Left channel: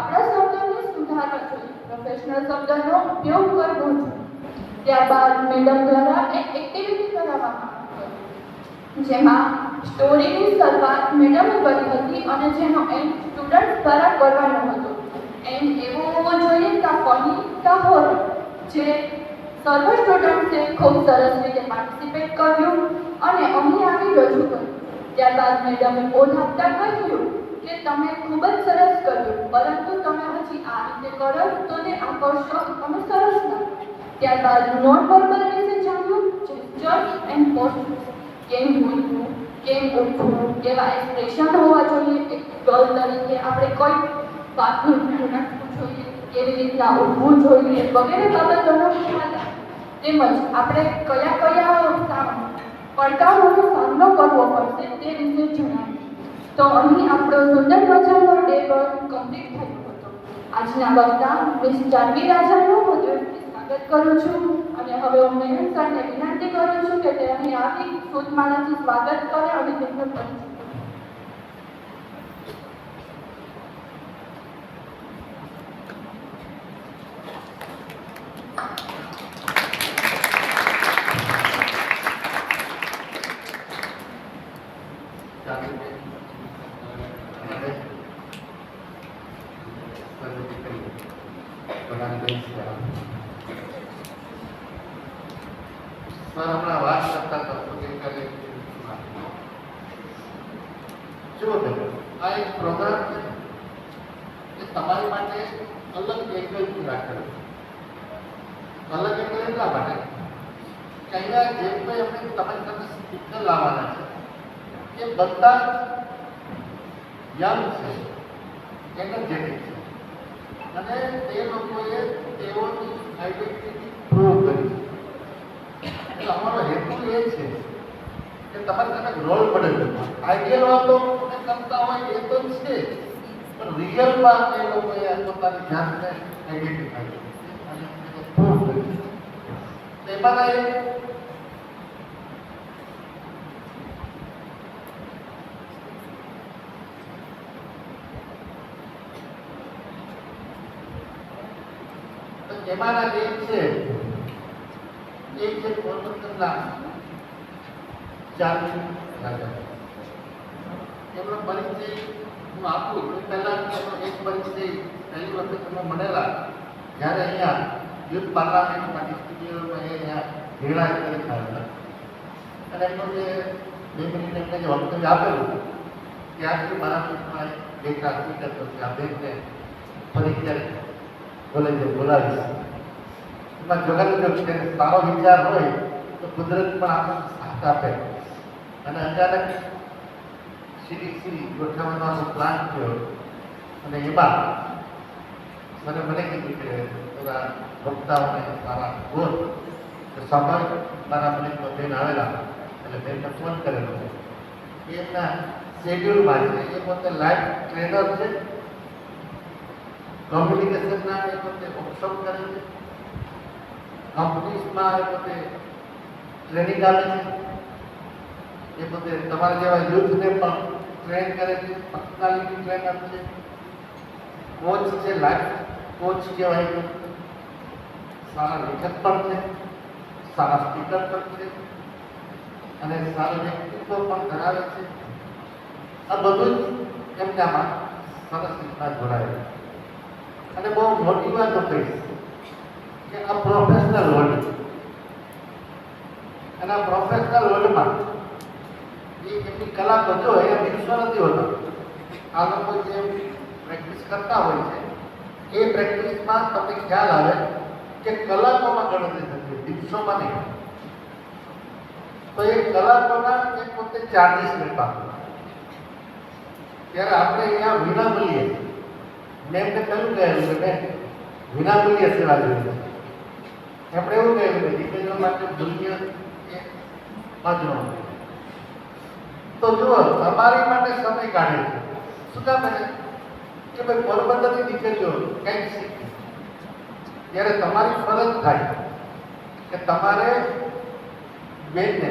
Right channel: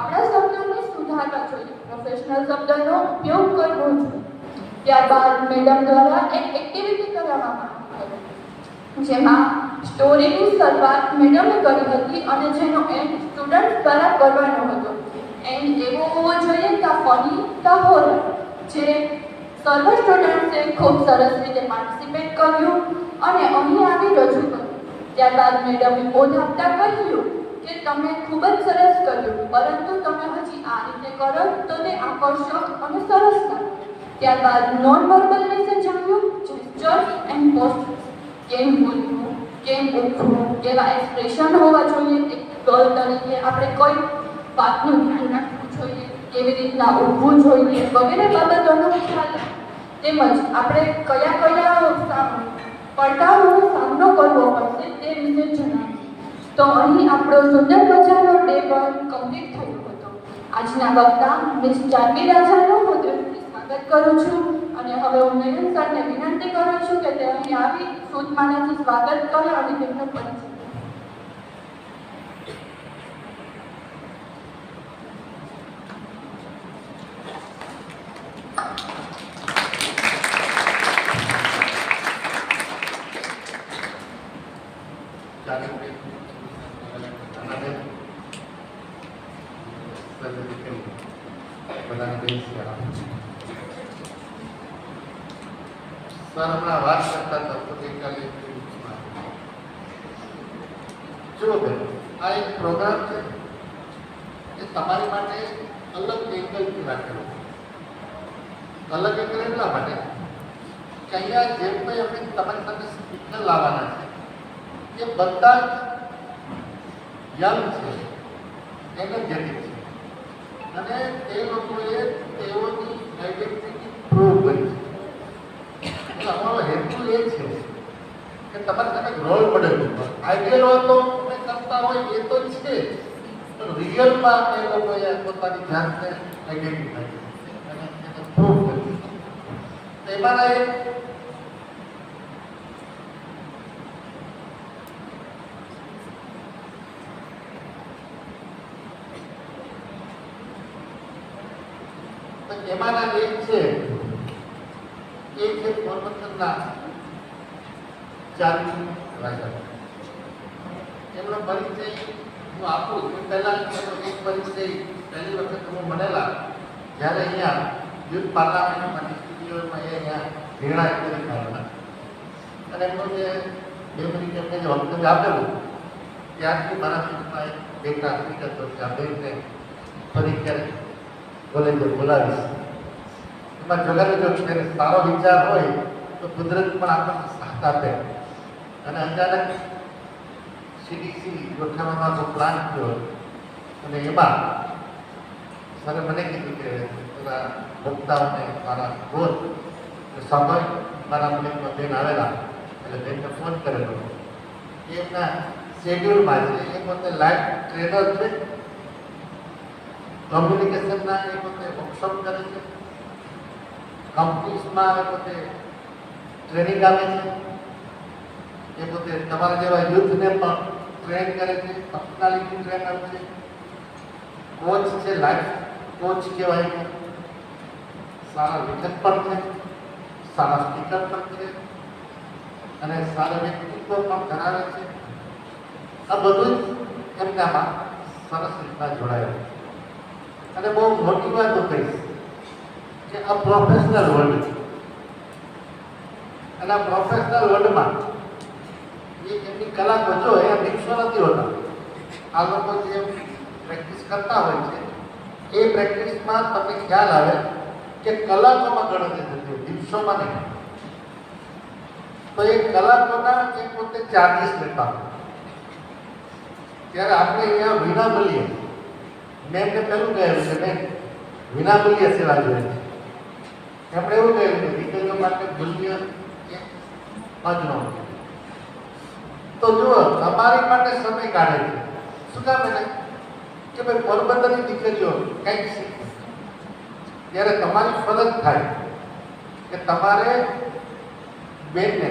આપણા શબ્દોને સુધારવા જોઈએ, પ્રોફેશનલ શબ્દનો ઉપયોગ કરવો જોઈએ. ત્યારબાદ મેડમ દ્વારા એક એક્ટિવિટી કરાવવામાં આવી જેમાં સ્ટોરીની શરૂઆત મેડમે કરી હતી અને જેનો એન્ડ સ્ટુડન્ટ દ્વારા કરવાનો હતો. એન્ડ એવો હોવો જોઈએ કે ફની કે હોરર, જે સર્વ સ્ટુડન્ટ્સે ખૂબ સરસ રીતે પાર્ટિસિપેટ કર્યું અને અહીં આવી રજૂ કર્યું. ત્યારબાદ મેડમે ઓધ આપતા કહ્યું કે તમે ખૂબ જ સરસ કર્યું, પરંતુ તમે હજી આ રીતે કરો તો તે આકર્ષક અને સરસ લાગે. ત્યારબાદ નોન વર્બલ વિશે જાણ્યું, જેસ્ચર્સ એન્ડ પોસ્ટર્સ, કેમ બોલવું, કેમ ઉઠવું, કેવા એક્સપ્રેશન હોવા જોઈએ, એક ગર્લ તરીકે આપણે કઈ વાતનું ધ્યાન રાખવું જોઈએ, કેવી રીતના ઉઠવું જોઈએ વગેરે બાબતોનો ખ્યાલ આવે. તેમજ આપણે કયા પડકારોનો સામનો કરવો પડશે તે વિશે જણાવ્યું. તો અહીં આપણો સુંદર મજાનો ડે 1 કમ્પ્લીટ થયો હતો. આજના વક્તા મિસ જાનવી રાજાનું હું દિલથી સ્વાગત કરું છું અને હવે હું મેહુલ સરને વિનંતી કરું છું કે તે અહીં આવી શુદ્ધ માણસનું સ્વાગત કરે અને તેમનો પરિચય. આ એક પ્રોગ્રામ છે એ તમારી માટે અલગ એંગલથી રાખેલો છે. અલગ એંગલ એટલા માટે કે અહીંયા જે કોઈ અમે તમારી સાથે સ્પીકર લાવવાના છે એ બધા યંગ છે, એનર્જેટિક છે અને તે લોકોએ તેઓની આઈડેન્ટિટી પ્રૂવ કરી છે. એટલે અમારો હેતુ એ છે કે તમારે તમે રોલ મોડેલ આઈડિયલ હતો કરતા હોય એ તો છે, પણ રિયલમાં એ લોકોએ પોતાની જાતને આઈડેન્ટિફાઈ કરી અને એને પ્રૂવ કરી. એમાંના એક છે પોરબંદરના જાનવી રાજા. એમનો પરિચય હું આપું એ પહેલાં એનો એક પરિચય પહેલી વખત અમે મળેલા જ્યારે અહીંયા યુથ પાર્લામેન્ટમાં સ્ટુડિયોમાં એ અહીંયા નિર્ણય કરી આવેલા અને એમનો જે 2 મિનિટ એમને જે વક્તવ્ય આપેલું ત્યારથી મારા મનમાં એક હકીકત હતો કે આ બેનને ફરી ક્યારેક કોલેજે બોલાવીશ. એમાં જોડાયેલો જો સારો વિચાર હોય તો કુદરત પણ આપણને સાથ આપે અને અચાનક સીડીસી ગોઠવવાનો પ્લાન થયો અને એમાં સરે મને કીધું કે બધા વક્તાઓને મારા ગોલ સ્વાભાવિક મારા મને બેન આવેલા એટલે બેનને ફોન કરેલો. એમના શેડ્યુલમાં છે એ પોતે લાઈફ ટ્રેનર છે, કોમ્યુનિકેશનના એ પોતે વર્કશોપ કરે છે, કંપનીઝમાં એ પોતે ટ્રેનિંગ આપે છે, એ પોતે તમારા જેવા યુથને પણ ટ્રેન કરે છે, પર્સનાલિટી ટ્રેનર છે, કોચ છે, લાઈફ કોચ કહેવાય છે, સારા લેખક પણ છે, સારા સ્પીકર પણ છે અને સારા વ્યક્તિત્વ પણ ધરાવે છે. આ બધું જ એમનામાં સરસ રીતના જોડાયેલું અને બહુ મોટી વાત હું કહીશ કે આ પ્રોફેશનલ વર્લ્ડ અને આ પ્રોફેશનલ વર્લ્ડમાં એમની કલાકો જો એ દિવસો નથી હોતા. આ લોકો જે પ્રેક્ટિસ કરતા હોય છે એ પ્રેક્ટિસમાં તમને ખ્યાલ આવે કે કલાકોમાં ગણતરી થતી હોય, દિવસોમાં નહીં. તો એ કલાકોના એ પોતે ચાર્જીસ લેતા હોય. ત્યારે આપણે અહીંયા વિનામૂલ્યે મેં એમને પહેલું કહેલું કે મેં વિનામૂલ્યે સેવા જોઈએ છે. એમણે એવું કહેલું કે દીકરીઓ માટે મૂલ્ય એ અજનો. તો જુઓ તમારી માટે સમય કાઢે છે. શું કામ એને કે ભાઈ પોરબંદરની દીકરીઓ કંઈક શીખે. ત્યારે તમારી ફરજ થાય કે તમારે બેનને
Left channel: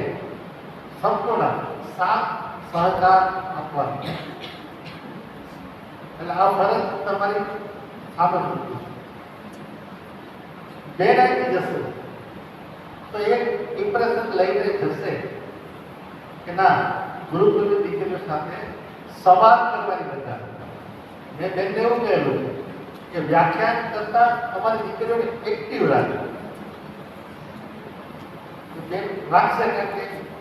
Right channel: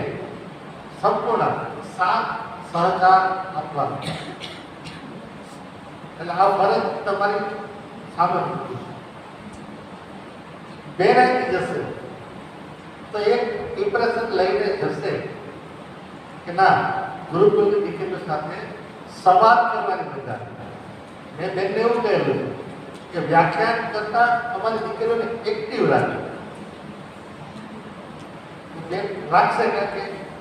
સંપૂર્ણ સાથ સહકાર આપવાનો. એટલે આ ફરજ તમારી સામે મૂકવું. બેરાઈ જશે તો એક ઇમ્પ્રેશન લઈને જશે કે ના ગુરુકુળની દીકરીઓ સાથે સંવાદ કરવાની મજા. મેં બેનને એવું કહેલું કે વ્યાખ્યાન કરતા અમારી દીકરીઓને એક્ટિવ રાખે. બેન રાખશે કે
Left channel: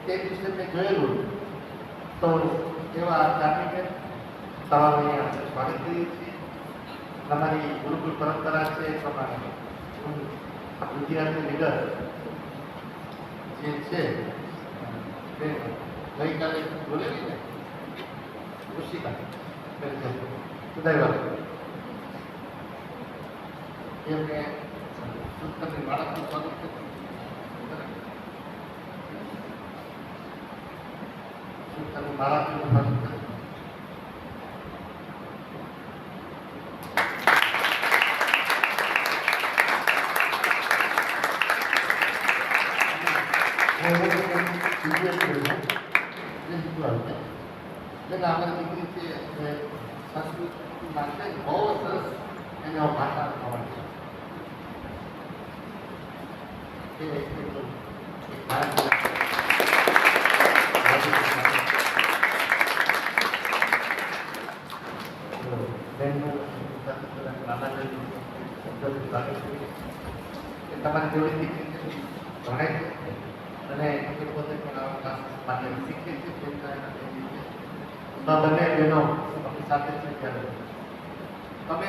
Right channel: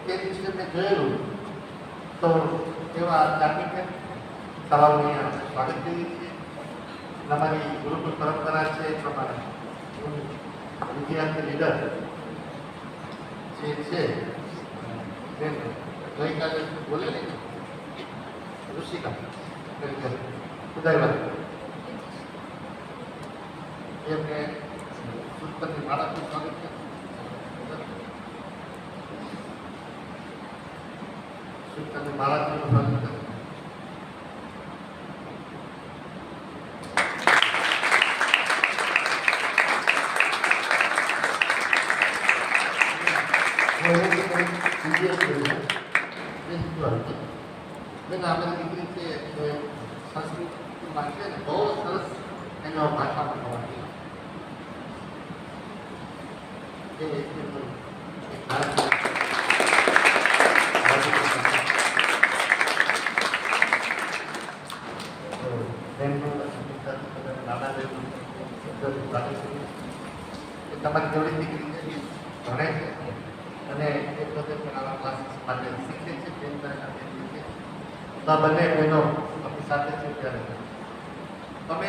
તે દિવસે મેં જોયેલું તો એવા જાણીને સવારની સ્વાગત કરીએ છીએ. અમારી ગુરુકુળ પરંપરા છે એ પ્રમાણે વિદ્યાર્થી લીડર જે છે ગઈકાલે બોલેલી ને ઋષિકા ઉદયવાદ એમને સુતરની માળાથી સ્વાગત છે. સુતરની માળાથી સ્વાગત છે. અમારી દીકરી છે એ સંસ્કૃતિમાં છે ને બહુ સરસ એનો ભાષા ખબર છે તમારી જોડી દીકરી છે ભણે છે અને એ પોતે પણ આવા ક્લાસીસ માટે શીખે છે. તો બંને બહેનો આપણી સાથે છે ત્યારે તમે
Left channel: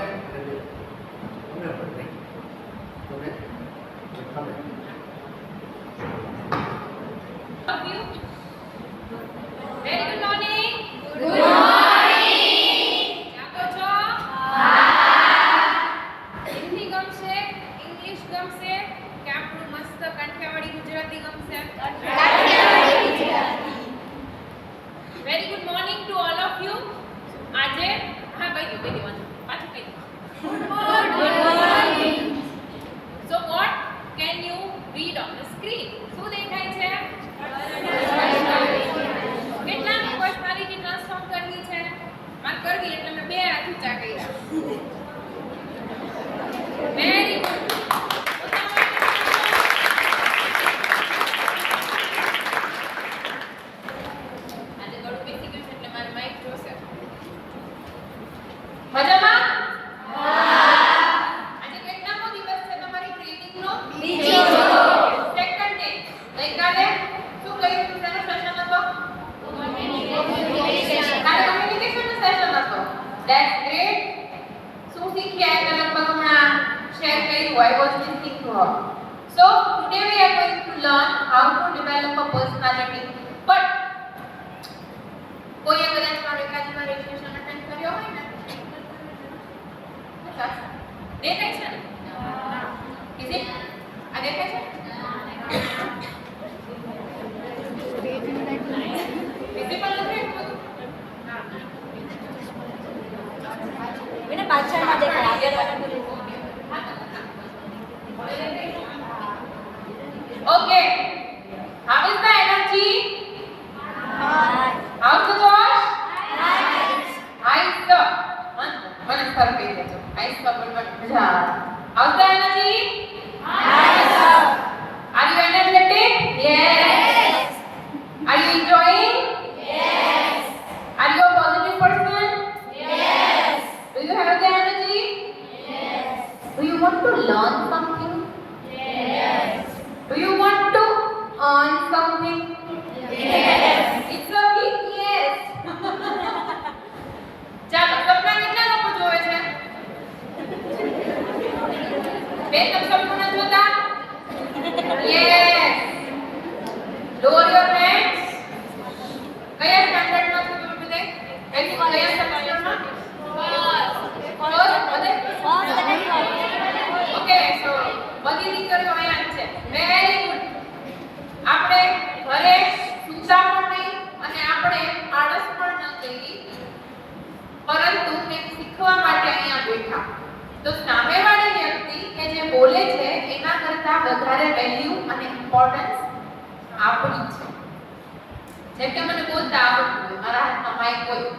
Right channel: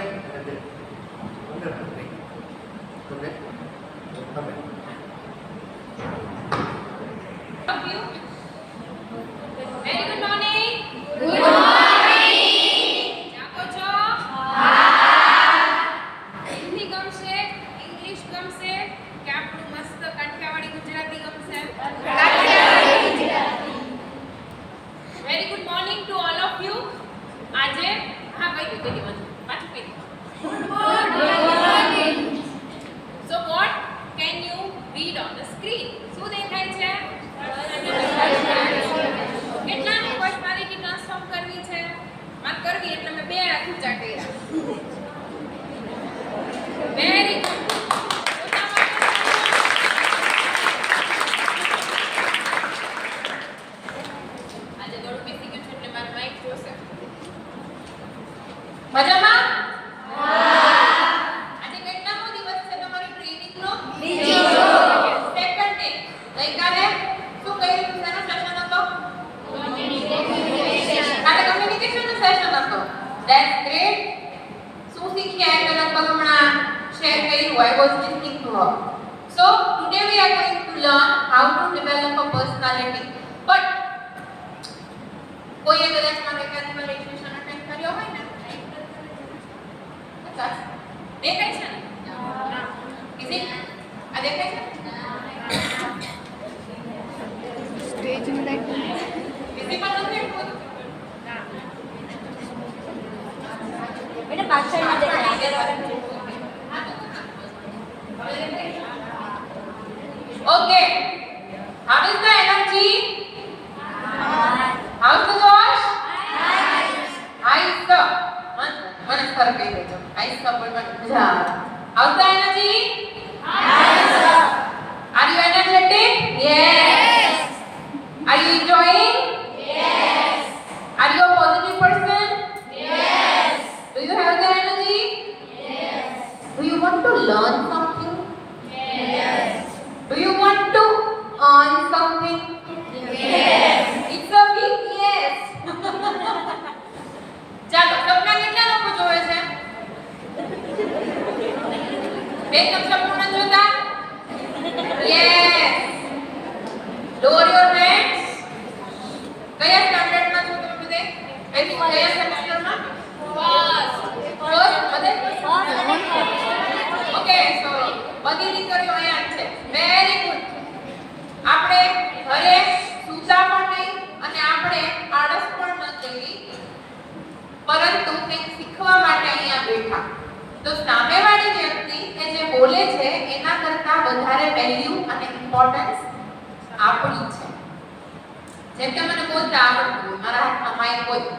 જેમ કે મને બોલતા આવડતું, મારા હાથમાં માઇક હોય,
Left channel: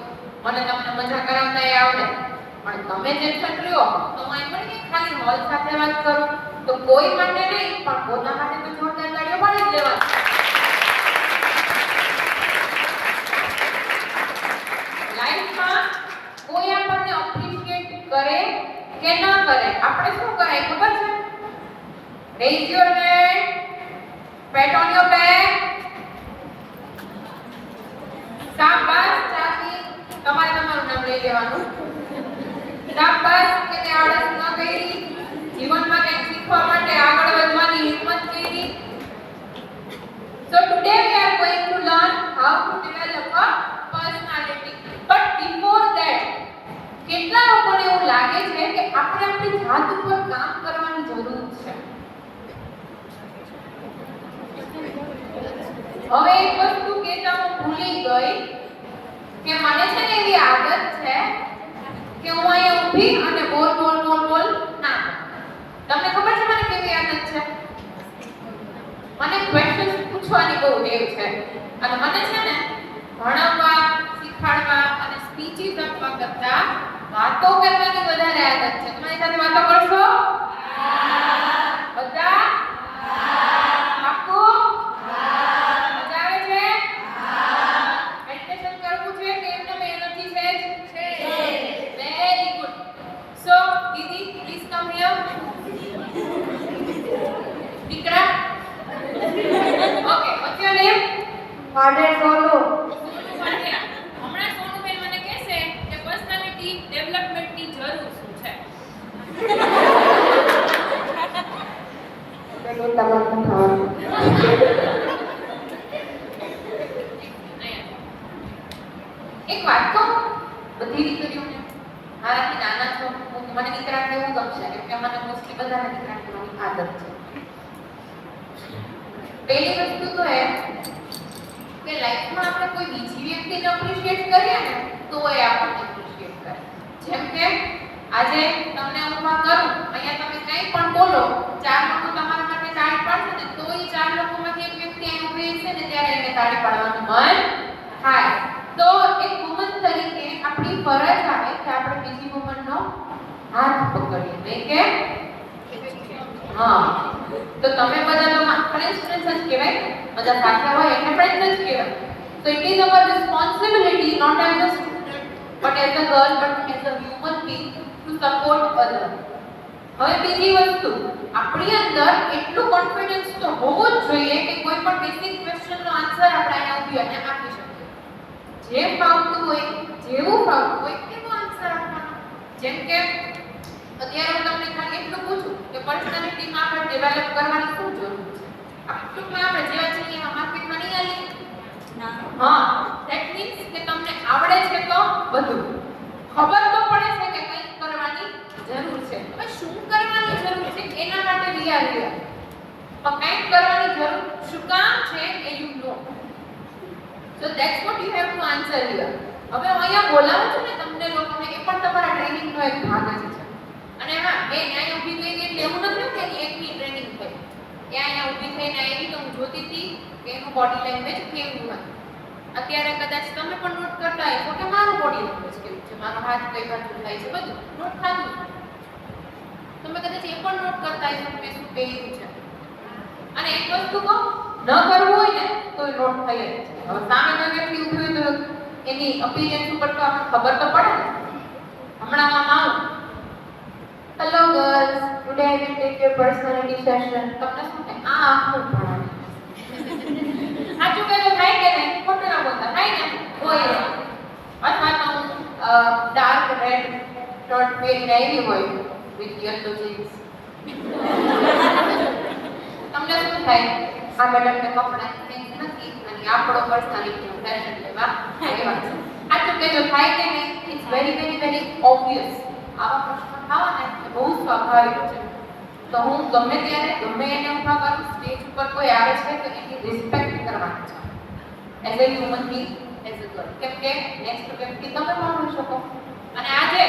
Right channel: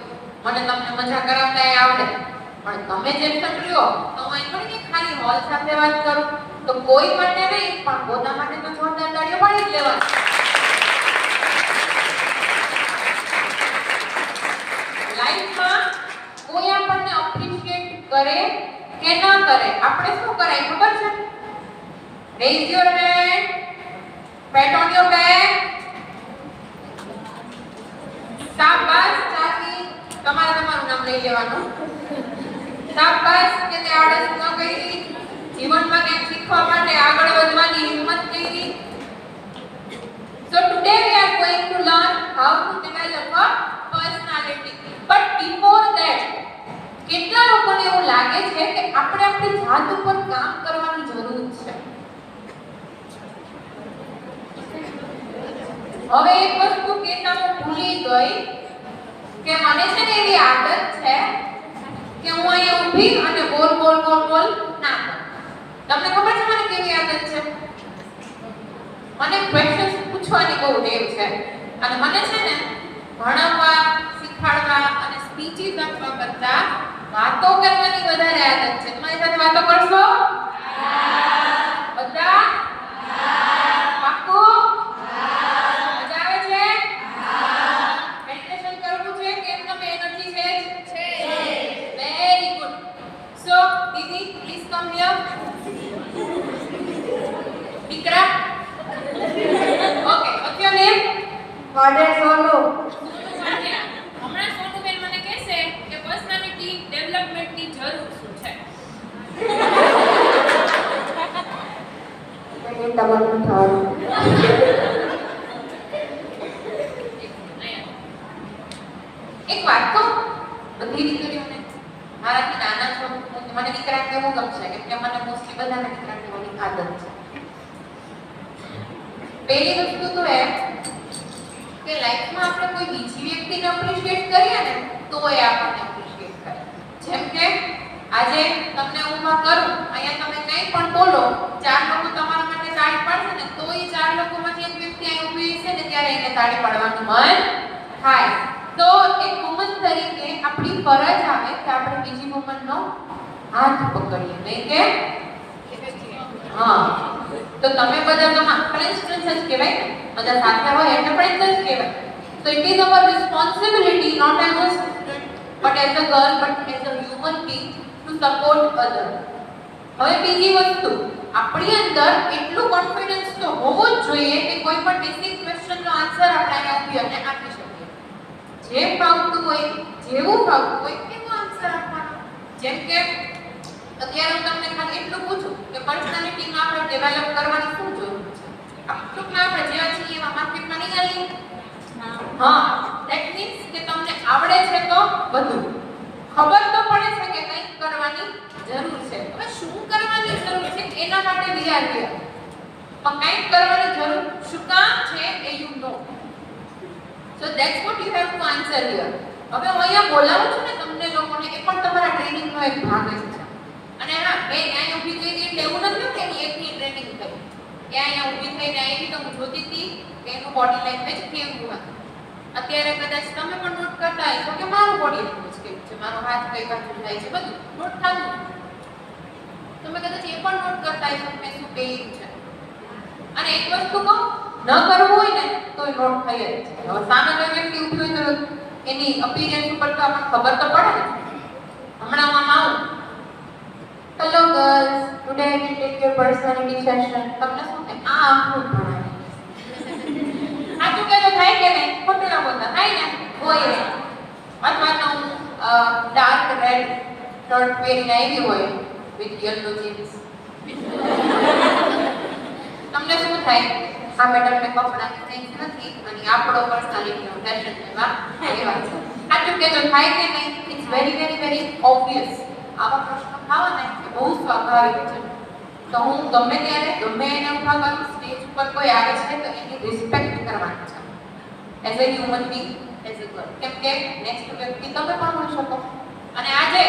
મને તમને મજા કરાવતા આવડે, પણ તમે જેમ રહ્યો તો હું એમ થોડી કે ખાલી હોલ સાથે વાત કરું, તો કોઈ માટે નહીં પણ પોતા માટે તો જોરદાર તાળીઓ પાડી જ લેવાની. લાઈફમાં કોઈ આપણને એપ્રિશિએટ કરે કે ન કરે, આપણે શું કરાય ખબર છે? Raise your hand, pat on your back. શાબાશ, ચાકી તમારે તમારું નામ લઈ લેવાનું. શાબાશ કે તે આળસ ન કરી, જીવનમાં કંઈક શીખવા માટે આગળ વધવાની હિંમત કરી. So today we are going to learn how to develop a personality. But before that, કેટલા લોકોને એવું લાગે છે કે આપણે આપણી જાત ઉપર કામ કરવાની જરૂર છે? હવે એક વસ્તુ કહેતા હું ભૂલી ગઈ કે મને છે ને એવી આદત છે કે હું અહીંયા ઊભી અને બોલ બોલ બોલ બોલ ના કરું. તમને ખબર છે મને કેવી આદત છે? મને ક્વેશ્ચન્સ પૂછવાની બહુ ટેવ છે અને મને છે ને ભણાવવા, શીખવાડવા અને સ્પીચીસ આપવા કરતા વાતો કરવાની વધારે આદત છે. તમારી સાથે વાતો કરશો? બધા? પાક્કું? મજા આવે છે? મેડિટેશન કરવું છે કે એમને એનર્જી છે? Very good. સો દીદી પ્લીઝ કમ હિયર. દીકરા okay, what's your name? Father Solo. Sonu Vadhiya. હમણાં સોનુબેન મને કહેશે કે પર્સનાલિટી ડેવલપમેન્ટની જરૂર શું છે. એ તમારું થવાનું. એક વાત કહું, બધી દીકરીઓને મારાથી નાના છો મને દીકરા કહેવું ગમશે કેમ કે મને મોસ્ટલી બધાને દીકરા કહેવાની આદત છે. પહેલી વસ્તુ તો એ કે લાઈફમાં આપણે કોઈ બીજી વ્યક્તિને એપ્રિશિએટ કરીએ ને તો એ આપણને એપ્રિશિએટ કરે. જેમ કે આજે તમને હું કરું, અહીંયા તમે કંઈ પણ બોલો, 4 લોકો તમારા માટે તાળી પાડશે ને તો એ 4 લોકોમાંથી એક વ્યક્તિ અહીં ઊભી છે ને ત્યારે એને તાળી પાડવાનું મન થાય. તો એક વુમન તરીકે આપણી ફરજ આવે કે આપણે બીજી વુમનનો હાથ પકડીએ, નહીં કે હા. તો તમે બધા તો ફ્રેન્ડ્સ જ કહેવાય, બધા સાથે હોય એટલે ફ્રેન્ડ્સ જ કહેવાય. So it is our responsibility not as a student but as a girl but as a human being to support other. હવે બીજી વસ્તુ, આપણી અંદર એટલું કોન્ફિડન્સ તો હોવો જ જોઈએ કે કોઈ પણ બેસિક ક્વેશ્ચનનો આન્સર આપણે અહીંયા ઊભી અને આપી શકીએ. જે ફાવતું હોય, જેવું ફાવતું હોય એવો આન્સર આપવાનો. જેમ કે અત્યારે હું તમને ખાલી એટલું પૂછું કે પર્સનાલિટીમાં આપણે ડેવલપ કરવાની શું જરૂર છે? ટૂંકમાં આપણે જેવા છીએ એવા માર્કેટમાં નહીં આવીએ. હા, ધેટ મીન્સ કે તમને આવડે છે તો બધું ખબર તો પડે છે કે કંઈક કરવાની જરૂર છે. હવે શું કરવાની જરૂર છે એના માટે વિચાર કર્યો તો કંઈક કરવાની જરૂર શું કામ છે એ you know. So that's what you have to answer here. હવે હું અહીંયા બોલાવું છું ને તમને લોકોને, એ પણ તમારા ટ્રેનિંગનો એક ભાગ જ છે. અને હા, મેં અહીંયા ઊભી થઈ ગઈ એટલે એવું નથી કે એકની ટ્રેનિંગ થઈ. અહીંયા ઊભી થઈને આવી તો હું જોતી હતી કે એનું બોડી લેંગ્વેજ કેવું હતું. અત્યારે કદાચ તમે પણ નોટ કરતા હશો કે મારું બોડી લેંગ્વેજ કેવું છે, મારો હાથ કઈ બાજુ જાય છે, બધું નોટ થતું. તમે કદાચ એ પણ નોટ કરતા હશો કે મેં શું પહેર્યું છે. અને એક વસ્તુ કહું, ન કરવું હોય ને તો એ નોટ થઈ જ છે. હવે સામે કોઈ વ્યક્તિ ઊભી હોય તો એની અપીયરન્સ ઉપર તો આપણને ખબર તો પડે ને. હમણાં આવું, hello girls, today I will take your personality session. તમને શું થાય? આ આપણું ભણાવે. સાચું કહેતો થાય કે નહીં? ખોટું ના બોલતા થાય ને? હોય રે. અથવા તો ડાર્ક રેડ શર્ટ પહેરીને આવી હોય વિથ યલો જીન્સ. તમને શું થાય? આ મેડમને કપડાની સેન્સ નથી અને આપણો પર્સનાલિટીનો ફેશન લેવા આવ્યા છે. સાચું કહેતો થાય કે નહીં? It's very very very obvious. આવા પ્રશ્નો થવાના એટલે બહુ સ્વાભાવિક છે. તો હું ગમે ત્યારે ગમે એને ઊભા કરું, સ્ટેજ ઉપર કોઈ આવે છે તો એની રિસ્પેક્ટ કરવાની છે as a human being, as a girl. કેમ કે નેક્સ્ટ વ્યક્તિ તમે પણ હોઈ શકો. અને આજે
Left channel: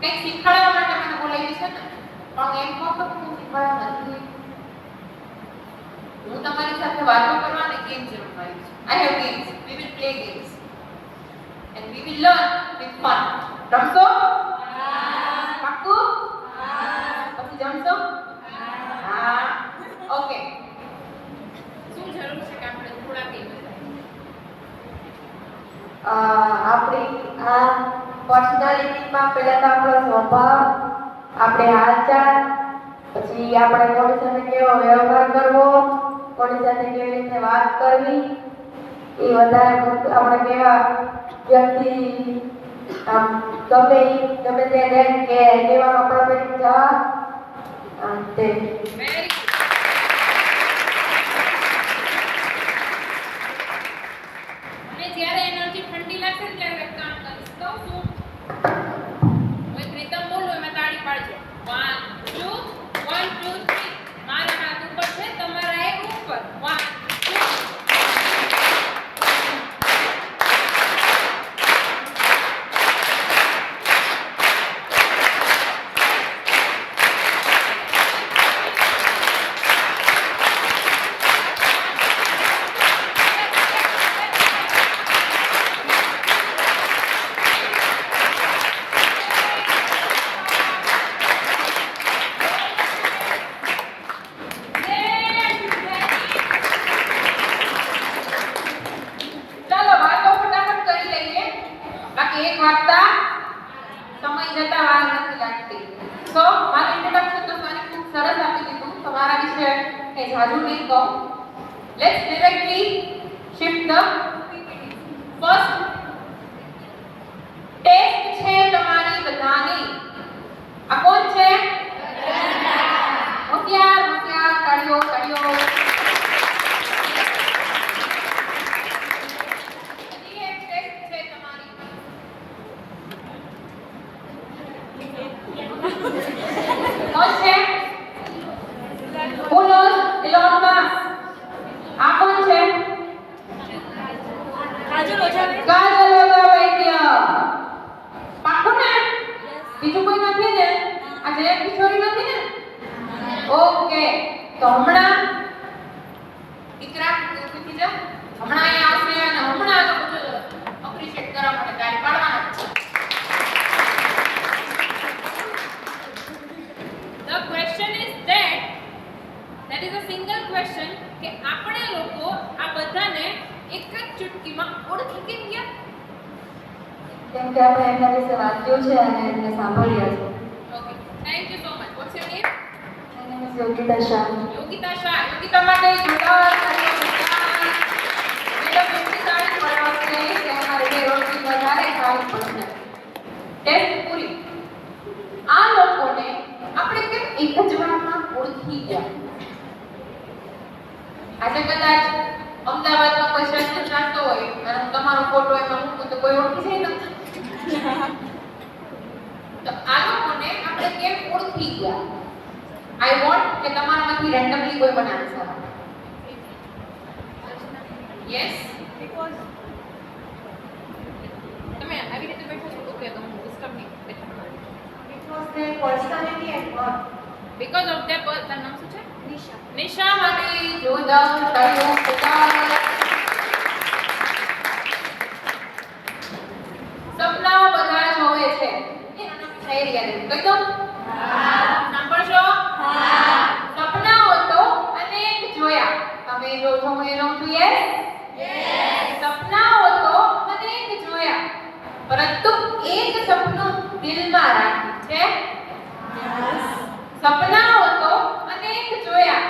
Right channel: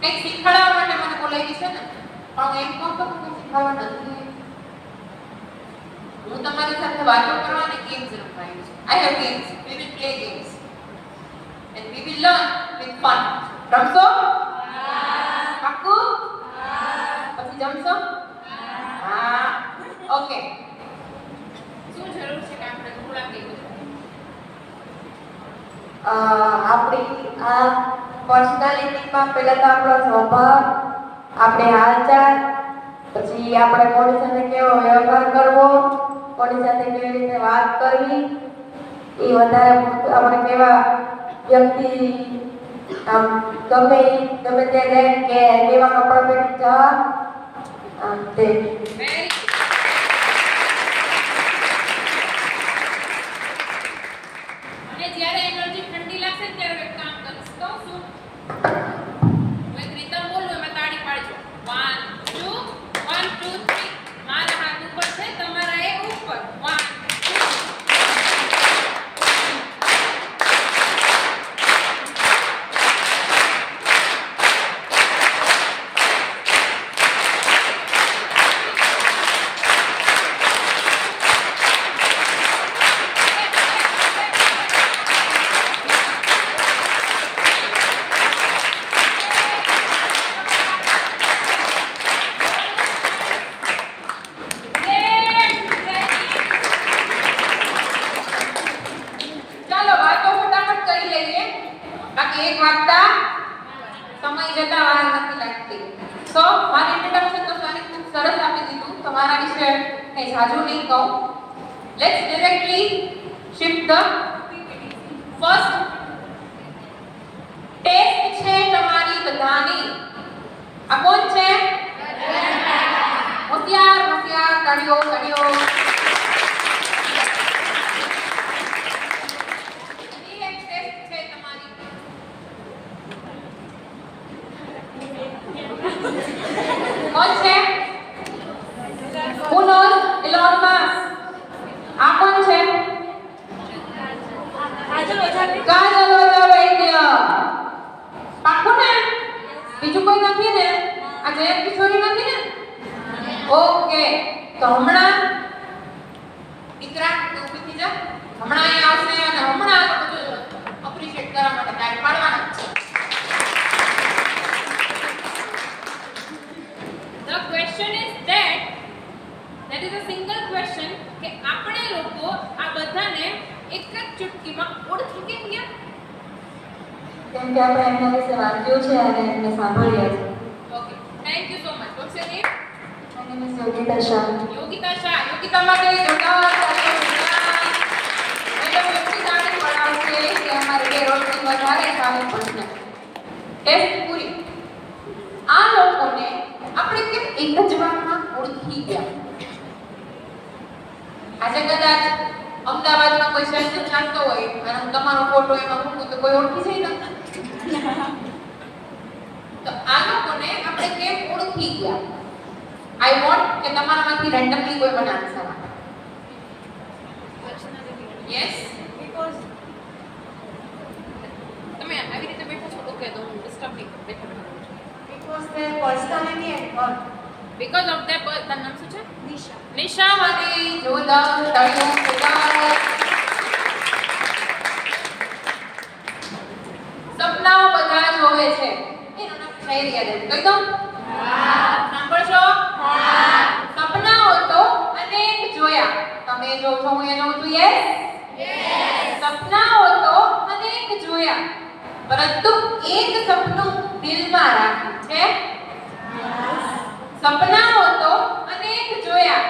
કંઈક શીખવાડવા માટે મને બોલાવી છે ને, પણ એમ કહું તો હું શીખવાડવા નથી. હું તમારી સાથે વાતો કરવા અને ગેમ્સ રમવા આવી છું. I have games. We will play games and we will learn with fun. રમશો? પાક્કું? પછી જમશો? હા. ઓકે. શું જરૂર છે કે આપણે થોડા કે આપણી આ પર્સનાલિટીમાં પહેલા તો આપણો સ્વભાવ, આપણે હાલચાલ, પછી આપણે કોની સાથે કેવો વ્યવહાર કરવો, કોની સાથે કેવી રીતે વાત કરવી, એ વધારે આપણે કેવા વ્યક્તિ આમ ગમે ત્યાં જાય કે કેવા કપડાં પહેરી જવા તે વેરી અને જ્યારે એનર્જી ઠંડી લાગશે ને ત્યારે એક કામ કરીશ કહું છું હું એક રીતમ બોલું એમાં તાળી પાડજો 1 2 1 2 3 મારા હાથ ઉપર છે તમારા એ ઉપર 1 ચાલો વાતો ફટાફટ કરી લઈએ બાકી એક વાગતા સમય જતા વાર નથી લાગતી સો મારું ઇન્ટ્રોડક્શન તો મને ખૂબ સરસ આપી દીધું તમારા વિશે કંઈ જાજુ નહીં કહું let's directly shift the first test છે તમારી બધાની આ કોણ છે હોશિયાર હોશિયાર તાળીઓ તાળીઓ कौन है Who knows Elon Musk? આ કોણ છે કાજલ ઓઝાવૈદ્ય પાક્કું ને બીજું કોઈ નથી ને આ જય કિશોરી નથી ને ઓકે તો હમણાં દીકરા તું ઉભી જા હમણાં અહીંયા આવશે અને હમણાં અપ્રિશિએટ કરવા માટે તારી પાડવાના છે The question is that is a single question કે આપણે લોકો આ બધાને એક જ ચુટકીમાં ઓળખી કેમ ગયા કેમ કે આપણે એમના વિશે વાંચ્યું છે અને એમને સાંભળ્યા છે. Okay thank you so much watts your name My name is Yogita Shah. Yogita Shah Yogita માટે જોરદાર તાળીઓ મેડમ એટલી તાળી પડાવશે કે અમારે બે રોટલી વધારે ખાવી પડશે ટેસ્ટ પૂરી આ લોકોને આપણે કેમ એક જ વારમાં ઓળખી ગયા આજે કદાચ અમદાવાદમાં કોઈ શહેર ચાલતો હોય અને તમારો ફોટો એમાં મૂકું તો કોઈ ઓળખી જાય ને તો આ લોકોને આપણે કેમ ઓળખી ગયા આઈ વોન્ટ કે તમારામાંથી રેન્ડમલી કોઈ મને આન્સર આપે યસ બીકોઝ તમે આવી રીતે બેઠો છો ઓકે તો હું ડિસ્ટર્બ નહીં Because their personality and work. because of their birth નામ શું છે નિશા માટે જોરદાર તાળીઓ પોકાર સપનાઓ બધા જોવે છે એનું નામ શાયરી યાદ આવી કહી દઉં સાંભળશો સપનાઓ તો અનેક જોયા તમે જો છો હું એ જોઉં છું યસ સપનાઓ તો અનેક જોયા પરંતુ એક સપનું દિલમાં રાખ્યું છે સપનાઓ તો અનેક જોયા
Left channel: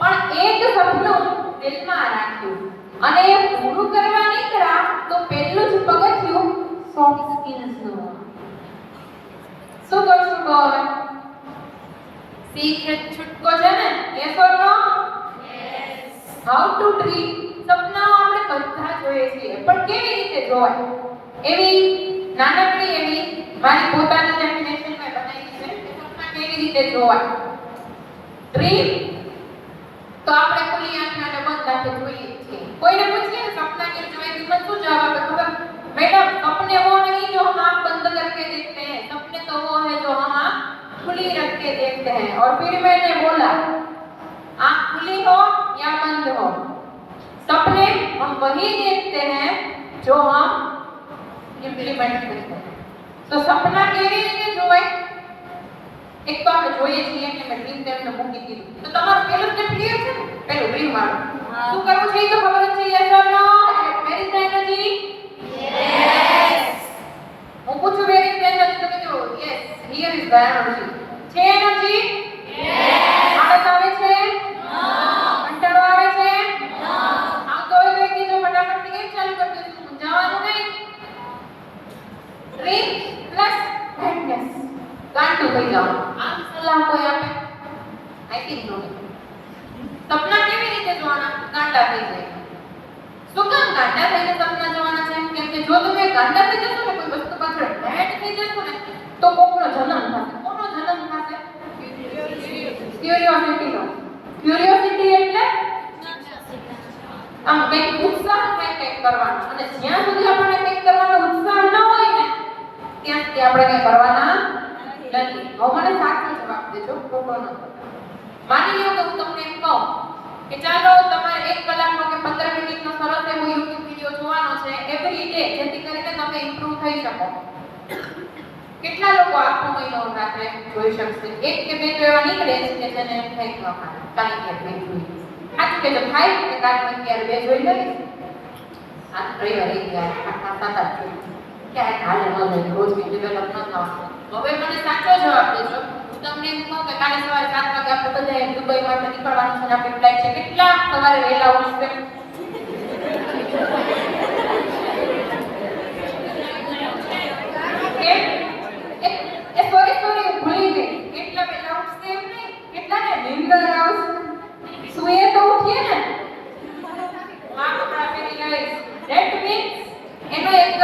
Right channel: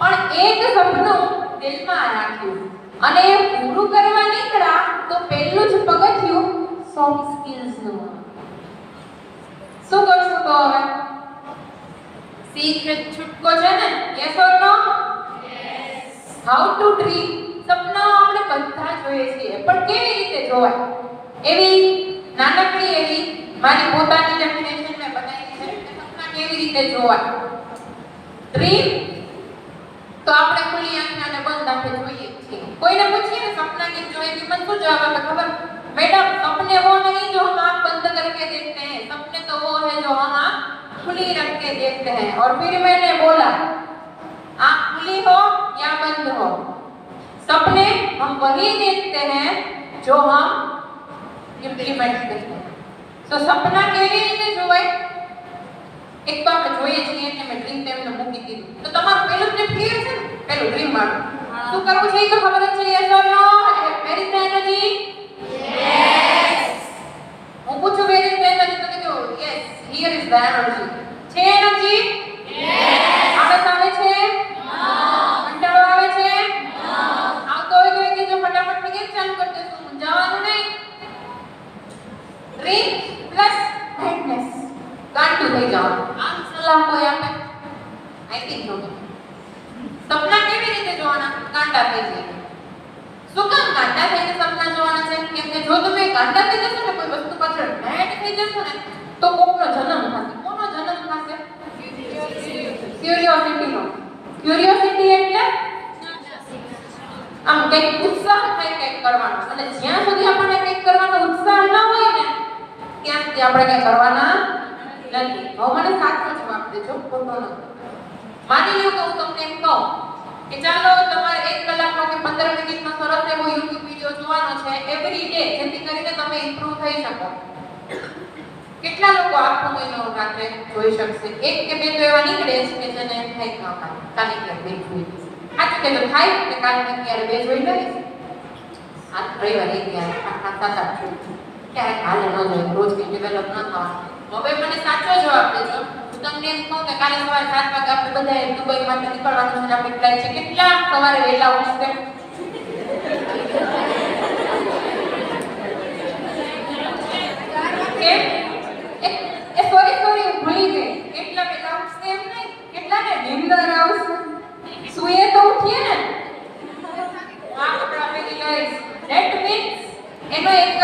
પણ એક સપનું દિલમાં રાખ્યું અને પૂરું કરવા નીકળ્યા તો પહેલું જ પગથિયું સોફ્ટ સ્કિલ્સ નું શું કરશું કહો શીખ છૂટકો છે ને yes or no how to dream સપનાઓ આપણે બધા જોઈએ છીએ પણ કેવી રીતે જોવાય એવી નાનકડી એવી મારી પોતાની ડેફિનેશન મેં બનાવી છે કે સપના કેવી રીતે જોવાય ડ્રીમ તો આપણે ખુલ્લી આંખના ને બંધ આંખે જોઈએ છીએ કોઈને પૂછીએ ને સપના કેમ જોવાય કે મને શું જવાબ આપે ખબર मैडम सपने वो नहीं जो हम आँख बंद करके देखते हैं सपने तो वो है जो हम आँख खुली रख के देखते हैं और फिर मैंने बोला आँख खुली हो या बंद हो सपने हम वही देखते हैं जो हम इम्प्लीमेंट करते हैं તો સપના કેવી રીતે જોવાય? એક તો આપણે જોઈએ છીએ કે મેં ડ્રીમ ટેબલ મૂકી દીધું. તો તમારું પહેલું સ્ટેપ ક્લિયર છે ને? પહેલું ડ્રીમ વાળું. શું કરવું છે એ તો ખબર જ છે, yes or no? Where is the energy? Yes. હું પૂછું વેર ઇઝ ધ એનર્જી, તમે કહો yes, here is the energy. છે એનર્જી? યસ. આળસ આવે છે? નો. કંટાળો આવે છે? નો. આવતો હોય તો કે જો ફટાફટ થી કેમ ચાલુ કરી દેશું, જવાનું નહીં. ડ્રીમ પ્લસ મેડનેસ, ગાંડું થઈ જાવ. આમ સલાહ કોઈ આપે? આઈ થિંક નો. સપના કેવી રીતે જોવાના? ગાંડા થઈ જાય. શું કામ ગાંડા થઈને સપના જોવાના છે? કેમ કે જો તમે ગાંડા થઈ જશો ને કોઈ વસ્તુ પાછળ મેડ થઈ જશો ને તો કોકનો જન્મ થશે. કોનો જન્મ થશે? ક્યુરિયોસિટીનો. ક્યુરિયોસિટી એટલે આમ કંઈક ઉત્સાહ થાય કંઈક કરવાનો, અને જ્યાં સુધી આપણને કંઈક કરવાનો ઉત્સાહ ન હોય ને ત્યાં સુધી આપણે કંઈ કરવાના નથી. હવે મને સાચો જવાબ દેજો, ખોટો ન. માની લો કે હું તમને એમ કહું કે ચાલો તમારે 1 કલાકનો કે 15 મિનિટનો સરસ એવો YouTube વિડિયો જોવાનો છે એવરી ડે, જેથી કરીને તમે ઇમ્પ્રૂવ થઈ શકો. કેટલા લોકો આખો મહિનો રાત્રે જોઈ શકશે? એક કે બે તો એવા નીકળે છે કે જેને એમ થાય કે કાલે ક્યારે બે જોઈ લઈશ. સાચું કે થાય કે કાલે ક્યારે બે જોઈ લઈશ. આ રવિવારે ક્યારે 7-8 જોઈ ક્યારે કાલે ન જોઈ, રોજ કે ડેવલપ ન થવાનું. હવે મને સાચો જવાબ દેજો. હું તમને એમ કહું કે કાલે સવારે 7 વાગે આપણે બધાએ દુબઈ માટે નીકળવાનું છે ને આપણી ફ્લાઇટ છે, કેટલા સવારે વહેલા ઉઠશે? સોરી ભૂલી ગઈ. કેટલા વહેલા ઉઠશે એમ નહીં, કેટલાને નીંદર આવશે? સુએ તો ઉઠીએ ને. આ કપડા પહેરી લઈશ. ધેટ મીન્સ એનો એક જ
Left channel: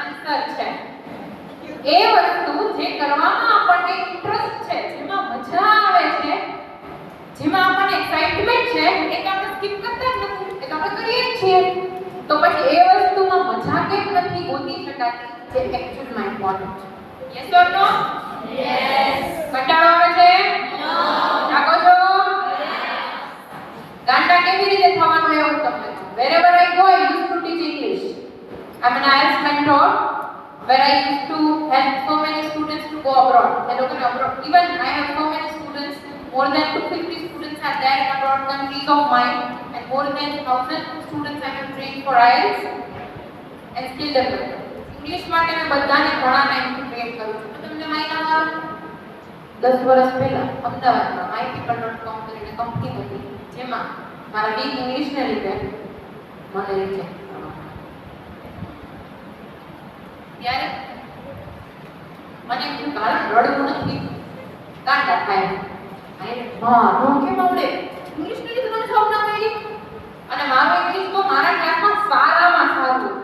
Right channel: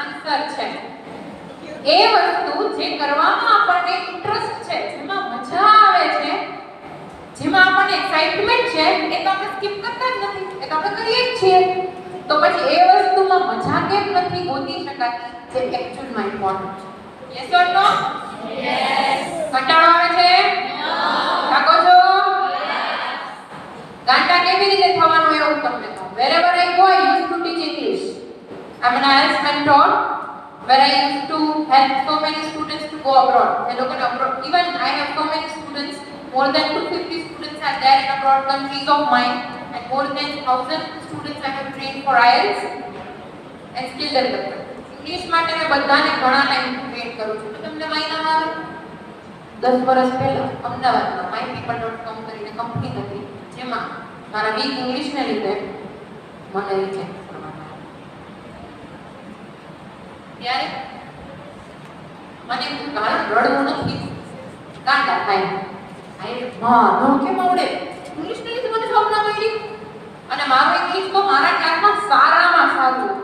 આન્સર છે. એ વસ્તુ જે કરવામાં આપણને ઇન્ટરેસ્ટ છે, જેમાં મજા આવે છે, જેમાં આપણને એક્સાઇટમેન્ટ છે, એ તો આપણે સ્કીપ કરતા જ નથી, એ તો આપણે કરીએ જ છીએ. તો પછી એ વસ્તુમાં મજા કેમ નથી ગોતી શકાતી જે એક્ચ્યુઅલમાં ઇમ્પોર્ટન્ટ છે? Yes or no? યસ. કંટાળો આવે છે? નો. થાકો છો? યસ. ગાંડા કેવી રીતે થવાનું એવું તમને કહું. Wherever I go, I used to teach English. I'm an IELTS mentor, where I used to help so many students to go abroad. They look at abroad. Even I have so many students, more than 250 students are there in abroad countries of mine, and more than 1000 students I have trained for IELTS and skill development. English માટે મેં બધાને ઘણા ટાઈમથી train કરું છું. તમને માહિતી આવે 10 વર્ષ પહેલા અમદાવાદમાં mypeople.com કરીને કંપની હતી, જેમાં મારા વીક ઇંગ્લિશને લીધે મને રિજેક્ટ કરવામાં ત્યારે મને કોઈ કારણ રડવું નથી, ગાંડા થાય. હા નો કેમ આવડે? ઇંગ્લિશને લીધે મને જોબ ના મળી. અને મારું ઇંગ્લિશ તો મારા ક્લાસમાં સારામાં સારું હતું.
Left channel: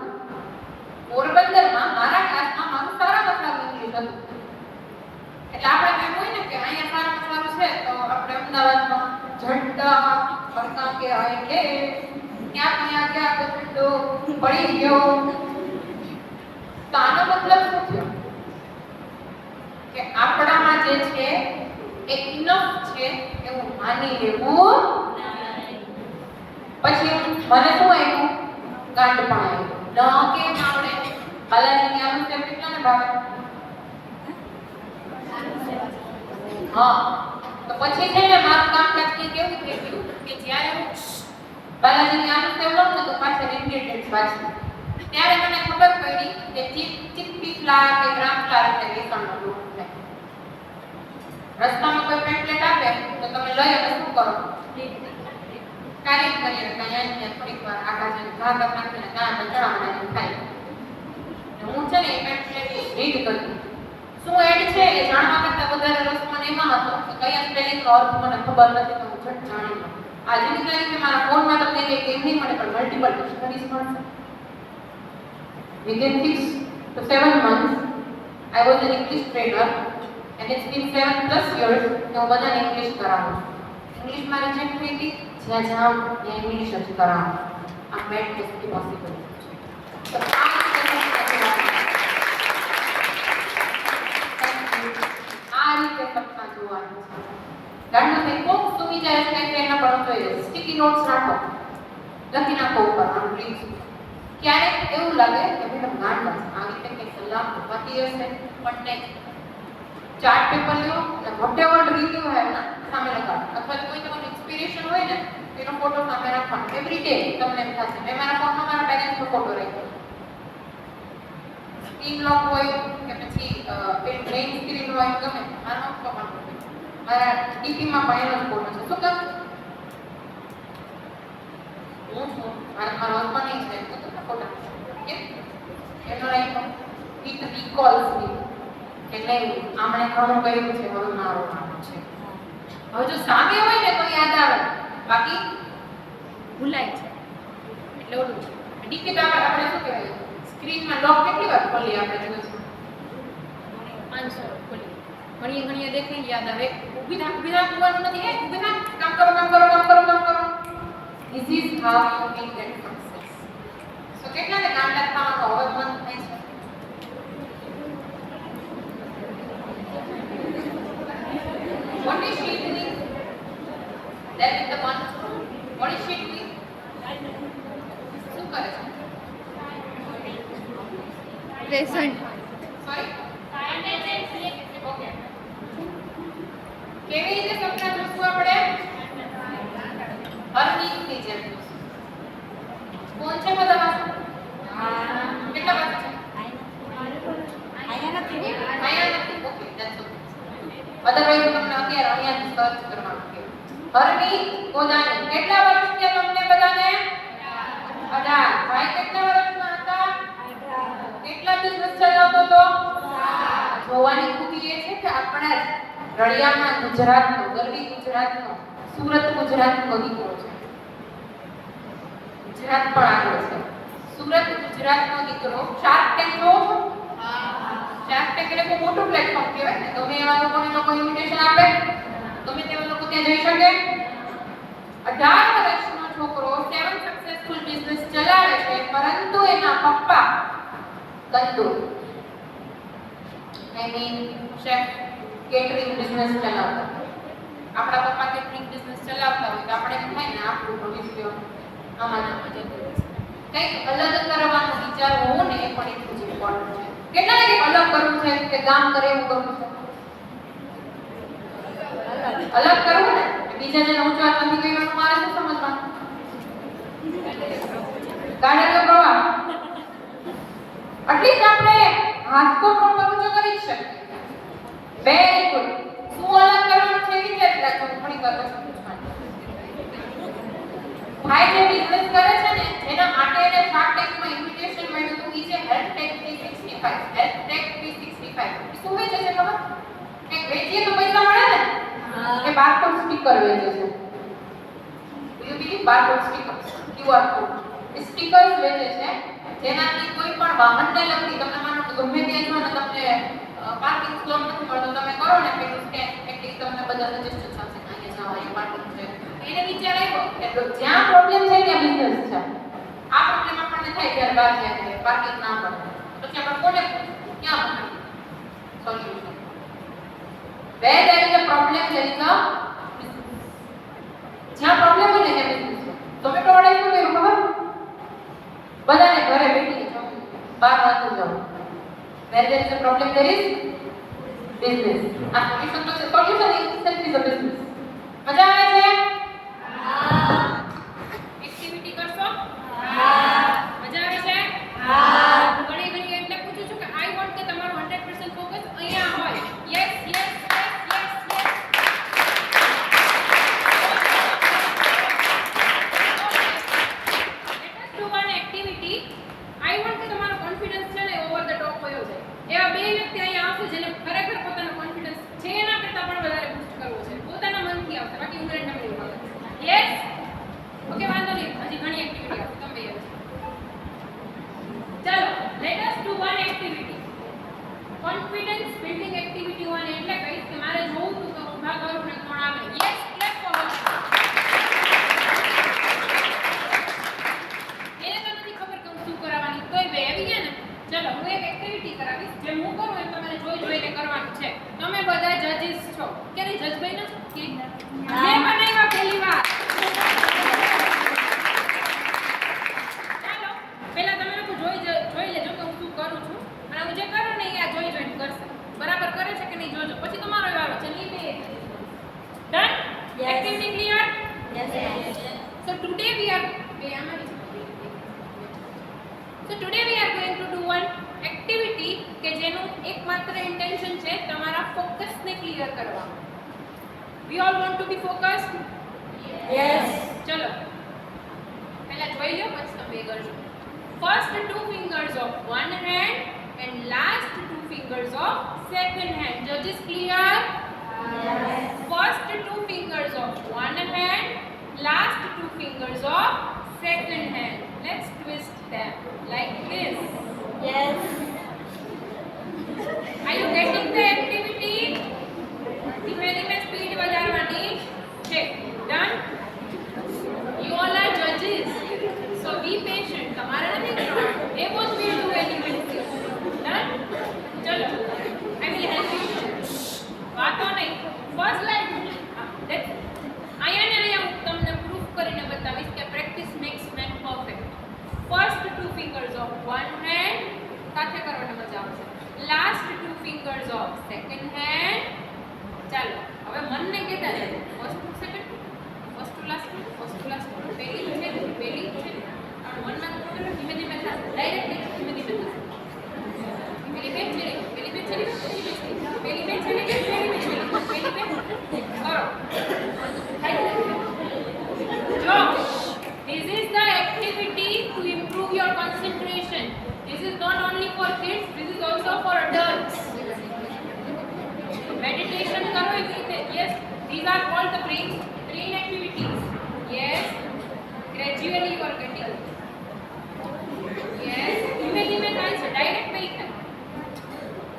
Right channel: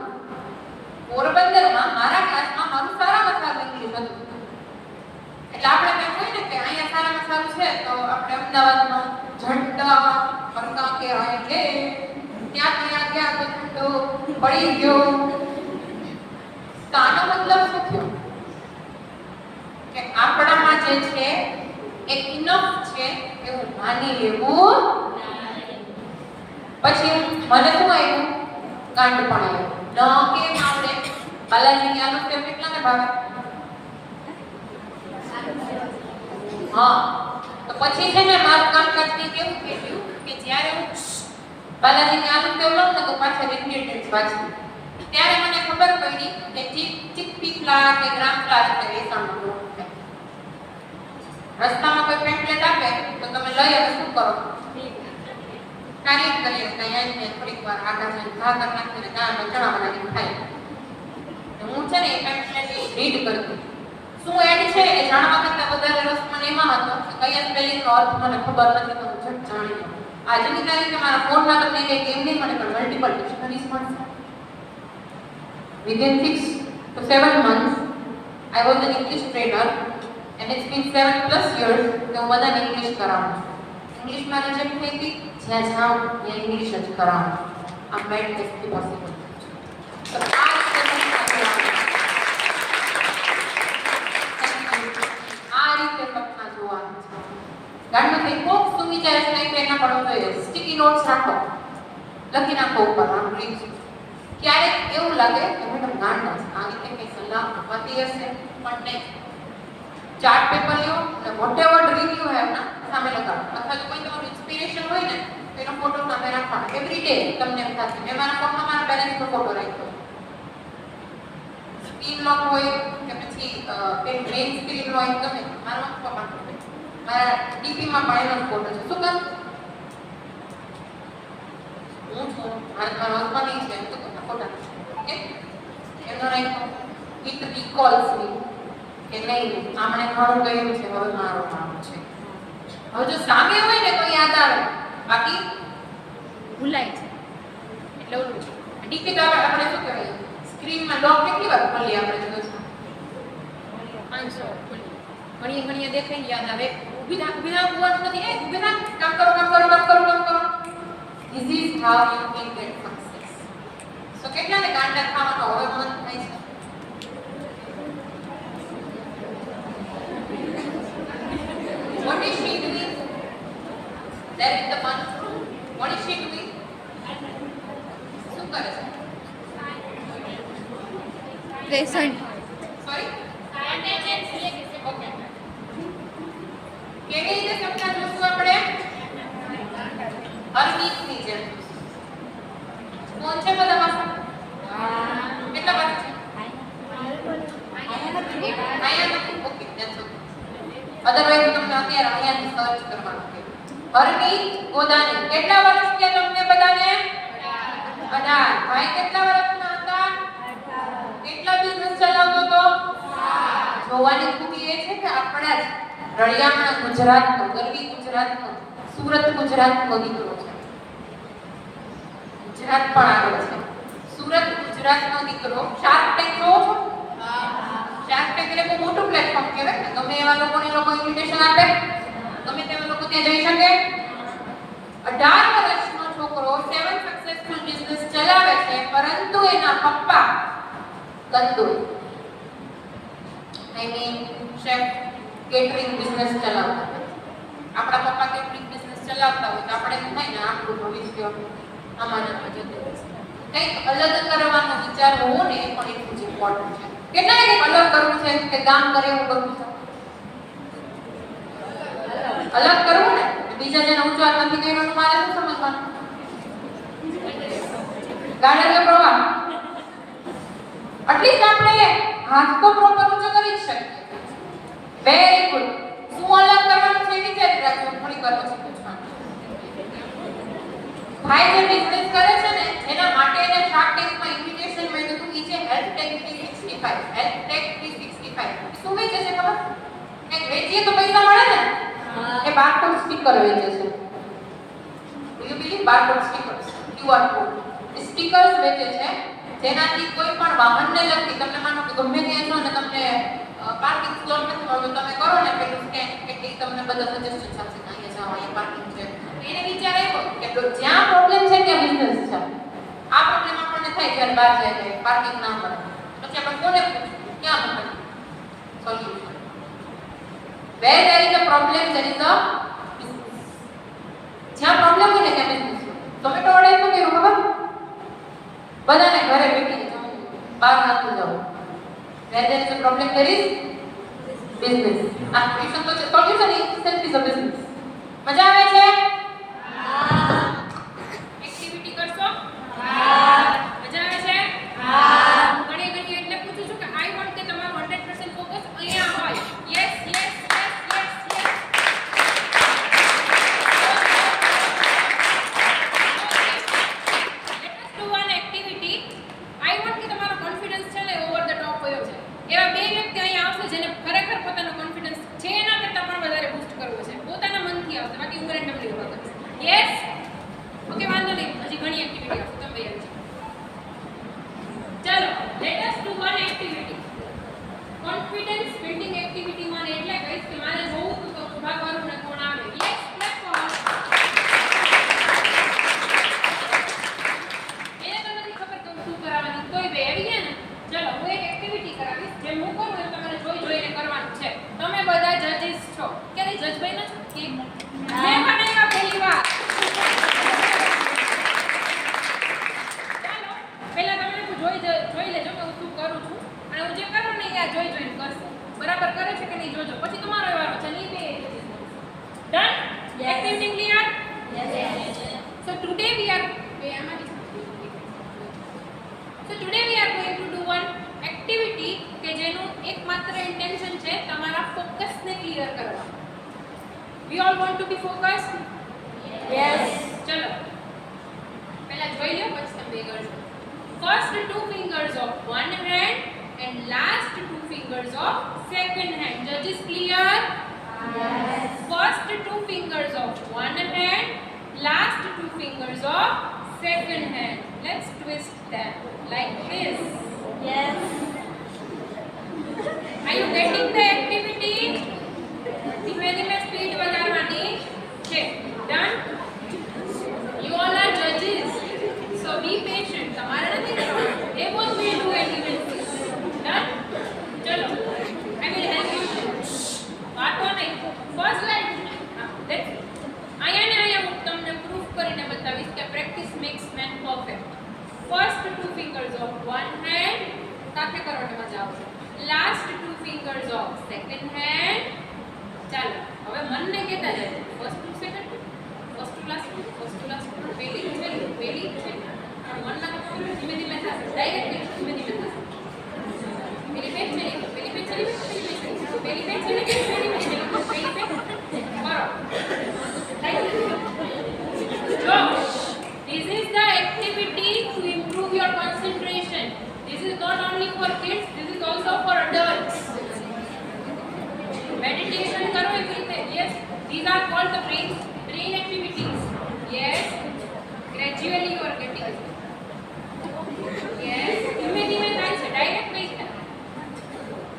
પોરબંદરમાં મારા ક્લાસમાં મારું સારામાં સારું ઇંગ્લિશ હતું. એટલે આપણે એમ હોય ને કે અહીંયા સારામાં સારું છે તો આપણે અમદાવાદમાં ઝંડા ફરકા કે હોય એટલે ક્યાં ગયા તો ઝંડો પડી ગયો. તો આનો મતલબ શું થયો? કે આપણામાં જે છે એ ઇનફ છે એવું માની લેવું. પછી મને શું આવ્યું? ગાંડ પણ આવ્યું. ન કેમ આવડે? બાલાજીની આલુ સ્ટેપ કેટલાને ભાવે? હા. તો પછી છે ને મારું કામકાજની કેવું થયું કે જ્યારે હું બાલાજીની આલુ સ્ટેપ લઉં ને તો પાછળ ઇન્ગ્રેડિયન્ટ્સ વાંચું, ત્યારે મને ખબર પડી કે ચીકપી ફ્લાવર કે ગ્રામ ફ્લાવર એટલે બેસનનો લોટ છે. રસ્તામાં કોઈ પેમ્પલેટ આપે તો તમે લઈ અને શું કરો? કાર્ય કરીએ ત્યાં થોડીક વાર આગળ જઈને ભાગર નાખીને ત્યાં ચણા બનાવીને ખાઈ. હું છે ને એ પેમ્પલેટ રીડ કરતી. શું એડ છે એ જાણવા કરતાં વધારે રસ મને એમાં હતો કે કયા સ્પેલિંગનો અર્થ મને ખબર નથી તો હું ઝટ જાણી લઉં. આજની તારીખે મારા ફોનમાં તમને કંઈક એમ નહીં મળે પણ મલ્ટિપલ ડિક્શનરીઝ મળશે. Within 6 to 7 months, I was an English trainer, and it's been 7+ years કે હું બધાને ઇંગ્લિશ કરાવું છું. ઇંગ્લિશ મારે જેમ થઈ હતી જ્યાં જાઉં ત્યાં ઇંગ્લિશ જ કરાવું. આ મેડનેસથી પોસિબલ છે. તો આ રીતે સપના જોવાનું છે. ગાંડમાં થઈ કોક સુમી જાય છે કંઈક એના પણ જોઈએ. સ્ટીકી નોટ્સ રાખો, લખી નાખો ઉપર આમ ડ્રીમ્સ. ક્યારેક એવું લાગે કે મેડમ ગાંડા છે, આ રીતે કંઈ સલાહ અપાતી હશે, પણ નહીં. ચાર્ટ પેપર લ્યો અને વોટેવર રિવ્યુ હે ના સામે લગાવો, અથવા તો કોઈ તમારું ઇન્સ્પિરેશન હોય ને એનો ફોટો સામે રાખવાનો. એવરી ડે તમને એમ થશે મેં મારા ફોનમાં મારા પેરેન્ટ્સનો ફોટો રાખ્યો. સ્ક્રીન લોક હોય કે પછી મેઇન સ્ક્રીન હોય ગમે મારા મમ્મી પપ્પાનો ફોટો, મારા ડીપીમાં પણ એનો ફોટો છે. શું કામ? હું છું, મારા હસબન્ડ છે, તો તમને ફોટા ઓકે એમનો રાખ્યો. ઇટ રિકોલ્સ મી કે નહીં આમણે ઘણું કર્યું છે, હવે મારો કામ છે. હવે જો સામે હોય ને તો યાદ આવે, બાકી ભૂલાય છે. એટલે ઓલું ડીપી તો આપણે શું કહેવાય સ્ક્રીનમાં લોક કેટલી વાર ખોલી આપણે દિવસમાં 500 ખોલી ઘણીએ દેખાઈ યાદ આવે. ઊભી થા કુવાનું નથી, એ ઊભી થા કામ કરો. This is how you will get success. So કેટલાને ગાંડા થવાનો હવે મન થાય છે? What is she doing? There with the one. What is she doing? શું કરે છે? Present. Sorry? Okay. કેવી રીતે સપના જોશું આપણે? હરમીતની જેમ. કોણ છે બધા? કેટલા પાસે છે? આયા નથી. Okay, that's okay. અધરવાઇઝ તમને અત્યારે અહીંયાથી સર્ચ કરવાનું છે. હરમીત ગોદાણી કેટલા વર્ષ થયા તમને બધાને? 18. ભાઈ કેટલા વર્ષના હતા? કેટલા બિઝનેસ ચલાવતો હતો? જોવાની ખૂબી એ છે કે આપણા જ રળિયામણા ગુજરાતનો, ગરવી ગુજરાતનો, સુરત ગુજરાતનો દીકરો છે. ગુજરાત પણ આગળ છે. સુરત ગુજરાતનો દીકરો શાર્ક ટેન્ક જોવો છો? શાર્ક ટેન્ક એટલે બહુ મોટું પ્લેટફોર્મ કહેવાય ને, ગમે એવા લોકોને લોકો ઇન્વિટેશન આપે, ગમે તેવા લોકો ત્યાં જઈ શકે. 18 વર્ષનો છોકરો 7 સક્સેસફુલ બિઝનેસ ચલાવે છે, પરંતુ એના પપ્પા તંદુર શેફ કેટરિંગ બિઝનેસ ચલાવતા હતા. આપણા પપ્પા કેટરિંગ બિઝનેસ ચલાવતા હોય તો આપણે એમ થાય ને આપણું ભવિષ્ય અમારામાં જતું રહેશે. કંઈક અલગ કરવાનો વિચાર હોવો ને એ પણ એટલું જ ઇમ્પોર્ટન્ટ છે. કેટલાને કંઈક અલગ કરવું છે કે ગામ કરે એવું કરવું છે? અલગ કરવું ને બીજા જેને ઊંચો હાથ નથી કર્યો તો મારે શું સમજવાનું? ગાડે પ્રવાહ એટલીસ્ટ આપણે હાથ તો પ્રોપર ઊંચો કરી જ શકીએ. Very good. શું અલગ કરવાનું છે વિચારી રાખજો. થોડી વાર પછી પૂછવાનું. ભાઈ જે બિઝનેસ કરે છે ને એના માટે એને શાર્ક ટેન્કમાં ઇન્વિટેશન મળ્યું હતું. ઈ છે હેલ્થ ટેક 365. હેલ્થ ટેક 365 શું વેચે છે ખબર? એક વેચીએ તો પૈસા મળે ને, એ બારકોડ સ્ટીકર વેચે છે. You believe barcode stickers, QR code stickers વેચે છે, જેનાથી કોઈ પણ વાહનને લગતી તમને માનો કે ગમે ત્યાં છો ને તમને પાર્કિંગ સ્લોટ નથી મળતો, તમે કરો ને પેલું સ્કેન એટલે તમને બધા સજેશન આપશે કે અહીંયા જાઓ, અહીંયા પાર્કિંગ છે. એને વિચાર આવ્યો કે જ્યાં પ્રોબ્લેમ છે ત્યાં બિઝનેસ છે. આ પ્રોબ્લેમ આપણને થાય જ્યારે બહાર જાય છે પાર્કિંગ ના મળે, પછી આપણે કોને પૂછવું ક્યાં મળે solution? Where there is a problem, there is a business. જ્યાં પ્રોબ્લેમ હોય ને ત્યાં બિઝનેસ છે. તમે તો વડે શું થયું ખબર? બધાને ઘરે બેઠી જવું, બહાર નતું જવું. Where there is a problem, there is business. આ સોલ્યુશન તો છે. Solution itself is a business. મજા આવે છે? એક્ટિવિટી કરશો? મજા આવે છે? ઘણી એટલે પૂછું છું કે આઈ વોન્ટ કે તમારું 100% ફોકસ અહીંયા હોય. Yes yes yes yes yes. Let's do one activity. I want કે તમારો કોન્ફિડન્સ છે ને ઓવર ધ ટોપ હોયો છે. એવા બે વ્યક્તિ અહીંયા આવશે જેને ખરેખર પોતાનો કોન્ફિડન્સ છે એના કરતાં પણ વધારે બૂસ્ટ કરવો છે. પોતાના મનથી આવશે, બાકી હું રેન્ડમલી બોલું. યસ. ઓકે, વાંધો નહીં. હજી ઘણી એક્ટિવિટી છે. તમે યાદ ચાલો let us do one activity. Confidence building activity one એટલે કહીશ કે મારે જોવું હતું તો ઊભા કરું ને કોણ આવે. Yes, clap for. એને તો નથી ખબર કે હું શું કરાવવાની, તોય બે આવી ગયા ને. ચલો હું એક એક્ટિવિટી કરાવીશ, જે હું કરું એ તમારે જોઈને કરવાનું છે. તમે બધા જજીસ છો. ક્યારે જજ બન્યા છો? કે મેં બનાવ્યા પહેલી વાર. ચાલો પહેલા તમે જોજો પછી તમારો વારો છે નહીં બે done activity clear so today we are so today we are going to do one activity કે જેનું એકમાત્ર ઇન્ટેન્શન છે તમારા ફોકસ ને ક્લિયર કરવા we all want to be focused ચલો પહેલા જોઈ લો પછી તમે કરજો first two fingers of one hand and last two fingers of second hand judges clear first two fingers of one hand last two fingers of second hand let's twist them like this are you getting the activity ધીમે ધીમે speed વધારવાની છે done you all are judges so be patient તમારે નથી કરવાનું they both will do it you will see done ચલો I will help you વાતો નહીં first line that's અહીંયા ને અહીંયા હું તમને પ્રૂફ કરીને બતાવીશ કે practice makes man perfect first two fingers of one hand સાથે કરવાની મજા આવશે last two fingers of second hand ચાલો હવે મનને કહેતા રહેજો first two second first two last પહેલી છે મનમાં ધીમે ધીમે થશે ડાયરેક્ટ ધીમે ધીમે થશે પેલી બે ચલી પેલી બે ચલી પેલી બે ચલી પેલી બે ચલી પેલી બે કરો So, this is the activity to improve your concentration. This is not only for kids, this is also for adults. Meditation karo everything. Yes, these are called the brain activities. Yes, gradually you are getting it. Yes, धीमे धीमे થાય છે direct નહીં થાય.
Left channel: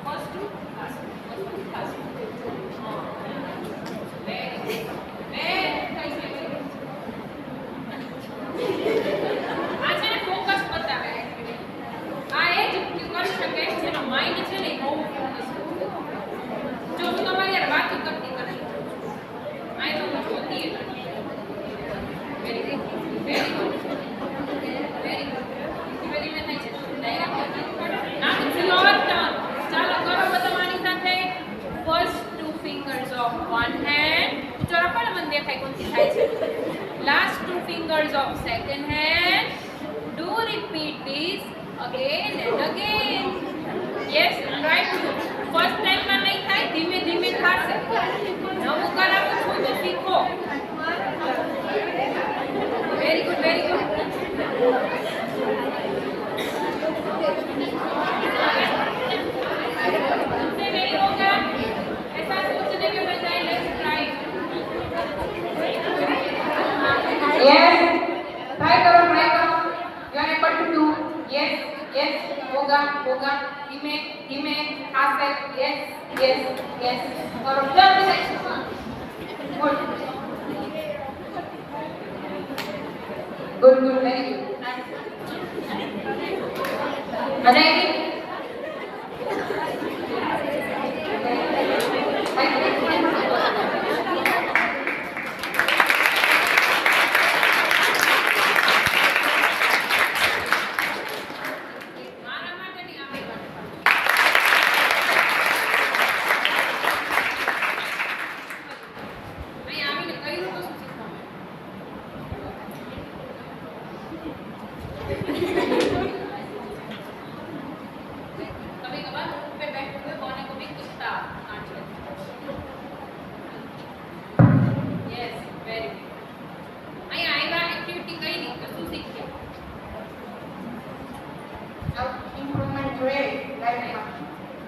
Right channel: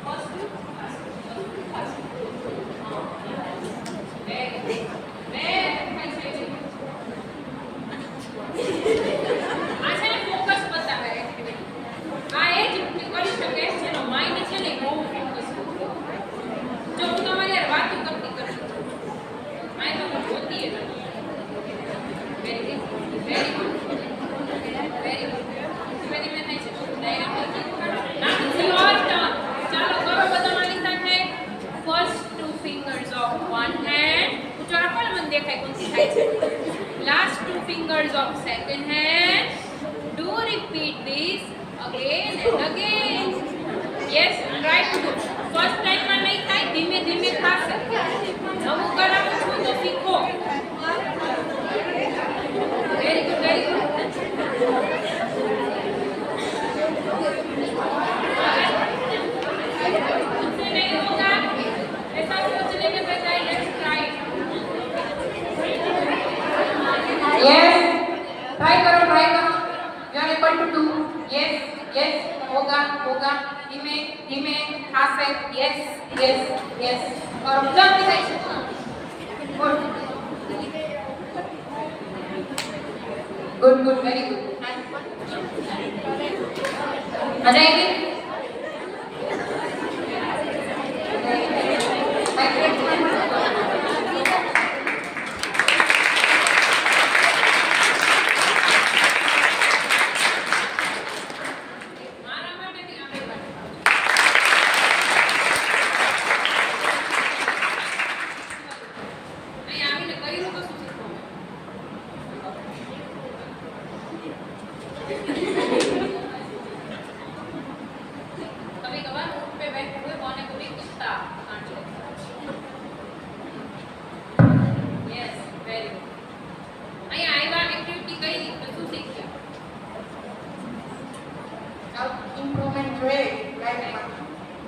First two, fast. Very good. આ છે ને focus બતાવે એક્ટિવિટી આ એ જ કરી શકે જેનો માઇન્ડ છે ને બહુ ફોકસ જો હું તમારી યાર વાતો કરતી કરી આઈ તો હું જોતી જ વેરી ગુડ ધીમે ધીમે થાય છે direct now it's your turn ચાલો કરો બધા મારી સાથે first two fingers of one hand ઊંચો રાખો ને મને દેખાય કોણથી થાય છે last two fingers of second hand do repeat this again and again yes try to do first time માં નહીં થાય ધીમે ધીમે થશે નવું કરાવું છું તો શીખો very good नहीं होगा ऐसा सोचने के बजाय let's try Yes. Try करो. You are able to do. Yes. होगा. धीमे खासे. Yes. और जल्दी से. Good. Very good. मजा आएगी.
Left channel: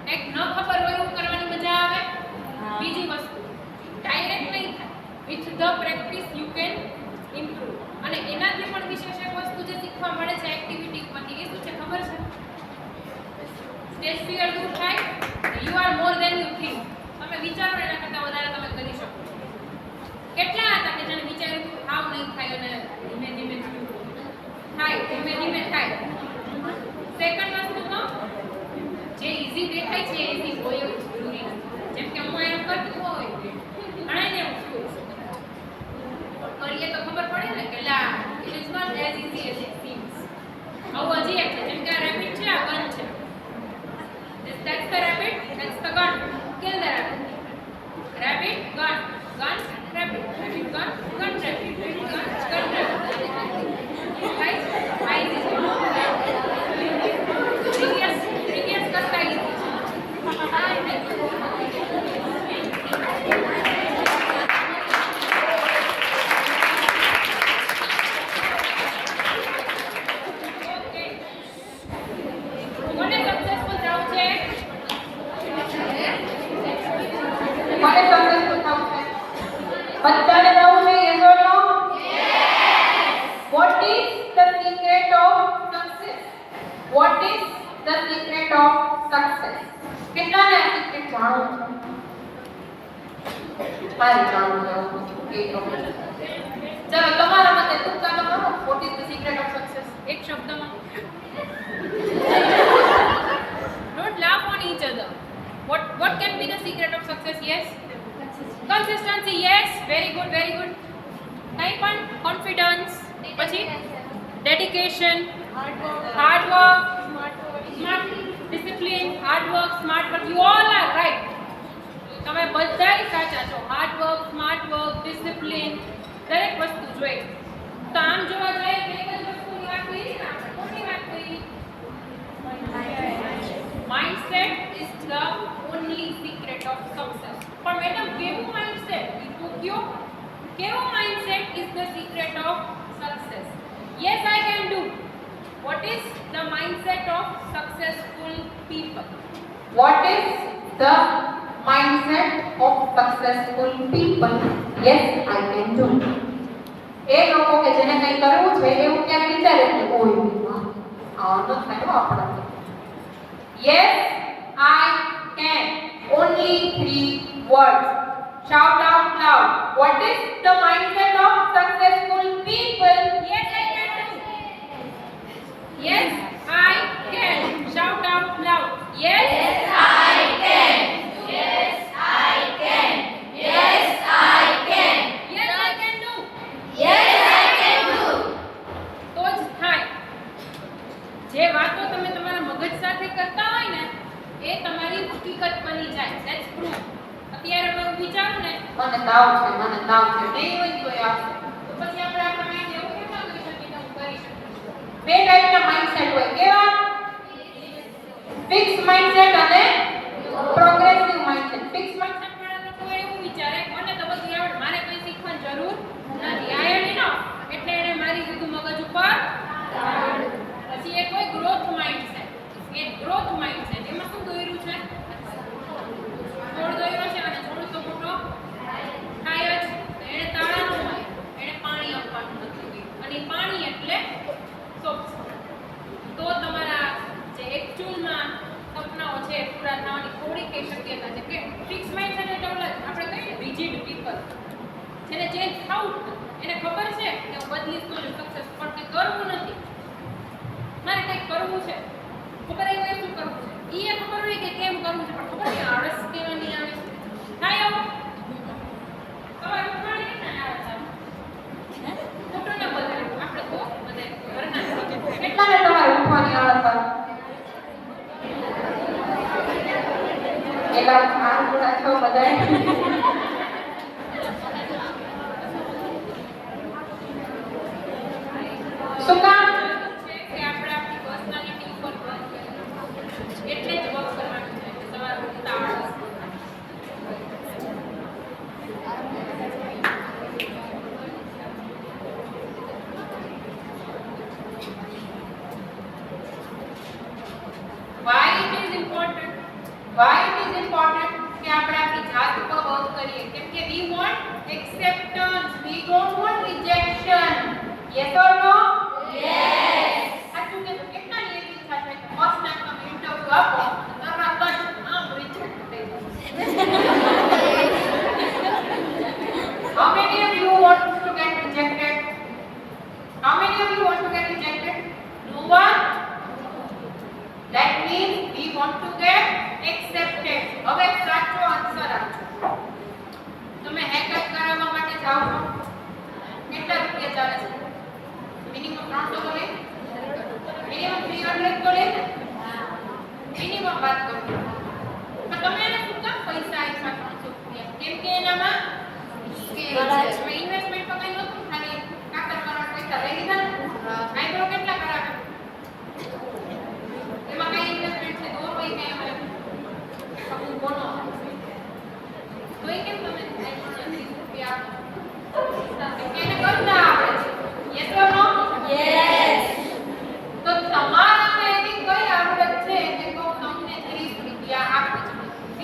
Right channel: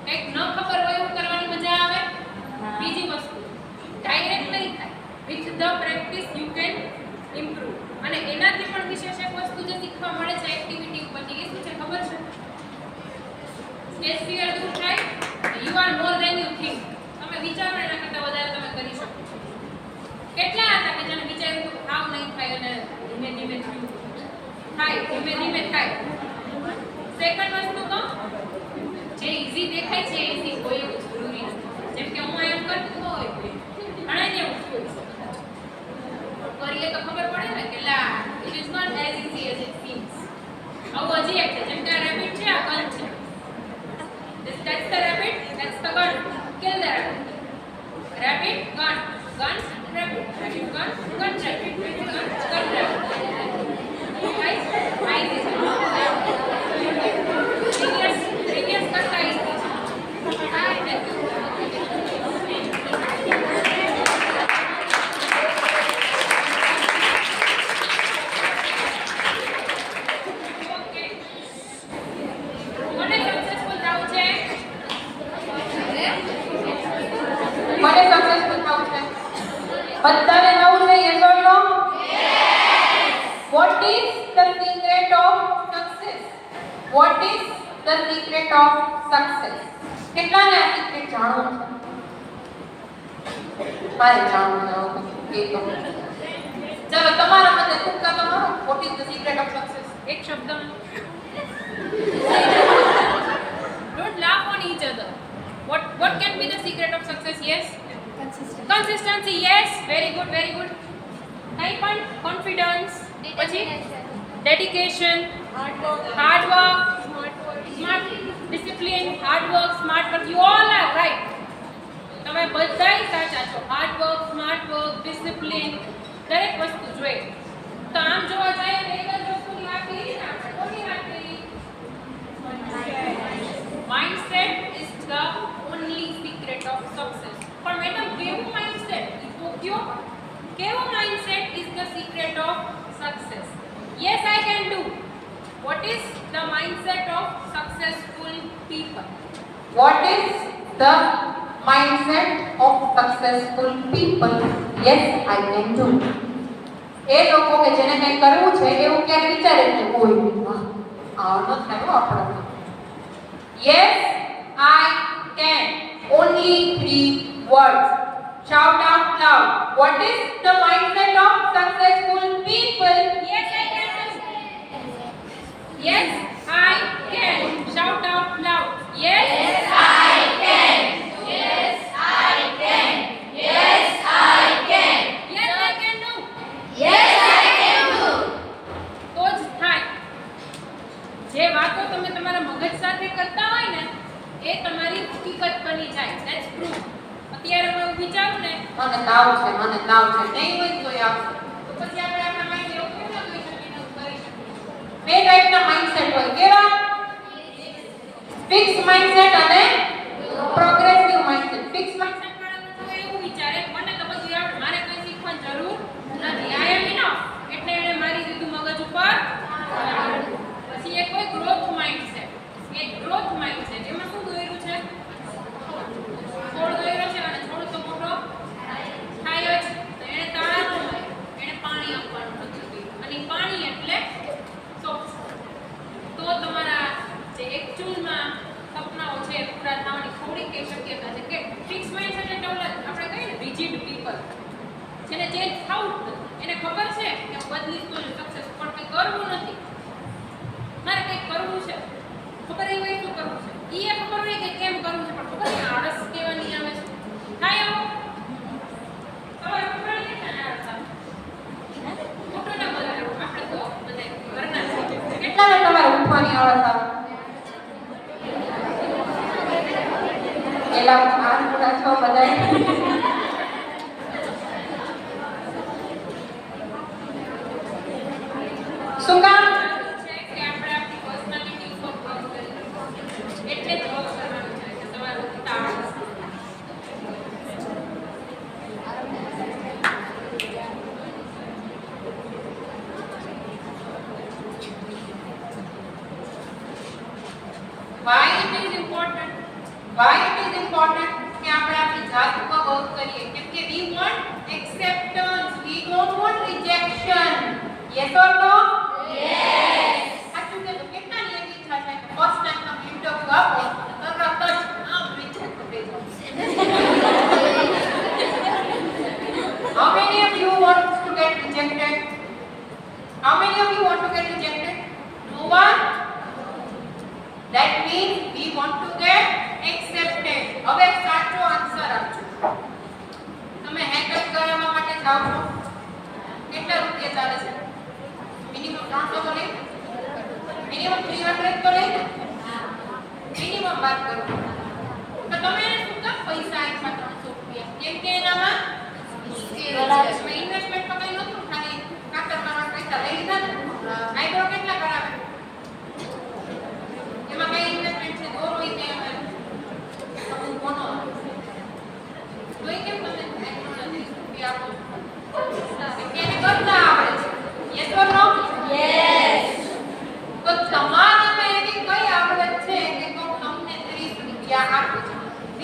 એક ન ખબર હોય એવું કરવાની મજા આવે બીજી વસ્તુ ડાયરેક્ટ નહીં થાય with the practice you can improve અને એનાથી પણ વિશેષ એક વસ્તુ જે શીખવા મળે છે એક્ટિવિટી ઉપરથી એ શું છે ખબર છે સ્ટેજ ફિયર દૂર થાય you are more then you think તમે વિચારો એના કરતાં વધારે તમે કરી શકો છો કેટલા હતા કે જેને વિચાર્યું તો હાવ નહીં થાય અને ધીમે ધીમે થયું થાય ધીમે થાય સેકન્ડ વસ્તુ કહું જે ઈઝી દેખાય છે ઈઝી હોય એવું જરૂરી નથી જેમ કે હું એમ કરતું હોય ઘણાને એવું હોય કરીએ તો ખબર પડે ને કે લા it is not as easy as it seems આવું હજી એક છે જેમ કે આ રેબિટ છે આ ગન છે that's the rabbit that's the gun kill the rabbit કોને સક્સેસફુલ થવું છે? મને સક્સેસફુલ થવું છે. બધાને થવું છે yes or no? What is the secret of success? What is the secret of success? કેટલાને આ secret જાણવું છે? મારે જાણવું છે. એક ચલો તમારા મતે ટૂંકા તમારો what is the secret of success? એક શબ્દમાં. Don't laugh on each other. What can be the secret of success? Yes. Consistency. Yes. Very good. Very good. કઈ પણ confidence. પછી dedication. Hard work. Smart discipline. Hard work. Smart work. You all are right. તમે બધાય સાચા છો. Hard work, smart work, discipline દરેક વસ્તુ જોઈએ. તો આમ જોવા જાય તો એક જ વસ્તુની વાત કરી ને આપણે. કોની વાત કરી? Mindset is the only secret of success. પણ મેડમ કેવું mindset? કેવું mindset is the secret of success? Yes, I can do. What is the mindset of successful people? What is the mindset of successful people? Yes, I can do. એ લોકો કે જેને કંઈ કરવું છે એવું ક્યાંક વિચારે છે કોઈ આનો થાય આપણે. Yes, I can. Only 3 words. Shout out loud. What is the mindset of successful people? Yes, I can do. Yes, I can. Shout out loud. Yes, I can. Yes, I can. Yes, I can. Yes, I can do. Yes, I can do. તો જ થાય. જે વાતો તમે તમારા મગજ સાથે કરતા હોય ને એ તમારી હકીકત બની જાય. That's proof. અત્યારે હું વિચારું ને મને તાવ છે નહીં હોય તો આવશે. તો પછી આપણે આપણા માઇન્ડ એવું કેમ ના કરી શકીએ ને હું કરી શકું. બે ટાઈપના માઇન્ડસેટ હોય. કેવા? ફિક્સ માઇન્ડસેટ અને પ્રોગ્રેસિવ માઇન્ડસેટ. ફિક્સ માઇન્ડસેટ વાળા લોકો એવું વિચારે મને તો બધું આવડે, મારે કંઈ શીખવાની જરૂર નથી. આઈ એમ ઇનફ. એટલે એને મારી દીધું મગજ ઉપર. પછી એક હોય ગ્રોથ માઇન્ડસેટ. એ ગ્રોથ માઇન્ડસેટ એમાં શું દોર્યું છે? છોડ દોર્યો છે અને છોડ તો મોટો થાય જ. તો એને તાળા ન મારે, એને પાણી આપવાનું નથી. અને પાણી એટલે તો તમારા જે એકચ્યુઅલમાં સપનાઓ છે પૂરા થવાની થોડીક એ શક્યતા છે. કે ફિક્સ માઇન્ડસેટ એટલે ઓલા આપણે કહીએ ને રિજિડ પીપલ, જેને ચેન્જ થવું જ નથી. એને ખબર છે કે હું બદલીશ તો સક્સેસ, પણ કંઈ કરવું નથી. મારે કંઈક કરવું છે, ખબર એ હોય શું કરવું છે, એ ખબર હોય કે કેમ કરવું છે, પણ ખબર નહીં આળસ કેવાની આવે છે. થાય આવું સવારે ઉઠવાની કેટલાને આળસ આવે? ખોટું ના બોલવાનું. આપણે તો બધા ઘરના છીએ. કેટલાને તમારે ઉઠવાની આળસ આવે? એલા આ બધા છો બધાય. શું કામ? છે કે આપણે આપણી પર્સનાલિટી ઉપર વર્ક કરીએ. એટલે જ વર્ક કરવાનું છે કે તમારું આળસ Why it is important? Why it is important કે આપણે આપણી જાત ઉપર વર્ક કરીએ? કેમ કે we want acceptance, we don't want rejection. Yes or no? Yes. સાચું કે તો કેટલાની એવી ઈચ્છા છે કે ફર્સ્ટ ટાઈમ તમે ઇન્ટરવ્યુ આપો તરત જ આમ રિજેક્ટ થઈ જાવ. How many of you want to get rejected? How many of you want to get rejected? No one? That means we want to get accepted. હવે સાચો આન્સર આપજો. તમે હેરકટ કરાવવા માટે જાઓ છો, કેટલા રૂપિયા ચાલે છે? મિનિમમ 300 તો લે, મિનિમમ 300 તો લે, મિનિમમ 1200.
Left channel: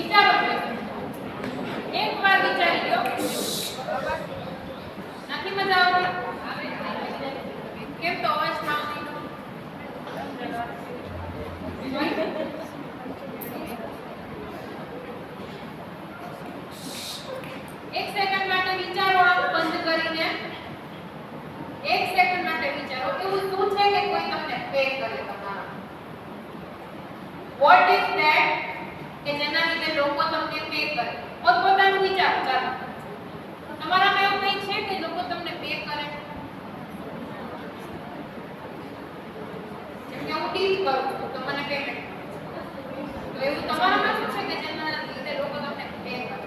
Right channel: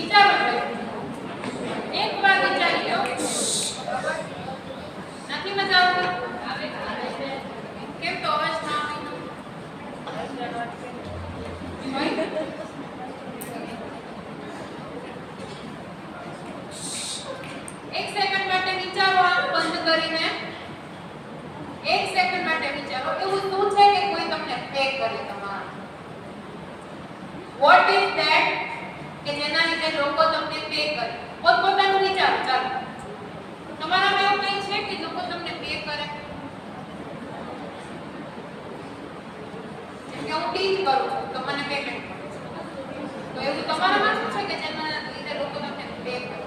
વિચારો છો એકવાર વિચારી લો નથી મજા આવતી કેમ તો અવાજ ના આવ્યો એક સેકન્ડ માટે વિચારો આંખ બંધ કરીને એક સેકન્ડ માટે વિચારો એવું શું છે કે કોઈ તમને પે કરે તમારા વોટ ઇઝ ધેટ કે જેના લીધે લોકો તમને પે કરે પોતપોતાનું વિચારો ચાલો તમારામાં એવું કંઈ છે કે લોકો તમને પે કરે કે હું ટીચ કરું છું તો મને પેમેન્ટ તો એવું તમારામાં શું છે કે જેના લીધે લોકો તમને પે કરે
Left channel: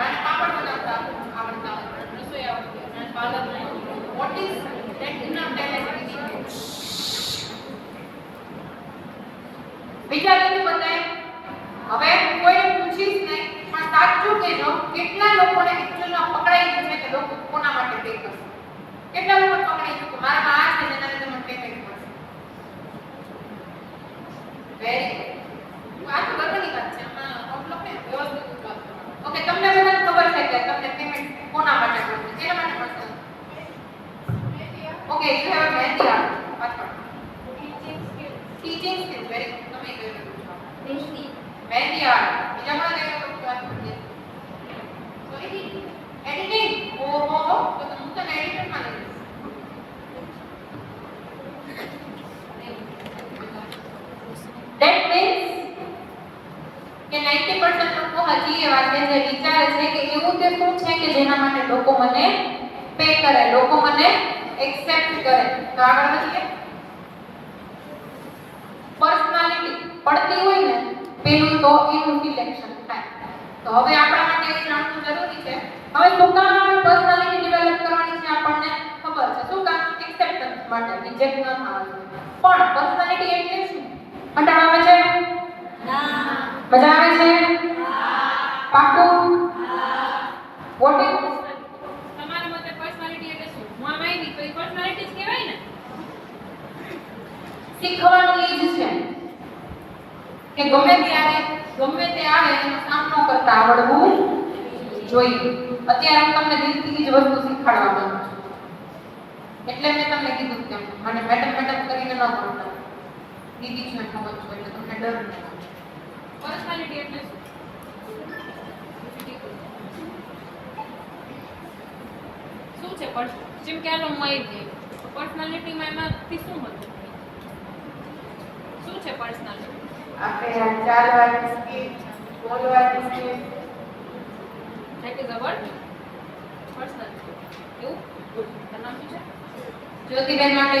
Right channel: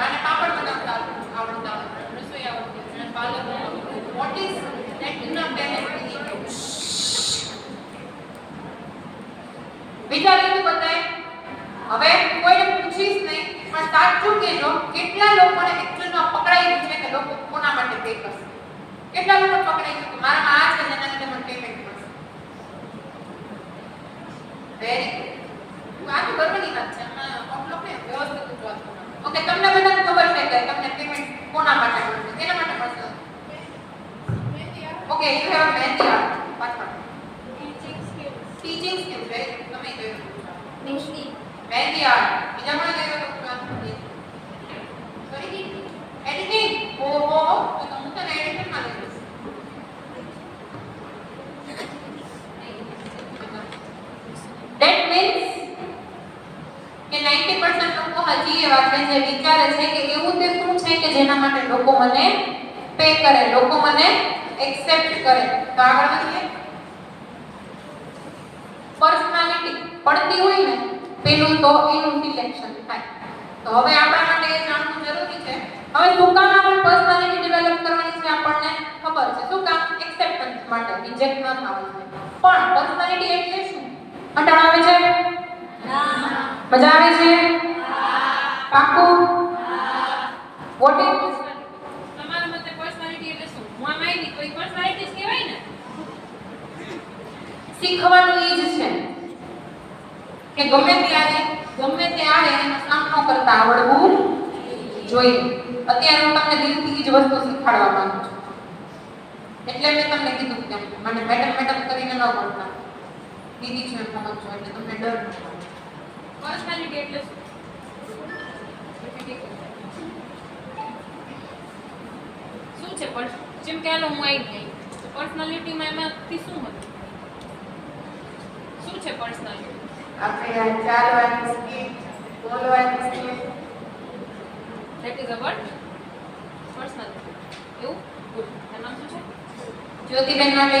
અને પાપડ બનાવતા આવડતા રસોઈ આવડતી અને પાલક what is that enough talent વિચારીને બતાય હવે કોઈને પૂછીશ નહીં પણ સાચું કહેજો કેટલા લોકોને એક્ચ્યુઅલમાં પકડાઈ ગયું છે કે લોકો કોના માટે પે કરશે કેટલા લોકો પકડાઈ ગયું કે મારામાં આ છે જેના લીધે મને પેમેન્ટ મળશે વેરી ગુડ આ તો ગર્વની વાત છે આમાં ઓપલોક ને વ્યવસ્થિત વાત ઓકે તમને બધાને ખબર છે કે તમને પેમેન્ટ કોના માટે મળશે કેના માટે મળશે okay you have mehndi art પાછળ ટીચિંગ સ્કિલ વેરી તમે કહ્યું મહેંદી આર્ટ બીજા કોને કહ્યું સોરી એડિટિંગ ઓહો તો હું તને એડિટર માં લઈ લઈશ that means કે 90% લોકો હજી એવા છે જે વિચારે છે કે એવું તે શું છે કે જેના માટે લોકો મને પે કરે લોકો મને એક્સેપ્ટ કરે તો આગળ વધીએ પર્સનાલિટી પડતી હોય ને પેલું તો એનું સિલેક્શન થાય તો હવે આપણા માટે એ જાણવું જરૂરી છે હવે શું કામ આપણે પર્સનાલિટી ડેવલપ કરવાની છે આપણને ખબર છે શું કામ એક્સેપ્ટન્સ માટે રિજેક્ટ ન થવું જોઈએ પણ પર્સનાલિટી એટલે શું કંટાળો આવે છે મજા આવે છે પાક્કું વોટ ઇઝ તમારા મતે પર્સનાલિટી એટલે શું હું આમ આવી તો એ પર્સનાલિટી જ કહેવાય ને શીખવાનું એ જ છે કે ગમે ત્યારે ગમે તે આવે એનો સામનો કરતા આવડવું જોઈએ અત્યારે હું તમને દિલથી જ વસ્તુ શીખવાડવા માંગુ છું એટલે મેં તમને કીધું કે મને મેડમ કરીને ન બોલતા દીદી છું એમ સમજો એટલે તમને ડર ન લાગે પર્સનાલિટી એટલે શું શું છે જેમ કે આનો હું આવી ગઈ તો પર્સનાલિટીમાં એમાંથી શું હતું શું છે પર્સનાલિટી આપણે ચાર વારની સ્કીલ બોલવાની skill that is a word personality એવું તારું નામ શું છે જ્યોતિબેન માટે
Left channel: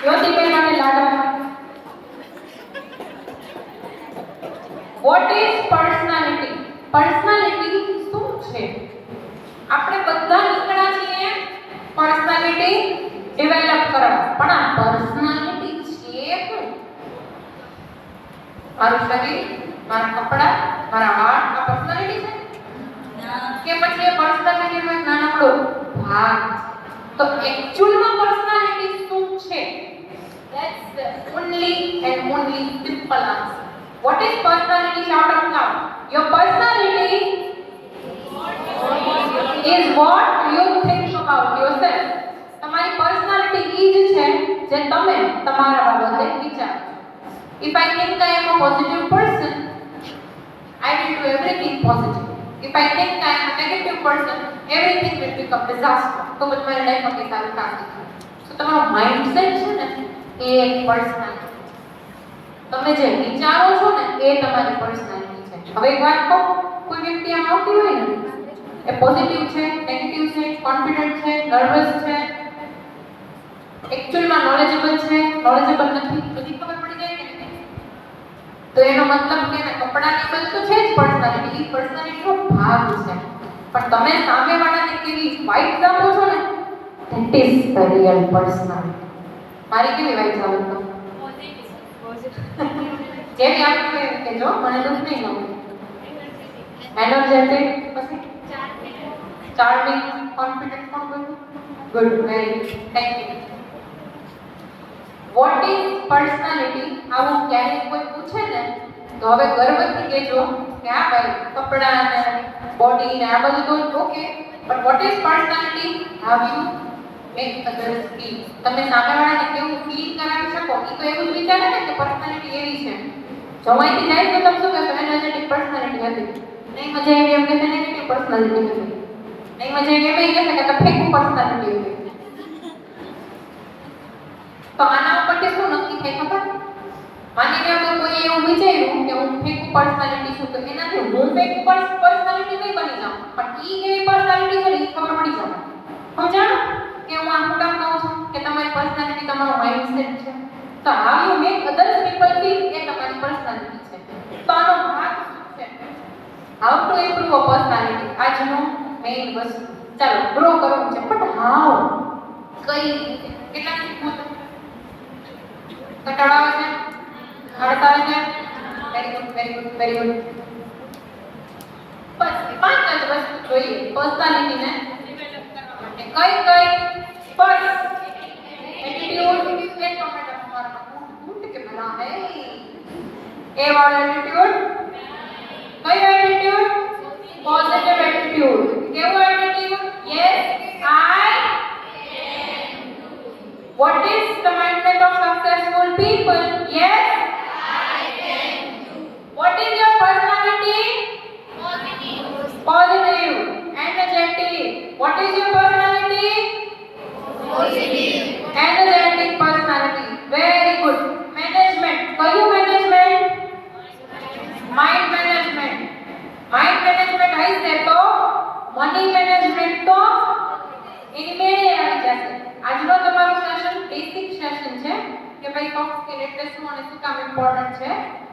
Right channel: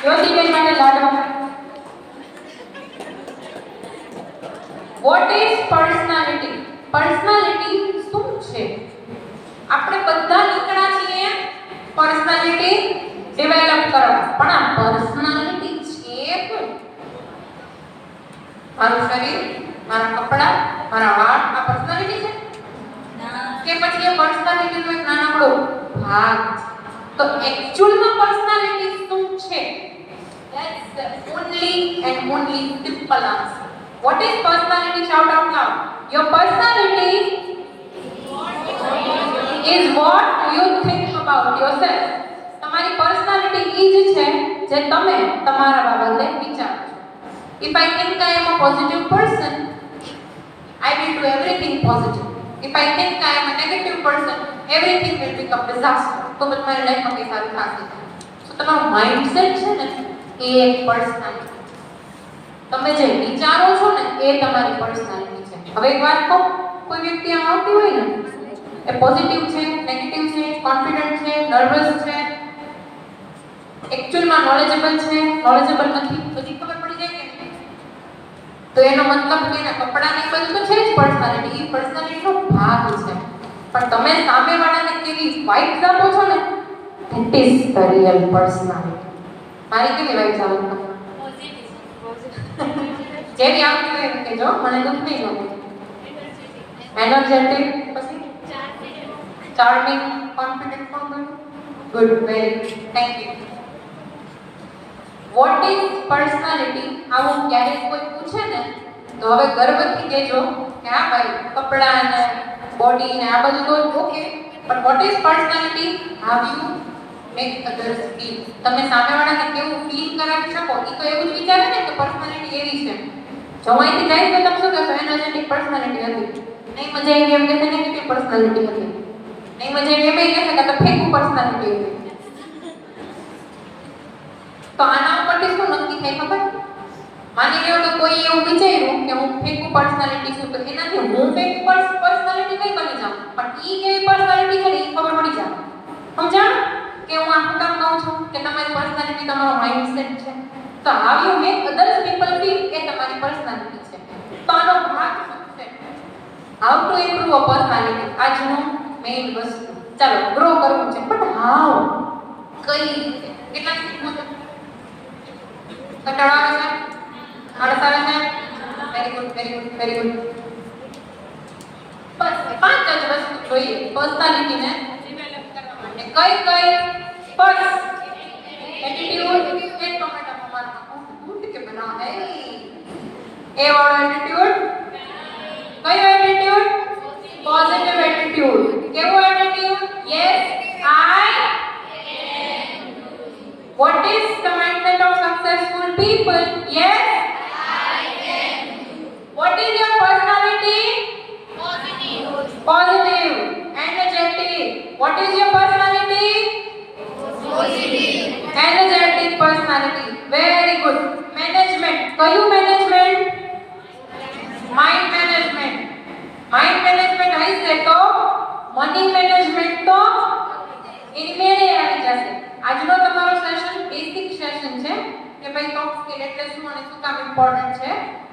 જ્યોતિબેન માટે લાડવા વોટ ઇઝ પર્સનાલિટી પર્સનાલિટી શું છે આપણે બધા નીકળ્યા છીએ પર્સનાલિટી ડેવલપ કરવા પણ આ પર્સનાલિટી છે શું મારું શરીર મારા કપડા મારા વાળ આ પર્સનાલિટી છે કે પછી એ પર્સનાલિટીનો એક નાનકડો ભાગ તો એક્ચ્યુઅલમાં પર્સનાલિટી શું છે that's the only and only simple answer what is personality shout out loud your personality is what you think about yourself તમારી પર્સનાલિટી ઈ જ છે જે તમે તમારા બાબતે વિચારો છો if I think I am a positive person I will do everything positive if I think I am a negative person everything will become disaster તો તમારી લાઈફમાં કઈ સારું થશે તો તમારો માઇન્ડસેટ છે ને એ એક પર્સનાલિટી તમે જે વિચારો છો ને એ તમારી પર્સનાલિટી છે હવે એક વાત કહું કોઈ વ્યક્તિ આમ આવતી હોય ને એ પોઝિટિવ છે નેગેટિવ છે કોન્ફિડન્ટ છે નર્વસ છે એક્ચ્યુઅલમાં નોલેજેબલ છે નોલેજેબલ નથી બધી ખબર પડી જાય કે નહીં તો એનો મતલબ કે એના કપડાની બધું તો છે જ પર્સનાલિટી એ પર્સનાલિટીનો ભાગ છે પણ તમે સામેવાળાને કેવી વાઇબ્સ આપો છો ને that is the real personality મારી કેવી વાઇબ્સ આવે છે જેવી આવતી હોય કે જો મને દુઃખ નહીં લાગે એનર્જેટિક પછી ચાર્મિંગ કોન્ફિડન્ટ પણ good very thank you what is personality આવું ક્યારેક કોઈ પૂછે ને તો હવે ગર્વથી કહેજો કે હા ભાઈ કપડાં ને બોડી ને આ બધું તો ઓકે પણ what is personality how you make others feel તમે સામેવાળાને કેવું ફીલ કરાવી શકો એ તો એવું જ વિચારે ને કે પર્સનાલિટી એવી છે જો અહીંથી જાય તો તમે શું કહેશો એનર્જેટિક પર્સનાલિટી હતી નહીં મજા આવી એમ કે નેગેટિવ પર્સનાલિટી હતી નહીં મજા આવી એમ કહેશે કે ફેકુ પર્સનાલિટી હતી તો આના ઉપરથી શું નક્કી થાય ખબર માની લો કે કોઈ એવું વિચાર્યું કે હું ફેકુ પર્સનાલિટી છું તો એનાથી હું ફેકુ પર્સનાલિટી કઈ બની જાઉં પણ ઈ કેવી પર્સનાલિટી છે ને ઈ ખબર પડી જાય સમજાણ કે હું આ શું કામ કહું છું કે તમારી પર્સનાલિટી તમારો માઇન્ડસેટ છે તો how you make others people feel એ તમારી પર્સનાલિટી છે તો આનો ભાગ શું છે how to improve a personality આજનો મેઇન વસ્તુ ચાલો ગ્રો કરવું છે બટ હાઉ કઈ રીતે કેટલા શીખવું છે કંટાળો આવે છે આળસ આવે છે વેરી ગુડ બસ પાંચ જ વસ્તુ જોઈએ પર્સનાલિટીને ડેવલપ કરવા માટે કઈ ફર્સ્ટ એટીટ્યુડ એ ટોમેટો મારना कूट के बना है ए वाला एटीट्यूड कयो एटीट्यूड पॉजिटिव एटीट्यूड केवो attitude yes I what is the mindset of successful people yes what is your personality positive energetic what is your personality energetic personality very good management કયું management mind management હશે તો money management તો ઇનમેરે આવી જશે આજનો તમારો session basic session છે કે ભાઈ સોફ્ટ સ્કિલ એટલે શું અને શું કામ ઇમ્પોર્ટન્ટ છે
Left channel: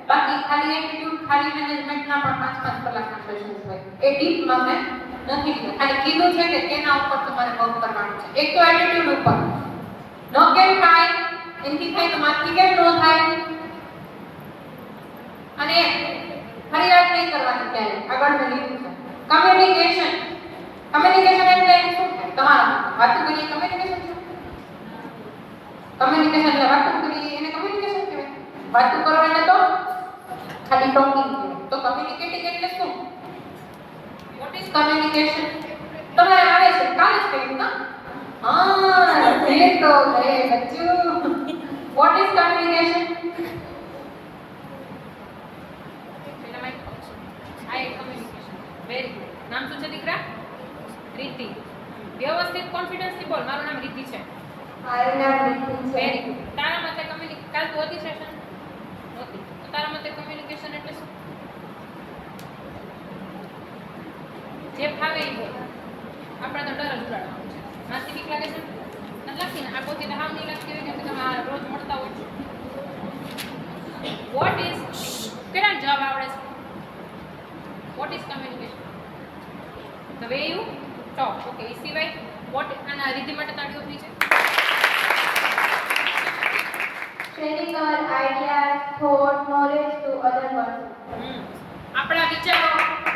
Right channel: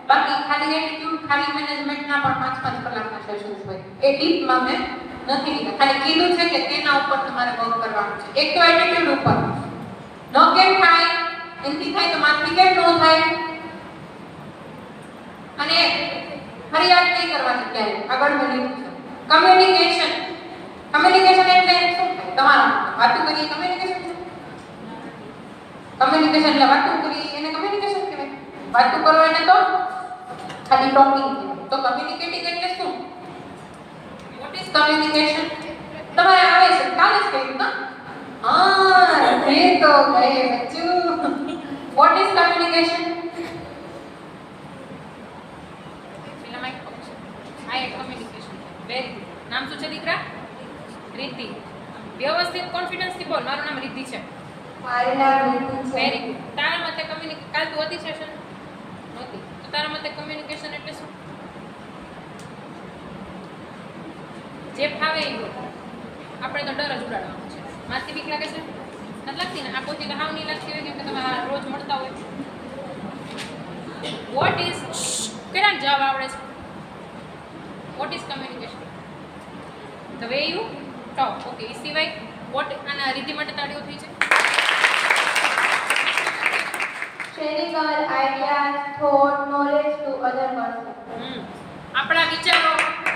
બાકી ખાલી એટીટ્યુડ ખાલી મેનેજમેન્ટ ના પણ 5 કલાકના સેશન્સ હોય એ ડીપમાં મેં નથી કીધું ખાલી કીધું છે કે કેના ઉપર તમારે વર્ક કરવાનું છે એક તો એટીટ્યુડ ઉપર નો કેમ થાય એનથી થાય તો માથી કેમ નો થાય અને ફરિયાદ નહીં કરવાની ક્યારે આગળ વધી છે કમ્યુનિકેશન એટલે શું થાય તમારા વાતો કરીએ કમ્યુનિકેશન છે કમ્યુનિકેશન એટલે વાતો કરીએ એને કમ્યુનિકેશન કહેવાય વાતો કરો એને તો ખાલી ટોકિંગ કહેવાય તો કમ્યુનિકેટિંગ એટલે શું વોટ ઇઝ કમ્યુનિકેશન તમારે આવે છે કાલે જ કહ્યું ના हाँ ये तो गए बच्चों what is communication very good નામ શું છે દીકરા રીતિ વ્યવસ્થિત કોન્ફિડન્સ થી બોલ મારું નામ રીતિ છે મારું નામ રીતુ છે વેરી ગુડ તારા મતે કાલ તું હતી સેશન નહોતી તો તારા મતે કમ્યુનિકેશન એટલે શું જે ફાવે એ બોલ આપણે તો ડર જ ઉડાડવાનો છે માથી બીક લાગે છે નથી લાગતી ને આ પોતે તો હાવ નહીં લાગતી હોય કેમ કે તમે આ રોજ મળતા હોય વોટ ઇઝ કેટલા જવાબ આવડે છે what is communication the way you talk okay એ સિવાય વોટ આના રીતિ માટે તાળીઓ થઈ છે sharing our ideas thought knowledge to other person આપણા વિચારો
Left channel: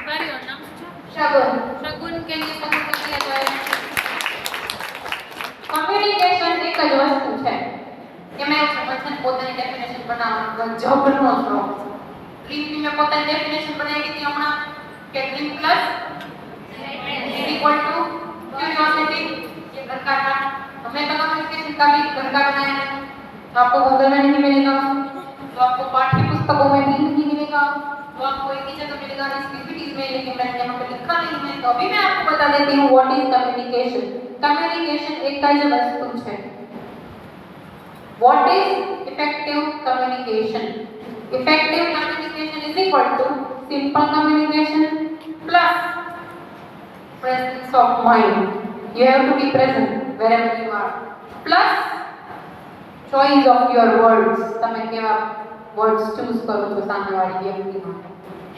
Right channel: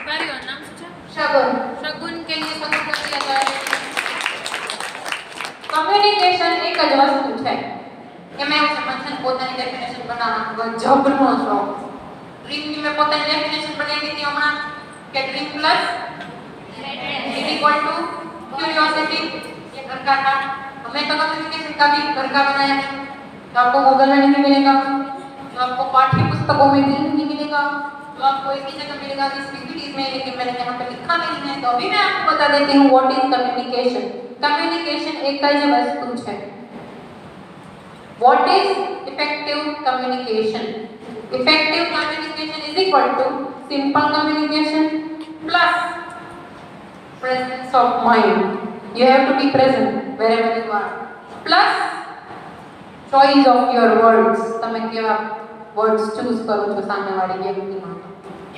કાર્યો નામ શું છે शगुन शगुन के लिए शगुन कर दिया जाए કમ્યુનિકેશન એક જ વસ્તુ છે કે મેં સમજન પોતાની ડેફિનેશન બનાવવાનો જબરનો શોખ ડ્રીમની મેં પોતાની ડેફિનેશન બનાવી દીધી હમણાં કે dream plus is equal to curiosity ये घर का था हमें तो कम्युनिकेशन का भी घर का बनाया है तो आपको गूगल में नहीं मिलेगा तो आपको पाठ्य पुस्तकों में भी नहीं मिलेगा तो आपको एक ही जगह मिलेगा इस पीपीटीज में लेकिन मैंने यहाँ पर लिखा नहीं है तो अभी मैं आपको बता देती हूँ व्हाट इज कम्युनिकेशन कम्युनिकेशन एक જ વસ્તુ છે what is effective communication effective communication is equal to simple communication plus presence of mind you have to be present wherever you are plus choice of your words તમે કેવા words choose કરો છો સામેવાળી વ્યક્તિ માટે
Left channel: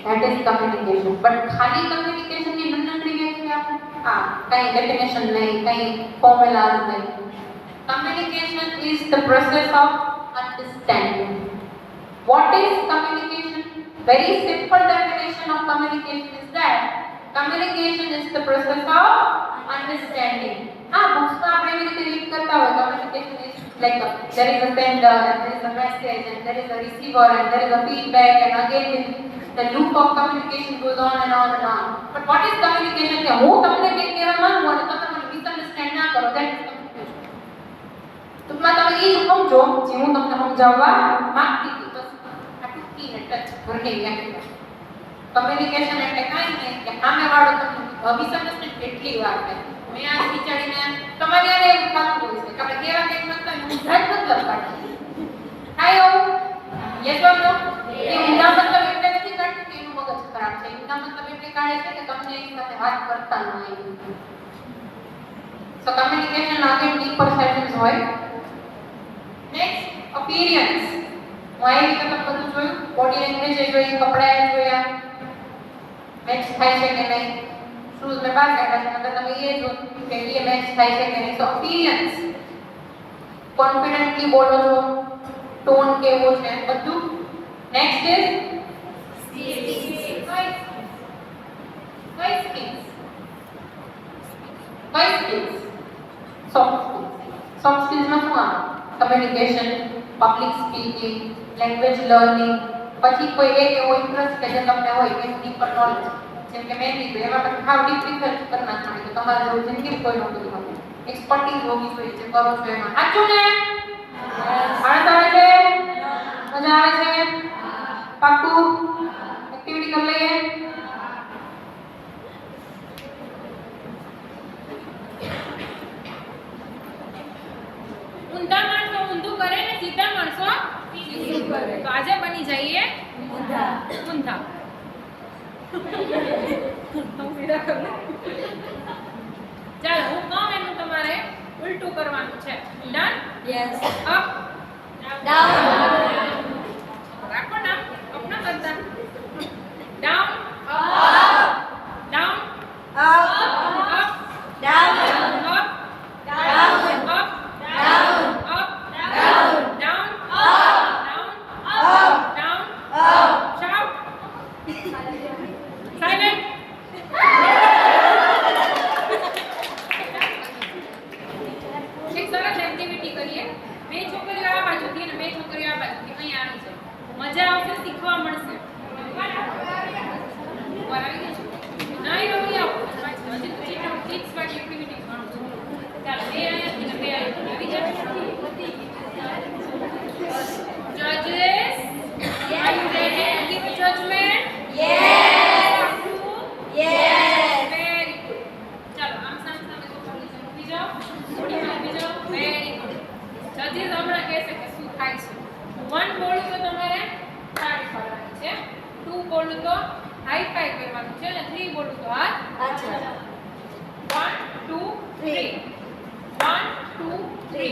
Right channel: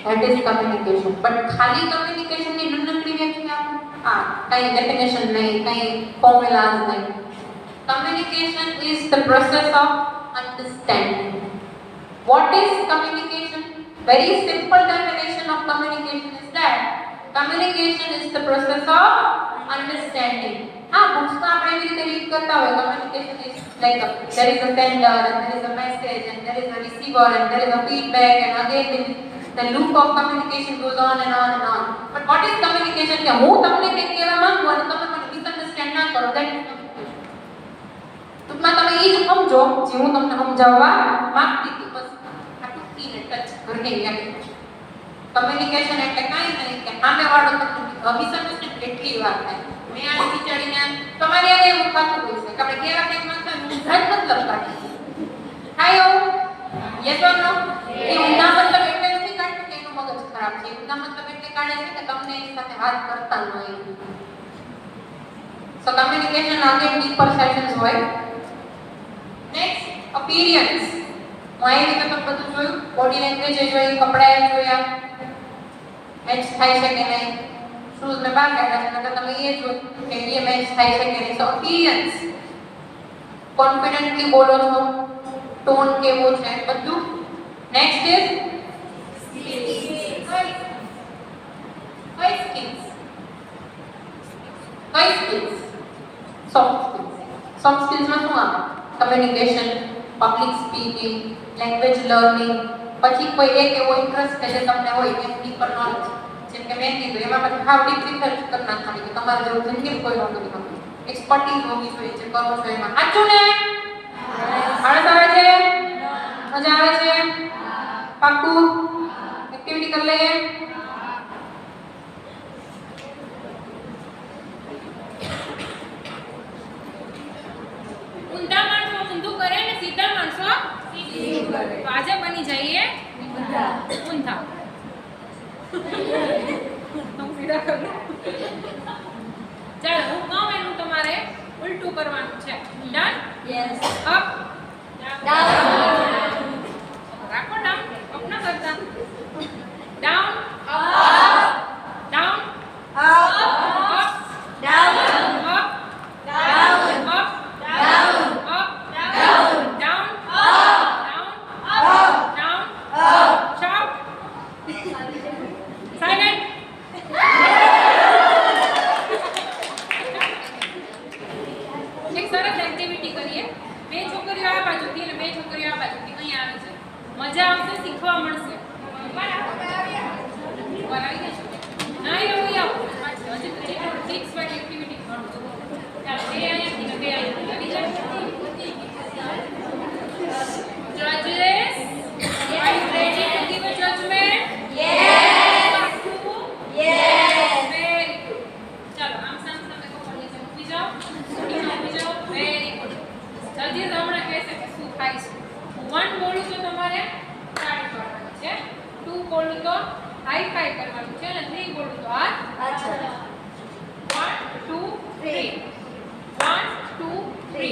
that is communication but ખાલી communication ની નનકડી વ્યાખ્યા કઈ ડેફિનેશન નહીં કઈ ફોર્મ્યુલાઝ નહીં communication is the process of understanding what is communication very simple definition of communication is that communication is the process of understanding હા બુક્સમાં આપણે એવી રીતે રીડ કરતા હોય communication is like there is a sender and there is a message and there is a receiver and there is a feedback and again the loop of communication goes on and on and on. But what is communication? કે હું તમને કંઈક કહેવા માંગુ અને તમે મને misunderstand ના કરો that is communication. ટૂંકમાં તમે એ જ સમજો જે હું તમને સમજાવવા માંગતી હતી બસ આ ટૂંકીને ટચ ઘરની વ્યાખ્યા. કમ્યુનિકેશન એટલે કાંઈ નહીં કે સામેવાળો તમને મિસઅન્ડરસ્ટેન્ડ કેટલી વાર થાય. મેં આ વિચારીને તમારે યાર એવું થતું હોય છે કે આપણે કેવા કંઈક માંગતા હોય ઊંધા જ મતલબ કાઢીએ. થાય એવું? યસ ઓર નો? એ ઊંધા મતલબ એટલે નથી કાઢતું કે એનું મગજ ખરાબ છે. ઊંધા મતલબ એટલે કાઢે છે કે તમને એની સાથે વાત કરતા ન હોય. So communication again deeper sessions હોય. Next, appearance. હું આવી રીતે તમે બધું જોયું, બોડી લેંગ્વેજ જોઈ, કપડા જોયા, મેચ થાય છે કે નહીં, શૂઝ મેં બહાર કાઢ્યા છે, નકર તમે એ જોયું કે એ મેચ થાય છે કે નહીં. So appearance. કોન્ફિડન્ટલી બોલો છો, ટોન કેવો છે, બધું. Next is skills. Soft skills. Soft skills માં શું આવે? Communication, public speaking, language learning, પછી કોઈ એક એવો ઇન્ટરેસ્ટ કે જે તમને હોય એનું ડીપર નોલેજ. જેમ કે મેં કીધું એમાં પછી હાવ ડીપ રિસર્ચ કરી નાખવાની કે તમારે જેવું જિંદગી કોઈ નોકરી કરવી. એક્સપર્ટીઝ હોવી જોઈએ જે કરો છો એમાં. સાચું ને? આળસ આવે છે? મજા આવે છે? પાક્કું? એક્ટિવિટી કરી લઈએ? ઊંધા માણસો ઊંધું કરે ને સીધા માણસો સીધું કરે. તો આજે બની જઈએ ઊંધા. હું સીધા કરું. ચાલો હું કહું એનું તમારે ઉલટું કરવાનું છે. ડન? Yes. Up Down. રાખો ડાઉન. અપ ના કરતા. Down Up. Down Up. Up Down. Up Down. Up Down. up Down. down Up. down Up. down Up. shout silent. એક સરસ એક્ટિવિટી કરીએ. બે છોકરીઓ આ બાજુથી અને બે છોકરીઓ આ બાજુથી અહીંયા આવી છે. મજા આવશે, શીખવા મળશે. ઉપર આવી ગયા છો? નહીં આવી આવો. હજી ટ્રિક્સ વાળી એક્ટિવિટી કરું છું. ચાલો બે અહીંયાથી ને બે અહીંયાથી આવી જાય. Judges, are you ready to give a judgment? Yes. Yes. Very good. ચાલો આમ સામ સામે કપડ નીચે મૂકી જાઓ. થોડીમાં ઊભી જાઓ. Very good. Judges હમણાં કહેશે કે શું થાય છે. 1 બોલું તો તમારે તાળી પાડવાની છે. 2 બોલું તો હાઈ ફાઈ કરવાનું છે અને 3 બોલું તો હાથ. અચ્છા. 1 2 3 1 2 3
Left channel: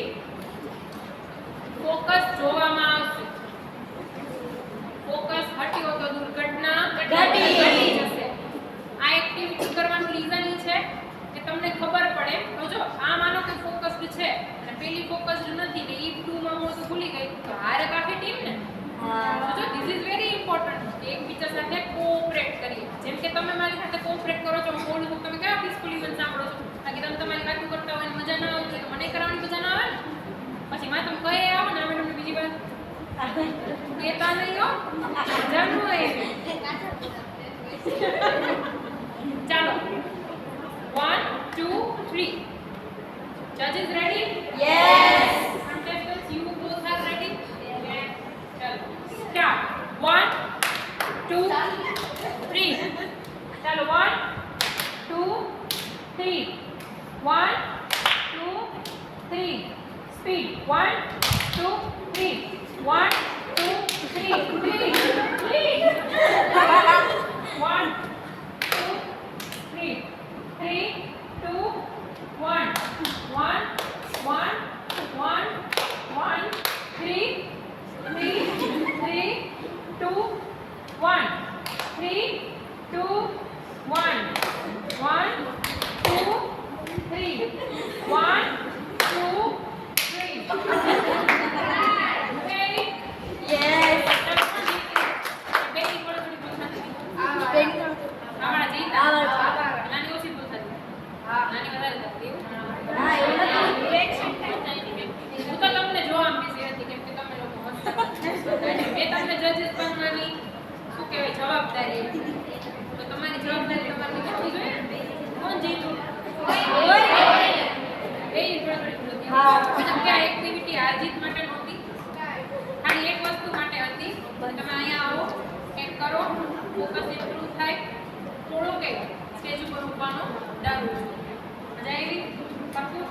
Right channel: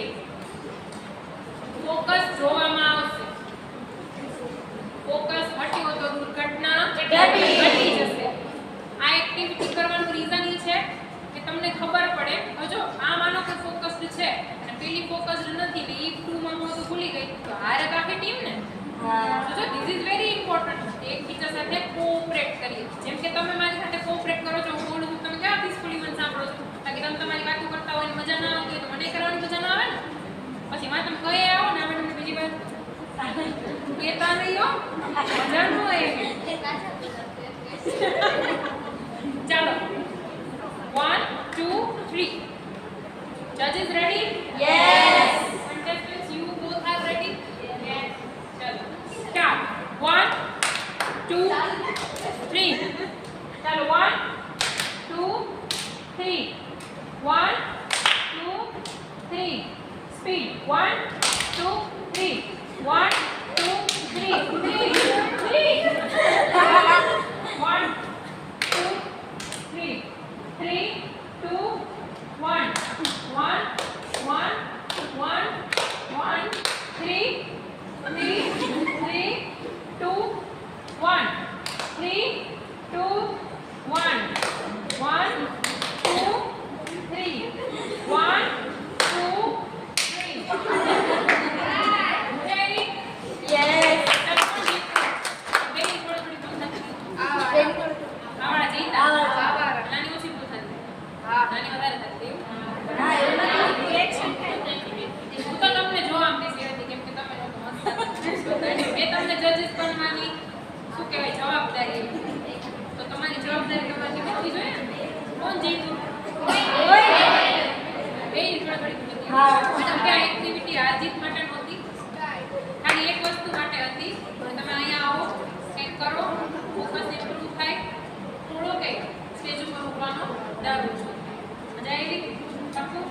ફોકસ જોવામાં આવશે. ફોકસ હટ્યો તો દુર્ઘટના ઘટી જશે. આ એક્ટિવિટી કરવાનું રીઝન એ છે કે તમને ખબર પડે હવે જો આ માનો કે ફોકસ્ડ છે અને પેલી ફોકસ્ડ નથી ને ઈ 2 માં હું તો ભૂલી ગઈ તો હારે આખી ટીમ ને. તો જો ધીસ ઇઝ વેરી ઇમ્પોર્ટન્ટ એકબીજા સાથે કોઓપરેટ કરીએ. જેમ કે તમે મારી સાથે કોઓપરેટ કરો છો, હું બોલું છું, તમે કેવા પીસફુલી મને સાંભળો છો. બાકી તમે તમારી વાતો કરતા હોય ને મજા ના આવતી હોય તો મને કરવાની મજા ના આવે ને. પછી માં તમે કહે આવો ને મેડમ બીજી વાર કહેતા નહીં હો, મજા ન આવે એવી. ચાલો 1 2 3 Judges ready? Yes. Contestants, you both are ready? Yes. Chalo. Start. 1 2 3 Chalo. 1 2 3 1 2 3 Speed. 1 2 3 1 2 3 3 1 2 3 3 2 1 1 1 1 1 3 3 3 2 1 3 2 1 1 2 3 1 2 3 Ready? Yes. ચાલો કોણ જીત્યું? બેની થોડી ભૂલ થતી. Very આવાળા જીતા. આવાળા. નાની ઓછી ભૂલ થતી. નાની વધારે થતી એવું. કોણ જીત્યું? એ થોડી થોડી હા. કેમ કે આ એક્ટિવિટી હાર જીત માટે નહોતી, ખાલી એક વસ્તુ માટે હતી. તમે અહીંયા આવો, કંઈક કરો, ફોકસ ઇમ્પ્રૂવ થાય, થોડો કંઈક સ્ટેજ ઉપર ઉભવાનો ડર ઓછો થાય. મજા આવી? પાક્કું?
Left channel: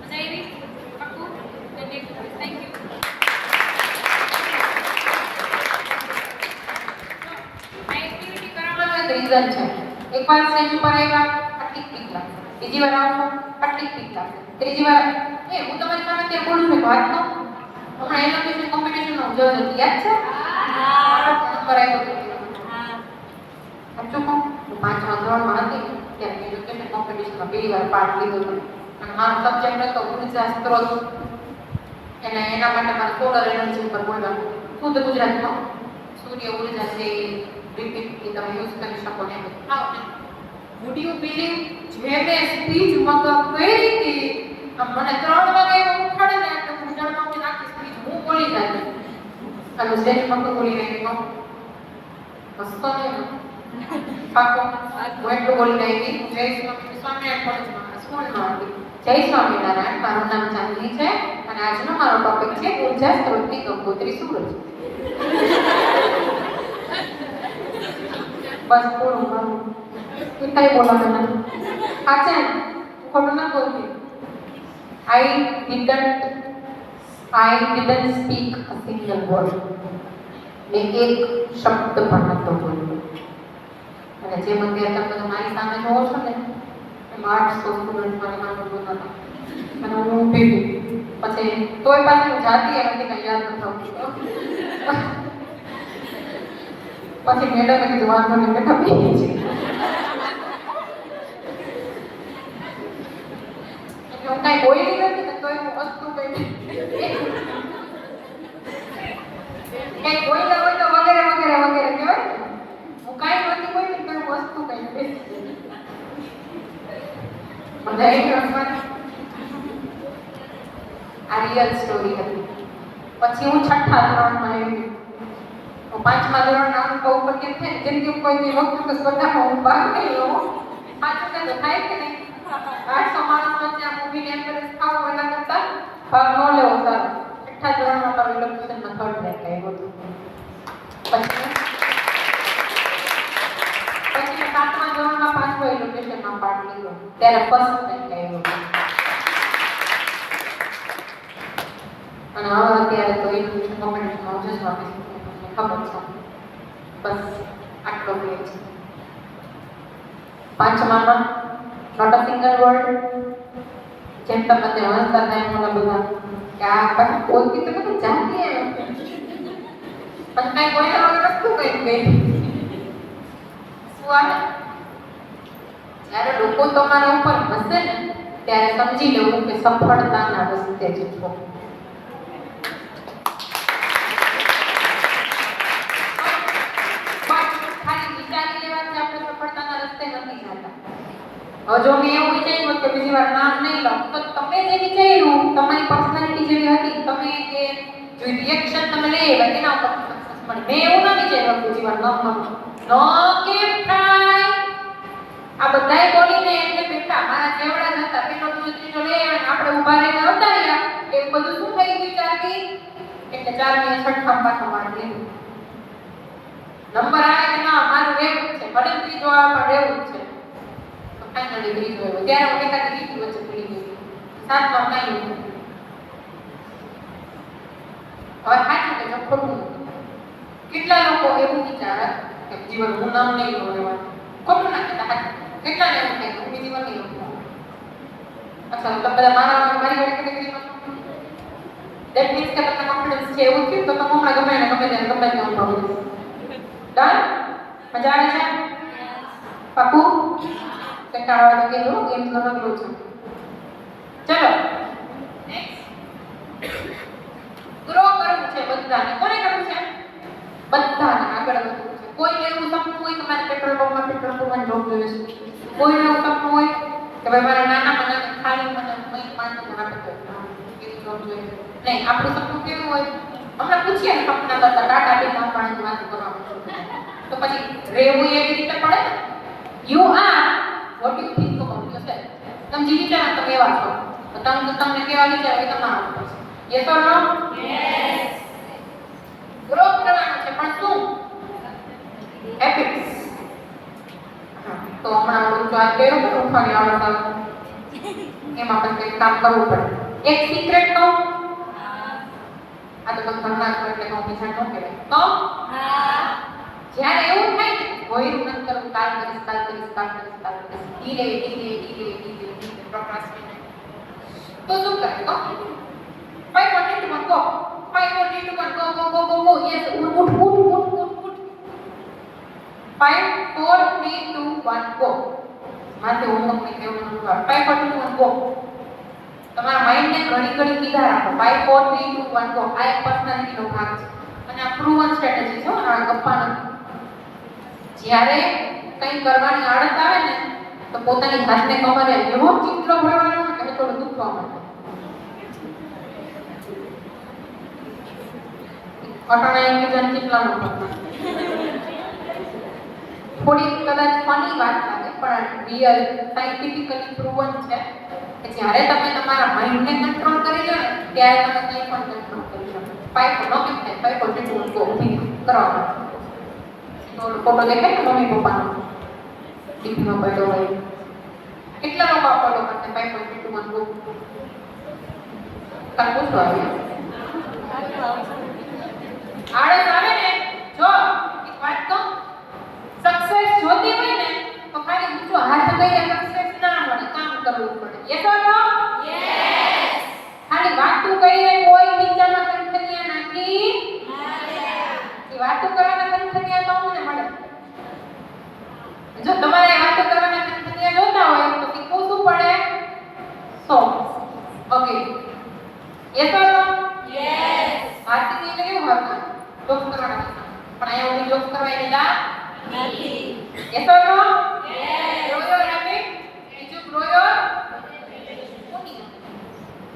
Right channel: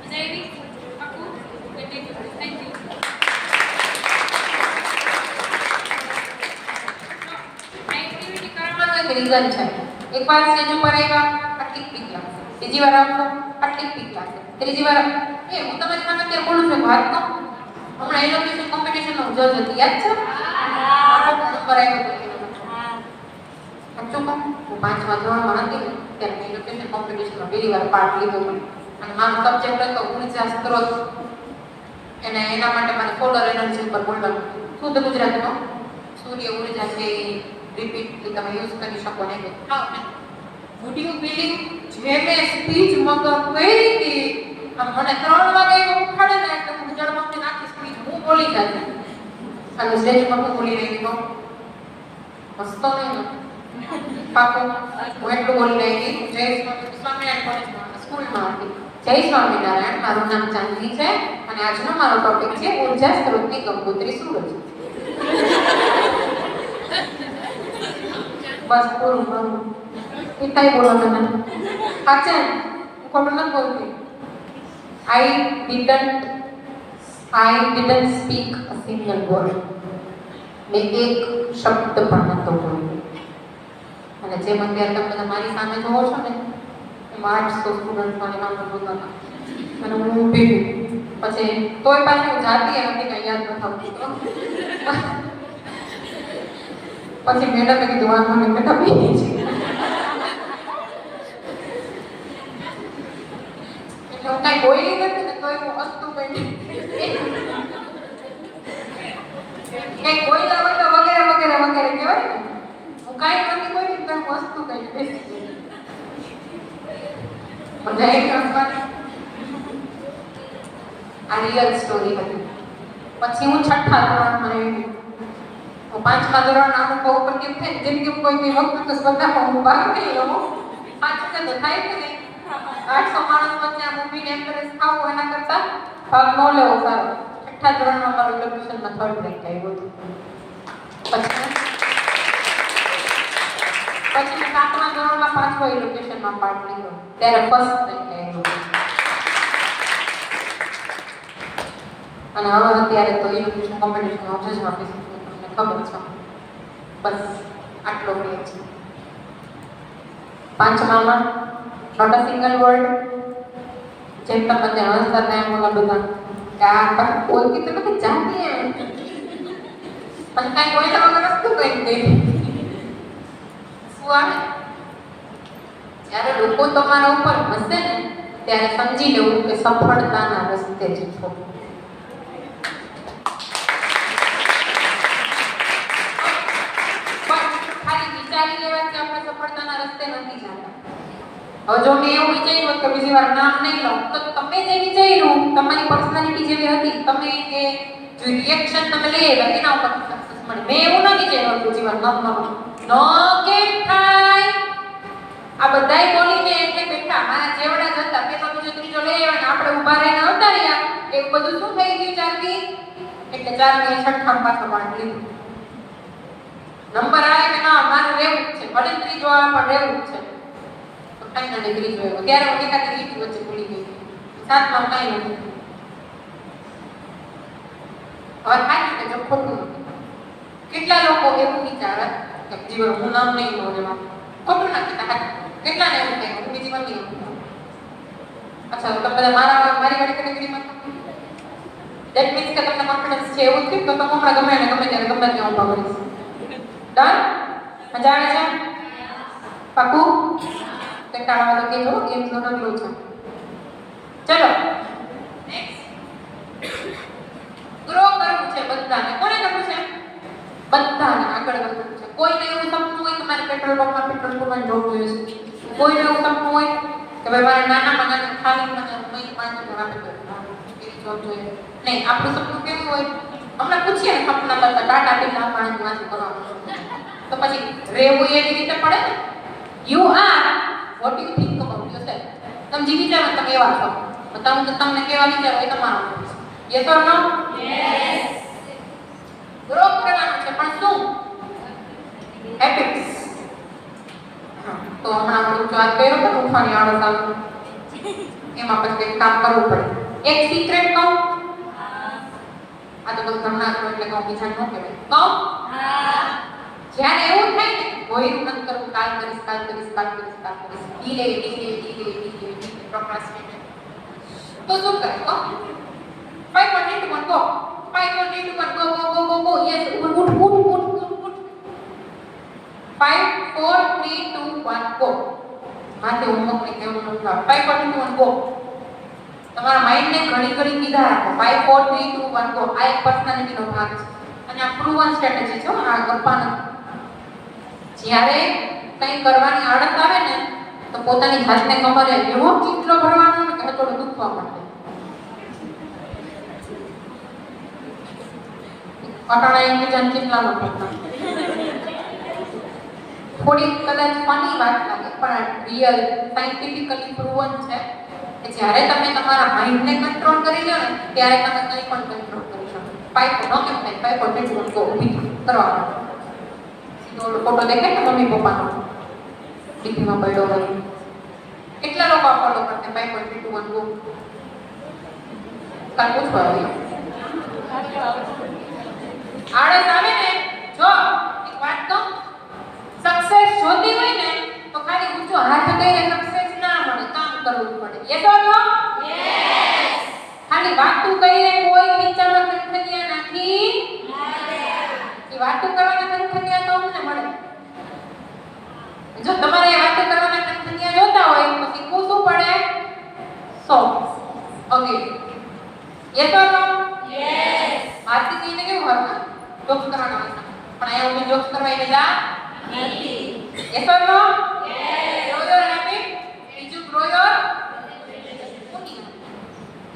મજા આવી? પાક્કું? Thank you. આ એક્ટિવિટી કરાવવાનો એક રીઝન છે. એકવાર સ્ટેજ ઉપર આવ્યા આટલી પીક લાગશે, બીજી વાર આવો આટલી પીક લાગશે, ત્રીજી વાર હું તમારી સામે ત્યાં બોલું છું વાત તો હમણાં એલોકેશન કોમ્પિટિશનનો જજ હતી, યાદ છે? નંબર આવ્યો હતો. સાચું કહું, હું 5મા ધોરણમાં હતી ત્યારે એલોકેશન કોમ્પિટિશનમાં પહેલી વાર પાર્ટ લીધો હતો. અને મારો સબ્જેક્ટ હતો ઉર્જા સ્ત્રોત, અને એના માટે મારે સોલર એનર્જી ઉપર બોલવાનું. શુદ્ધ ગુજરાતીમાં સૂર્ય ઉર્જા છે રિપીટલી તમે યુઝ કરી શકો ને. વુડ યુ બિલીવ જે મેં સ્પીચ મગજ કરી હતી, મને 3 વાગે ઉઠાડે ને કે હું જળમાં નાખી સ્પીચ હું બોલી જાય અને સ્ટેજ પર હું બોલી રહી હતી. હસતો નહીં ને પાકો હું એટલું બોલી રહી હતી. જય સ્વામિનારાયણ કોલેજમાં સ્કૂલમાં હતી. જય સ્વામિનારાયણ, મારું નામ ચાંદની છે અને આજનો મારો ટોપિક છે ઉર્જા સ્ત્રોતની કંકોત્રી સૂરજ. બસ પૂરું મારું એ કઈ બોલવાનું નથી. આચાર ખોટું ન બોલતી. I didn't speak a single word. મેં એક શબ્દ પણ નહોતો બોલ્યો. અને જેમ અત્યારે તમે મારી સામે જોવો છો ને એમાં 800 સ્ટુડન્ટ મારી સામે બોલતા હતા અને હું ઊભી હતી. પછી તોય પાછી હું જાતી હતી કાંઈ યાદ ન થતું. પછી મેડમે કીધું વાંધો નહીં બેટા બેસી છે. એટલે હું કાંઈ બોલી નથી ને તોય હું હસતું બેઠી. કંઈક બોલ્યા હોય તો વગેરે વગેરે વગેરે કહેવાય ને. હું કાંઈ નથી બોલી તો હું હસતું કંઈક બેસી ગઈ. મજા આવી ગઈ હસવાની. આ રિયલ સ્ટોરી હતી. પછી હું 6થા ધોરણમાં આવી. હું 5મા ધોરણના અનુભવ ઉપર કેમ થાય જિંદગી કોઈ વખત સ્પર્ધામાં હું ભાગ નહીં લઉં. સાચું કે થાય કે નહીં? 800 માણસ વચ્ચે આ મૂવીને એન્કરેજ થાવ એના કરતાં ભાગ ન લેવો સારો. 6થા ધોરણમાં મારું ઇલેક્ટ્રિશિયનમાં 3rd રેન્ક આવ્યો હતો. પછી મેં 7મા ધોરણમાં 5મા ઇલેક્ટ્રિશિયનમાં પાર્ટ લીધો ત્યારે 1st રેન્ક આવ્યો હતો. અને હવે અત્યારે તો ઇલેક્ટ્રિશિયન કોમ્પિટિશનમાં હું જજમાં આપીશ. ખબર છે બસ આટલો ફેર છે. 5મામાં નોટ અ સિંગલ વર્ડ. જેમ તમે હસતા હતા એમ મને બધા કે આ પણ બોલતી તો બધું જાતી એમ અને કાંઈ કોઈને વગર વસ્તુ કઈ ગઈ શું આવે. જ્યારે લોકો તમારા ઉપર હસે ને ત્યારે સમજી લેવું કે સફળતાના રસ્તે જ છો. જો મેં એવું વિચાર્યું કે બીજી વાર નામ નહીં લઉં તો તમે જે વિચાર્યું તમારી પર્સનાલિટી જેવી હતી તમે જે રિએક્શન તમે લઈ આવ્યા તેના ઉપર સક્સેસ મળે. મેં એવું ન વિચાર્યું બીજી વાર નામ ન કેમ થાય. આ બધાય બોલીને એટલે બેઠા મારા જેવડા જ હતા પેલો બીજો ત્રીજો લઈ આવ્યા ને આપણે ઊભા રહીને આવતા રહ્યા. એવું બધું શું થઈ ગયું ચારથી એટલે 4 ની 6 પાછો માંડ લીધું. નંબર આવે કે ના મારું રહેવું છે ભલે ત્રીજો આવે પણ રહેવું છે. ફાઇનલ ડિગ્રી જોયો ત્યારે હું એકાદી ડિગ્રી વચ્ચે ભૂલી ગઈ. 7મા ફાઇનલ હવે ખાતું કે જો ખોટું કેટલા લોકો એવું વિચારે કે જીવન હું નામ નહીં લઉં એમાં ખોટું ના કહેતા કેટલાને એવું થાય કે હું બીજી વાર નહીં લઉં. અચ્છા તો બધા મારી વાળી કેટેગરીમાં દેટ મીન્સ કે તમને કોન્ફિડન્સ છે એવું થયું તો તમે હમણાં ગમે ને ગમે ત્યારે ગમે ત્યાં ઉભા કરી ડન. મજા આવે છે? પાકું? કંટાળવા તો કેવો ગેમ તો નગરો છે. ચલો નેક્સ્ટ ગ્રો કરવું છે બધાને. કોને કરવું છે? બધાને આગળ વધવું છે. કોઈને એવું સપનું હોય કે મારે પેટ્રોલ પંપમાં પેટ્રોલ પૂરવાની જોબ જોઈએ છે. કોઈને એવું સપનું હોય કે ભાઈ મારે નાના ખાલી મને 5 આપી દો એવી જોબ જોઈએ. નહીં આપણું સપનું કેવું હોય હમણાં પૂછીએ ને સપના કરતા ટાટા બિરલા અંબાણી વાત કરવાનું તો પછી રહેવું એવી રીતે પડે ને. You are what you think about તમે જે વિચારો તમે એવા છો. તો તમને કેવા વિચારો એ તમારો. Yes or no? Yes. Grow કરવાનું છે પણ શું? હેબિટ્સ. તો હમણાં હું વાત કર્યો તો ઉઠવાની આળસ આવે. એમાં પછી એક કામ કરવું પડે. એક સિક્રેટ કહું. આ તો બસ ઘણા છો એટલે કહું બીજા ન કહેવાય. કહું? જ્યારે એવું થાય ને કોઈ ન કરું કાલ કરીશ ડીલે પ્રોક્રાસ્ટિનેટ તો શું કરે કહો 5 4 3 2 1 go 5 4 3 2 1 go yes ઉઠ 5 4 3 2 1 go હાથે હોમવર્ક ને કેવું ન થાય 5 4 3 2 1 go તમારા માઇન્ડ ને ઘણી કીધા રાખો 5 4 3 2 1 go આ એક પર્સનાલિટી નો ભાગ છે અને આ પ્રૂવન સ્ટ્રેટેજી છે આ ગપ્પા નથી જ્યારે કંઈ કરવાની આળસ આવે ને તો પોતાની જાતને કમરે એવો ચિત્ર ભરવાનો ને કે થોડું દુખવા માંડે અટાણા એકબીજાને કેટલા લોકો થોડી કદાચ ફની વાત લાગે પણ રિયલ સાયન્ટિફિકલી પ્રૂવન છે કે જ્યારે તમે તમારા માઇન્ડને કંટ્રોલ કરી લો ને ત્યારે તમે કંઈ પણ કંટ્રોલ કરી શકો પાઇપ નોકિંગ થાય પાઇપ જેટલું ઊભી કરવાનું ફોટો દેખાય ને મમ્મી પપ્પાનો ટીવીમાં પડ્યો હોય કેટલા લોકો આ ફોટો કરતા 5.21 ગો કાઢો છો આળસ આવે ને જો એક વાત તો સક્સેસ જોતી હોય ને તો ખાલી ઊંચો હાથ કરીને સક્સેસ ના મળે કામ કરવું પડે યસ ઓર નો યસ ખાલી વાતું કરીને કોઈ વિચારમાં કંઠનિયા નાખી એ વાતું કરવાના કંઠનિયા તો અમને મળે જો તમારે વાતો કરવાના કંપનીયા જોતા હોય તો શીખવું શું પડે okay yes or no yes Aarti કહીને કેવું હોય જોક્સ કરવાના પણ અહીંયા હું જોક્સ કરવા આવેલા નથી yes or no yes grow your habit બીજું ગ્રો યોર કોની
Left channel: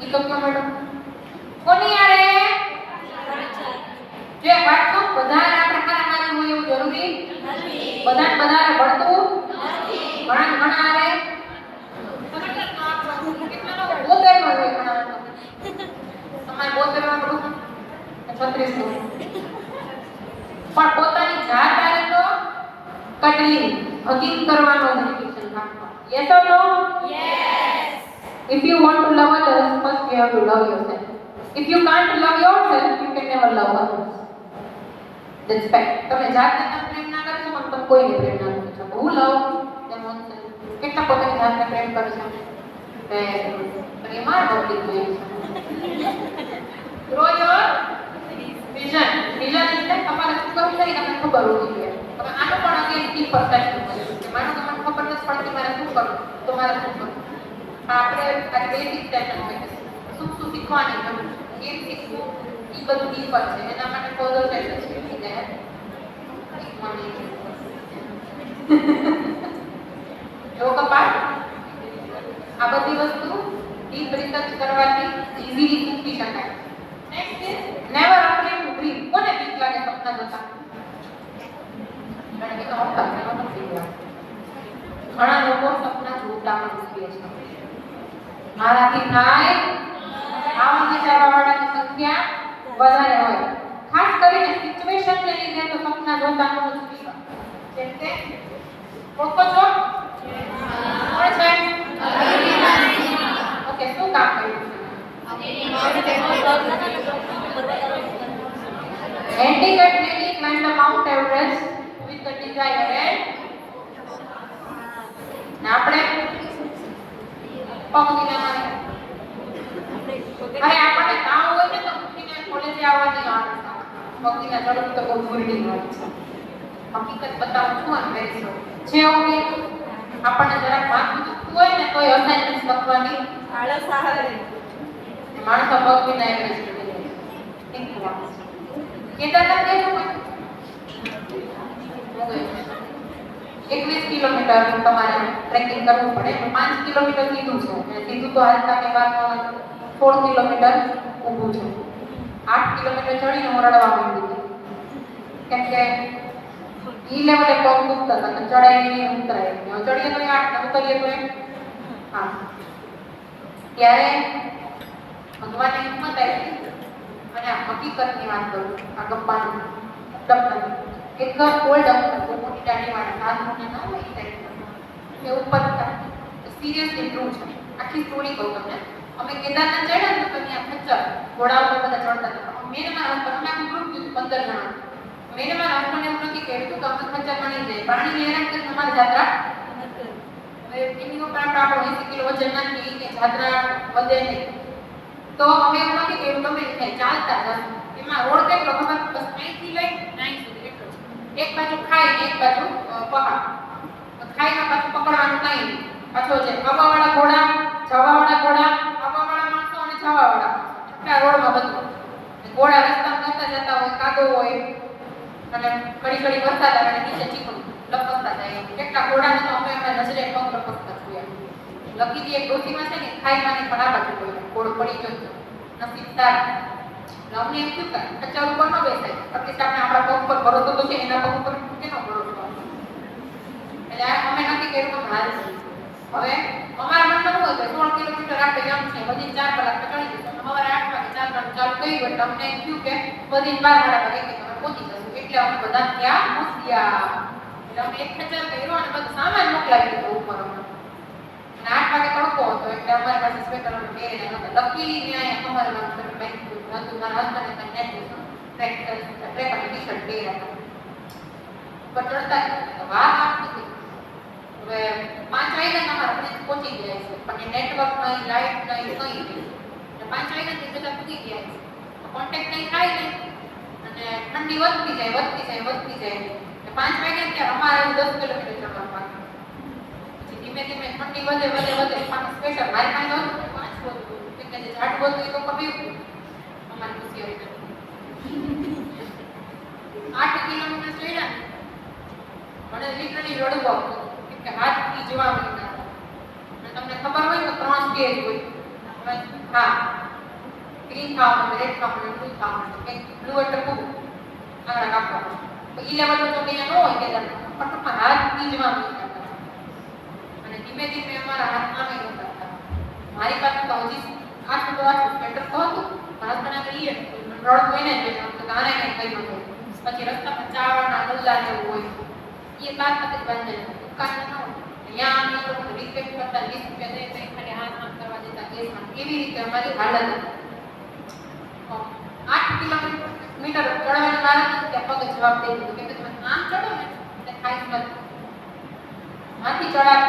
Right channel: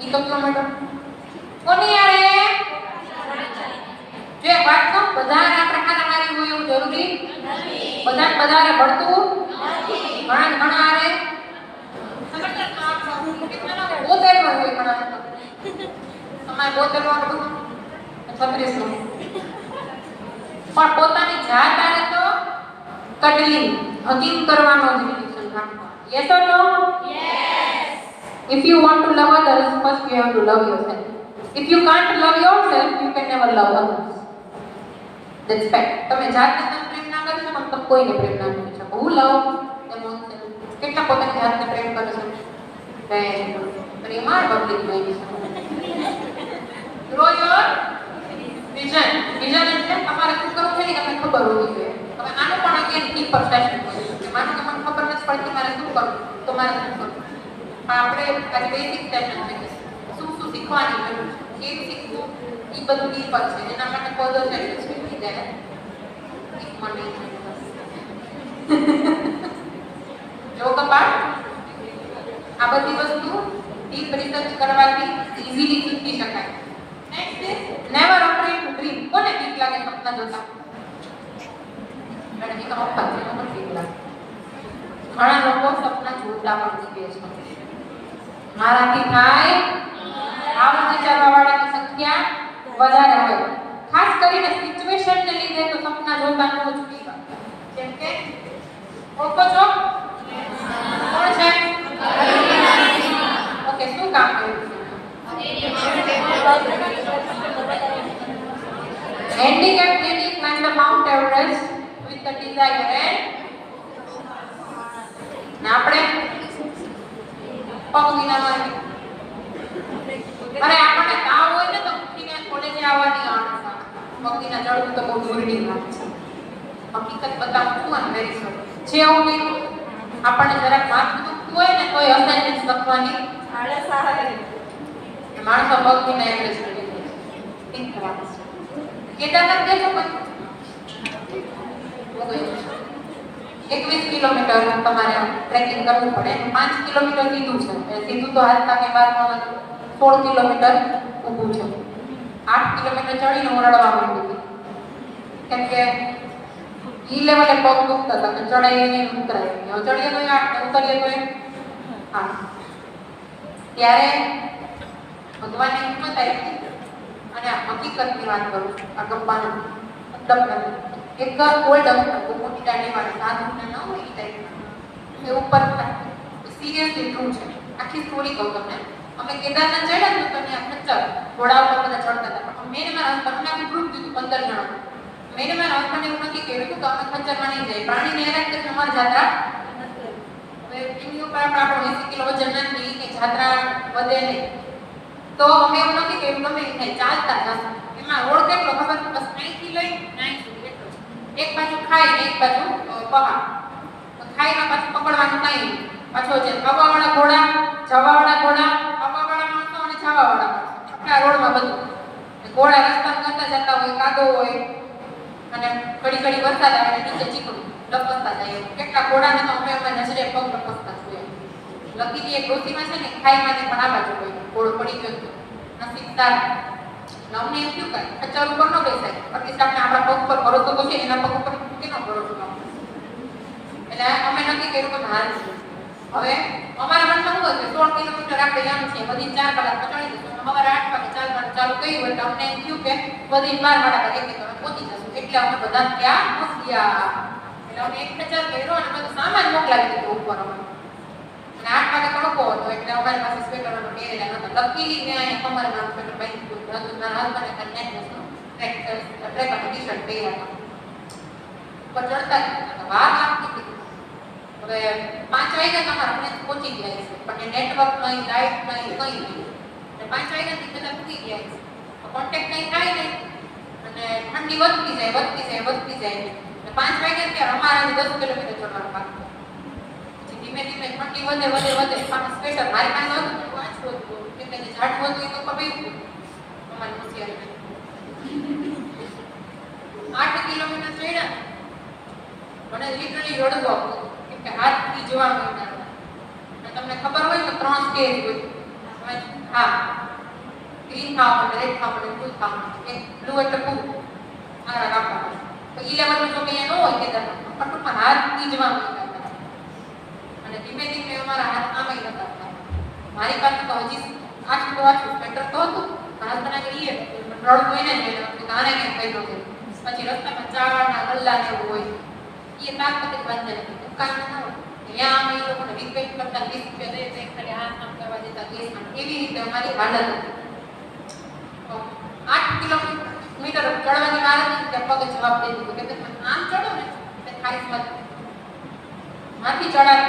ઈ તો ક્યો મેડમ કોની યારે જે વાત તો બધાના પ્રકારના મારી હોય એવું જરૂરી નથી બધાને ભણતું નથી ઘણા આરે કેટલાનો બોતેર હોય ઘણા તમારે બોતેર માં 36 પણ પોતાની જાત આરે તો કટલી હકીક કરવાનો ડિસિઝન રાખવા yes or no yes if you want to love others first you have to love yourself if you can't love yourself you can never love others that's fact તમે જાતને પ્રેમ ના કરી શકો તો કોઈને પ્રેમ ના કરી શકો હું લવ એમ કેટલા પોતાની જાતને પ્રેમ કરે છે Prema public Prem grow your vision એટલે તમારે શું કરવું છે તમને ખબર હોવી જોઈએ તમે આનો પણ અગેન કી પરસેપ્શન છે માનો કે મને ખબર નથી પડતી મારે શું કરવું તો મારે શું કરવું આપણે આ બેસિક સેશન છે શું શીખવાની જરૂર છે કેમ શીખવું એ બધું ડી પર છે જેના માટે ફર્ધર સેશન છે ત્યારે જો કપાળ આ બધી વસ્તુ ડીપ રિસર્ચ કરવાથી ઈઝીલી શીખી શકાય next is never afraid to dream કોને બીક લાગે સપના જોતા કારણ કે અપા એમાં બીક લાગે ઘણા લોકો સપના જોતા પણ શીખે છે મારાથી થાય આવા વિચારવાવાળાની સંખ્યા વધારે હોય ખાસ કરીને સિચ્યુએશનને લીધે તો સપના જોતા ન જ જેમ કે ઓકો છો કોણ છે ઓકે શું કામ કર્યું handicap lady climbed the Mount Everest with the desire and આપણે પગ વિના અરે આપણે તાવ હોય ને તો ઉઠીને કોલેજે આવવાની આળસ આવે પગ વિના ચડવું તો બહુ દૂરની વાત છે હકીકત બતાવું છું અને વેરી સોરી જે હોય આપણને જરાક માથું દુખતું હોય ને તોય અસાઇનમેન્ટ લખવાની આળસ આવે માણસો પગ વિના એવરેસ્ટ કરી દે એક વાત કેદારનાથ ગયો છો 21 કિલોમીટર તમારે ટ્રેકિંગ કરવું પડે 5 કિલોમીટર સીધું છે સીધું તો હાલતા કે બાદ 16 કિલોમીટર ઊભું છે 8 કિલોમીટર ચડીને ઓરડવા માંડી કેમ કે ઈ લેવલે પગ દુખતા હતા ચડાઈ નહીં ઉતરાય ચડીએ તો 8 ઉતરીએ તો 8 હા ત્યારે ભગવાનને હિંમત આપી અને આ હકીકતની વાત કરું છું. આ ગપ્પાનું ડબ એક ઓલ્ડ બહુ મોટી દાઢી વાળા સાધુને ન હોય એ ટાઈપના એ ઉપર સિરિયસલી ટ્રુ છે. આખી સ્ટોરી કહું તમને. અમે કેદારનાથ ચડ્યા ને તો ત્યાં ખચ્ચર ઘોડા ઉપર બધા ચડતા હતા. મેં મારા હસબન્ડને આખું ગ્રુપ દીધું 15 જણા. મેં મારા હસબન્ડને એવું નક્કી કર્યું કે અમે ખચ્ચરમાં નહીં જઈએ. પ્રાણીને હેરાન કરીને અમારી જાત્રા હવે એમની ઉપર આપણો 80 કિલો વજન નાખી કે જાત્રા વધે નહીં. તો અમે એવું નક્કી કર્યું ગમે નહીં ચાલતા જશું. એમાં રોડ કેટલો ખબર બસ અહીંથી લઈ અહીં સુધી એટલો જ. એક બાજુ ખાઈ ને એક બાજુ પહાડ. ખાઈમાં પાછું પકડવાનું નહીં. પાછો છે આવવાવાળા ઘોડા, જવાવાળા ઘોડા, આવવાવાળા માણસો અને જવાવાળા માણસો. આખા રોડમાં બધું. ઘોડા રસ્તા કરતા જતા હોય, કાદો હોય અને ઘડી ઘડી વરસાદ આવે અને નીચે ચીકણું લપસતા જાય. કેટલા ઘોડાને તો અમે અમારી નજરે પગ લપસતા જોયા. લકીથી એક ડોસીમાં છે ને ખાઈમાંથી પણ આ બાજુ કોઈ ઘોડો પડી ગયો હતો. નસીબ સારું. અમને એમ થયું કે ખચ્ચર ઉપર ન બેસાય. એટલીસ્ટ આપણે આપણા પગ પર ભરોસો તો છે, એના પગ ઉપર કેનો ભરોસો આપવો? એટલે અમે નક્કી કર્યું કે હાલ હવે અમારા મનમાં શું હતું 16 કિલોમીટર આપણે એમ છે બધી 4 કલાક તો ચડી જશું. સવારે 8 વાગે ચાલવાનું ચાલુ કર્યું એટલે અમને એમ થયું કે બધી 12 વાગે તમે પહોંચી જશું. એટલે અમે બધા ત્યાં હોશિયાર. એટલે અમે એક ખચ્ચર કર્યો અને બધું સામાન મોકલાવી દીધો ઉપર અમે. અને 8 વાગે તડકો હતો એટલે અમારી પાસે સ્વેટર પહેરેલા નહોતા. લકીલી મેં અહીંયા કમરમાં સ્વેટર પહેરી દીધું હતું. મારા હસબન્ડે નેકલેસ ટ્રેક અને ટી-શર્ટ પહેર્યા હતા. પર ચડતા વાર લાગતી હતી. હવે 5 વાગ્યા તમારે પહોંચી ગયા છે પણ નેટવર્ક નહીં, લાઇટ નહીં, કંઈ નહીં. અને 5 વાગ્યાથી બધા પૂકી ગયા છે. કોન્ટેક્ટ નહીં થાય ને અને ઠંડી વધતી જાય. એટલે 5 વાગ્યા ત્યારે અમારે 10 કિલોમીટર ચડવાનું બાકી. પછી ધીમે ધીમે ઠંડી વધે સામે સ્વેટર મારી પાસે હતું પણ વાંચવું હતું એટલે જે ઝાડવું હતું એ તો કપાયું અમારી હોશિયારી 8 કિલોમીટર ચડ્યા મને લિટરલી રડવું આવતું કે હાથથી જોવા મળતા. અને તમને ખબર હોય તો 3 સ્ટેજ હોય. હા, ગ્રીન ખાવા માટે, રેડ ખાવા માટે, બ્લુ ખાવા માટે. એક બ્લુ એટલે પૂરું આગળ રાખવાનું. તો ઈ લેવલનું જો અહીંયા ન હોય કે ફટફટમાં હાથથી જોવા મળતા. અને ધીમે ધીમે અમારા હાથ આમે નતા હતા. મારી પાસે તો હજી આટલું સ્વેટર તો હતું. હસબન્ડ આગળ ઈએ રડતું એને જ ગાને કંઈક થઈ ગયું. પછી રસ્તામાં ચાવડના ગલ્લા ને એવું હોય એ તાત્કાલિક બંધ દુકાન ન હોય. અહીંયા અમે એ લોકોને રિક્વેસ્ટ કરતા 20 રૂપિયા દે કંઈ ખાલી હાથ આમ કરવા દેતા કેસમાં. એવી રીતે અમારી હાલત હતી. 8 કિલોમીટર ચડવાની વાર હતી ત્યાં પગે જવાબ દઈ દીધો કે તમે આમ ચડો ને એટલે ખાઈ મત માંથી ચડાવ.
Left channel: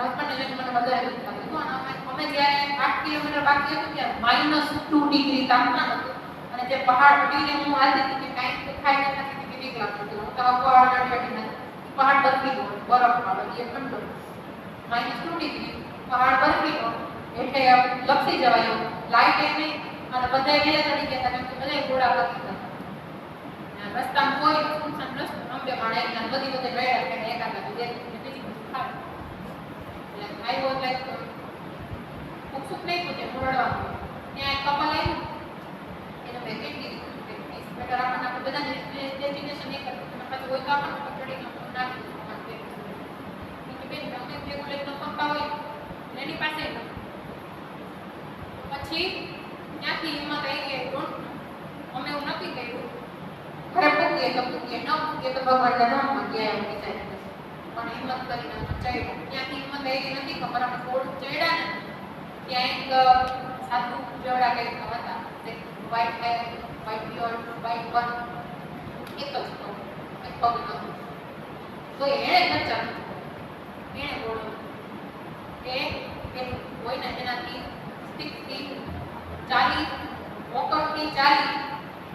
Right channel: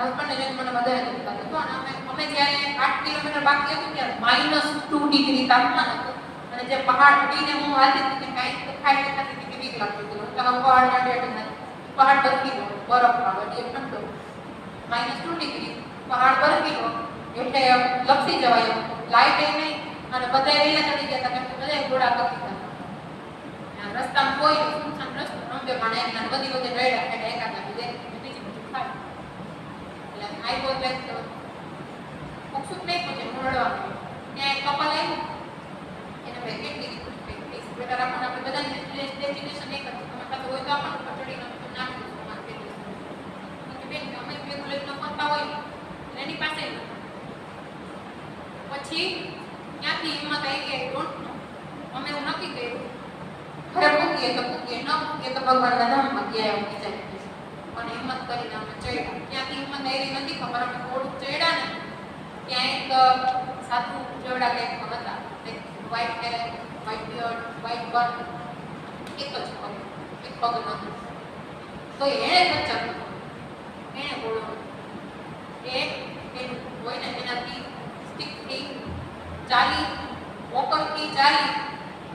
હસબન્ડ એને મને વધારે દુખતા હતું. અમે જ્યારે 8 કિલોમીટર બાકી હતું ત્યારે -2 ડિગ્રી તાપમાન હતું. અને જે પહાડ ઉડીને હું હાલતી હતી કાંઈ દેખાય નથી કે બીક લાગતું હતું. હું તો પહાડમાં બેઠી નથી. પહાડ બરફીલો બરફ પાડો એ ઠંડો -2 ડિગ્રી પહાડ બરફીલો એટલે લપસી જવાય. લાઈટ એ નહીં અને બધા રહ્યા નથી જતા કેમ કે બધા ઘોડા બરફી ગયા. રસ્તામાં કોઈ સુનસાન રસ્તો રંબે પણ એમ બધી વખતે ડ્રાઈવર કે એકાદ બીજી બધું ખાય. એટલે આઈ બોલ બેક તો ઉકસુક નહીં પૂછે રડવાનું. ત્યાં એક કપલ આવ્યું એને મેં કેટલી બેટર આપણે બધાને ડેસ્ટિનેશન નહીં કરતું. તમે પાસે હોય તો આપણે ચડીને નાખી બેન અમે ભેગું લઈને ફરતા હોય એની પાસે પછી ત્યાંથી હિંમત આવી ગઈ. અમે એવું નક્કી કર્યું ઘરે પૂકીએ તો પૂકીએ ન પૂકીએ તો ભગવાનના ધામમાં ગયા એવું વિચાર અને હિંમત કરીને અમે ચડ્યા. ત્યાંથી હિંમત આવી નથી ખબર અમે થોડું ચડ્યા ને ત્યાં એક સાધુ જેવડા કંઈક હતા. White hair, white beard, white બન એક જ પગ નહોતું. તો એણે ખચ્ચર એને બોલો એ હોય ને એનાથી સ્ટીકથી ચાલી વોકરથી ચાલી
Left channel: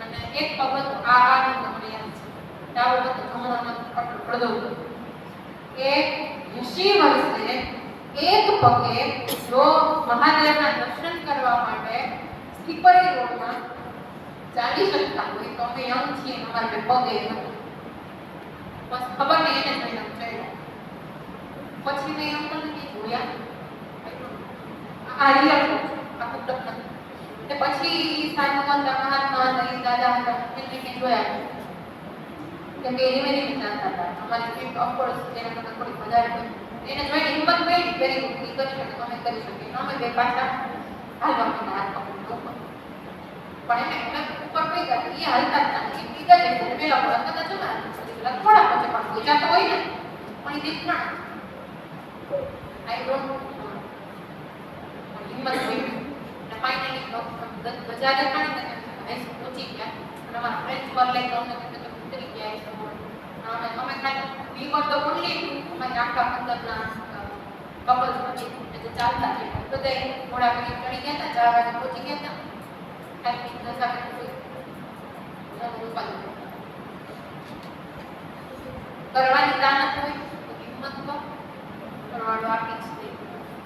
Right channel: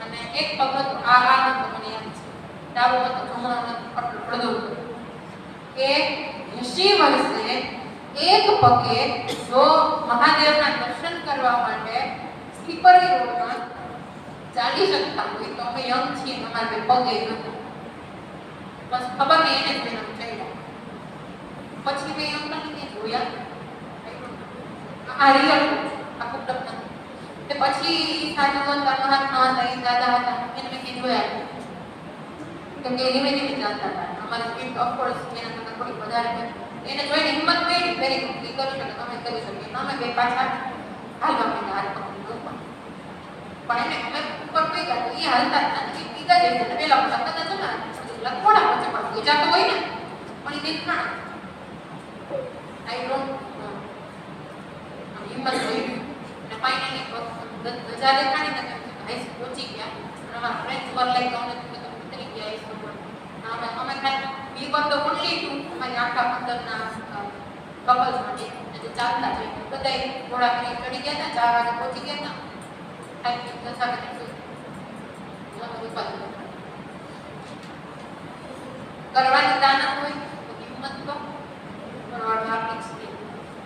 અને એક પગ હતો આ નતો મને યાદ છે. ડાબો હતો જમણો નતો પડદો એ 80 વર્ષે એક પગે જો મહાદેવના દર્શન કરવા માટે સ્લીપરી રોડમાં ચાલી શકતા હોય તો અમે યંગ છીએ અમારે પગે નતો. બસ ખબર નહીં એને જ ચડ્યા. પછી મેં એમ તમને જોયા આ રિયલ આખું પ્રશ્ન. તે પછી સાધુ હતા મહાત્મા હતા એ દાદા હતા એને મેં જોયા કેમ કે ધીમે ધીમે ચાલતા હતા. અમારી સ્પીડ ઓફકોર્સ એના કરતાં થોડી વધારે એને જોઈને હિંમત મળી વેરી ગુડ કરી શકે તમે કરી શકીએ. અમે બે પાછા હાલ ગમે હાલ પકડી દો પણ એને ઉપર કઈ ગયા એ હાલતા જ નથી બીજા જે છે પેલા લખતા છે ને લખવાડા પછી પણ બીજા તો હોય ને પણ એ દેખાણ આઈ ડોન્ટ હિંમત થઈ અને ફાઇનલી બજાર દેખાણી ને આઈસ પહોંચી ગયા અને અમારા ફ્રેન્ડ્સ પર લઈ તો અમને ઉતરી ગયા આઈસ ઉપર અમે ખાલી વી વર ધ ઓનલી ટુ અમારી આખા અંદરના બબલ્સ માટે એટલે ચાલતા છે બધા ઘોડા કરી ચડી ગયા હતા 4 વાગે પહોંચી ગયા હતા આટલી 10 વાગે કરવાની તાના કોઈ હિંમત કો કરવાનો આપણી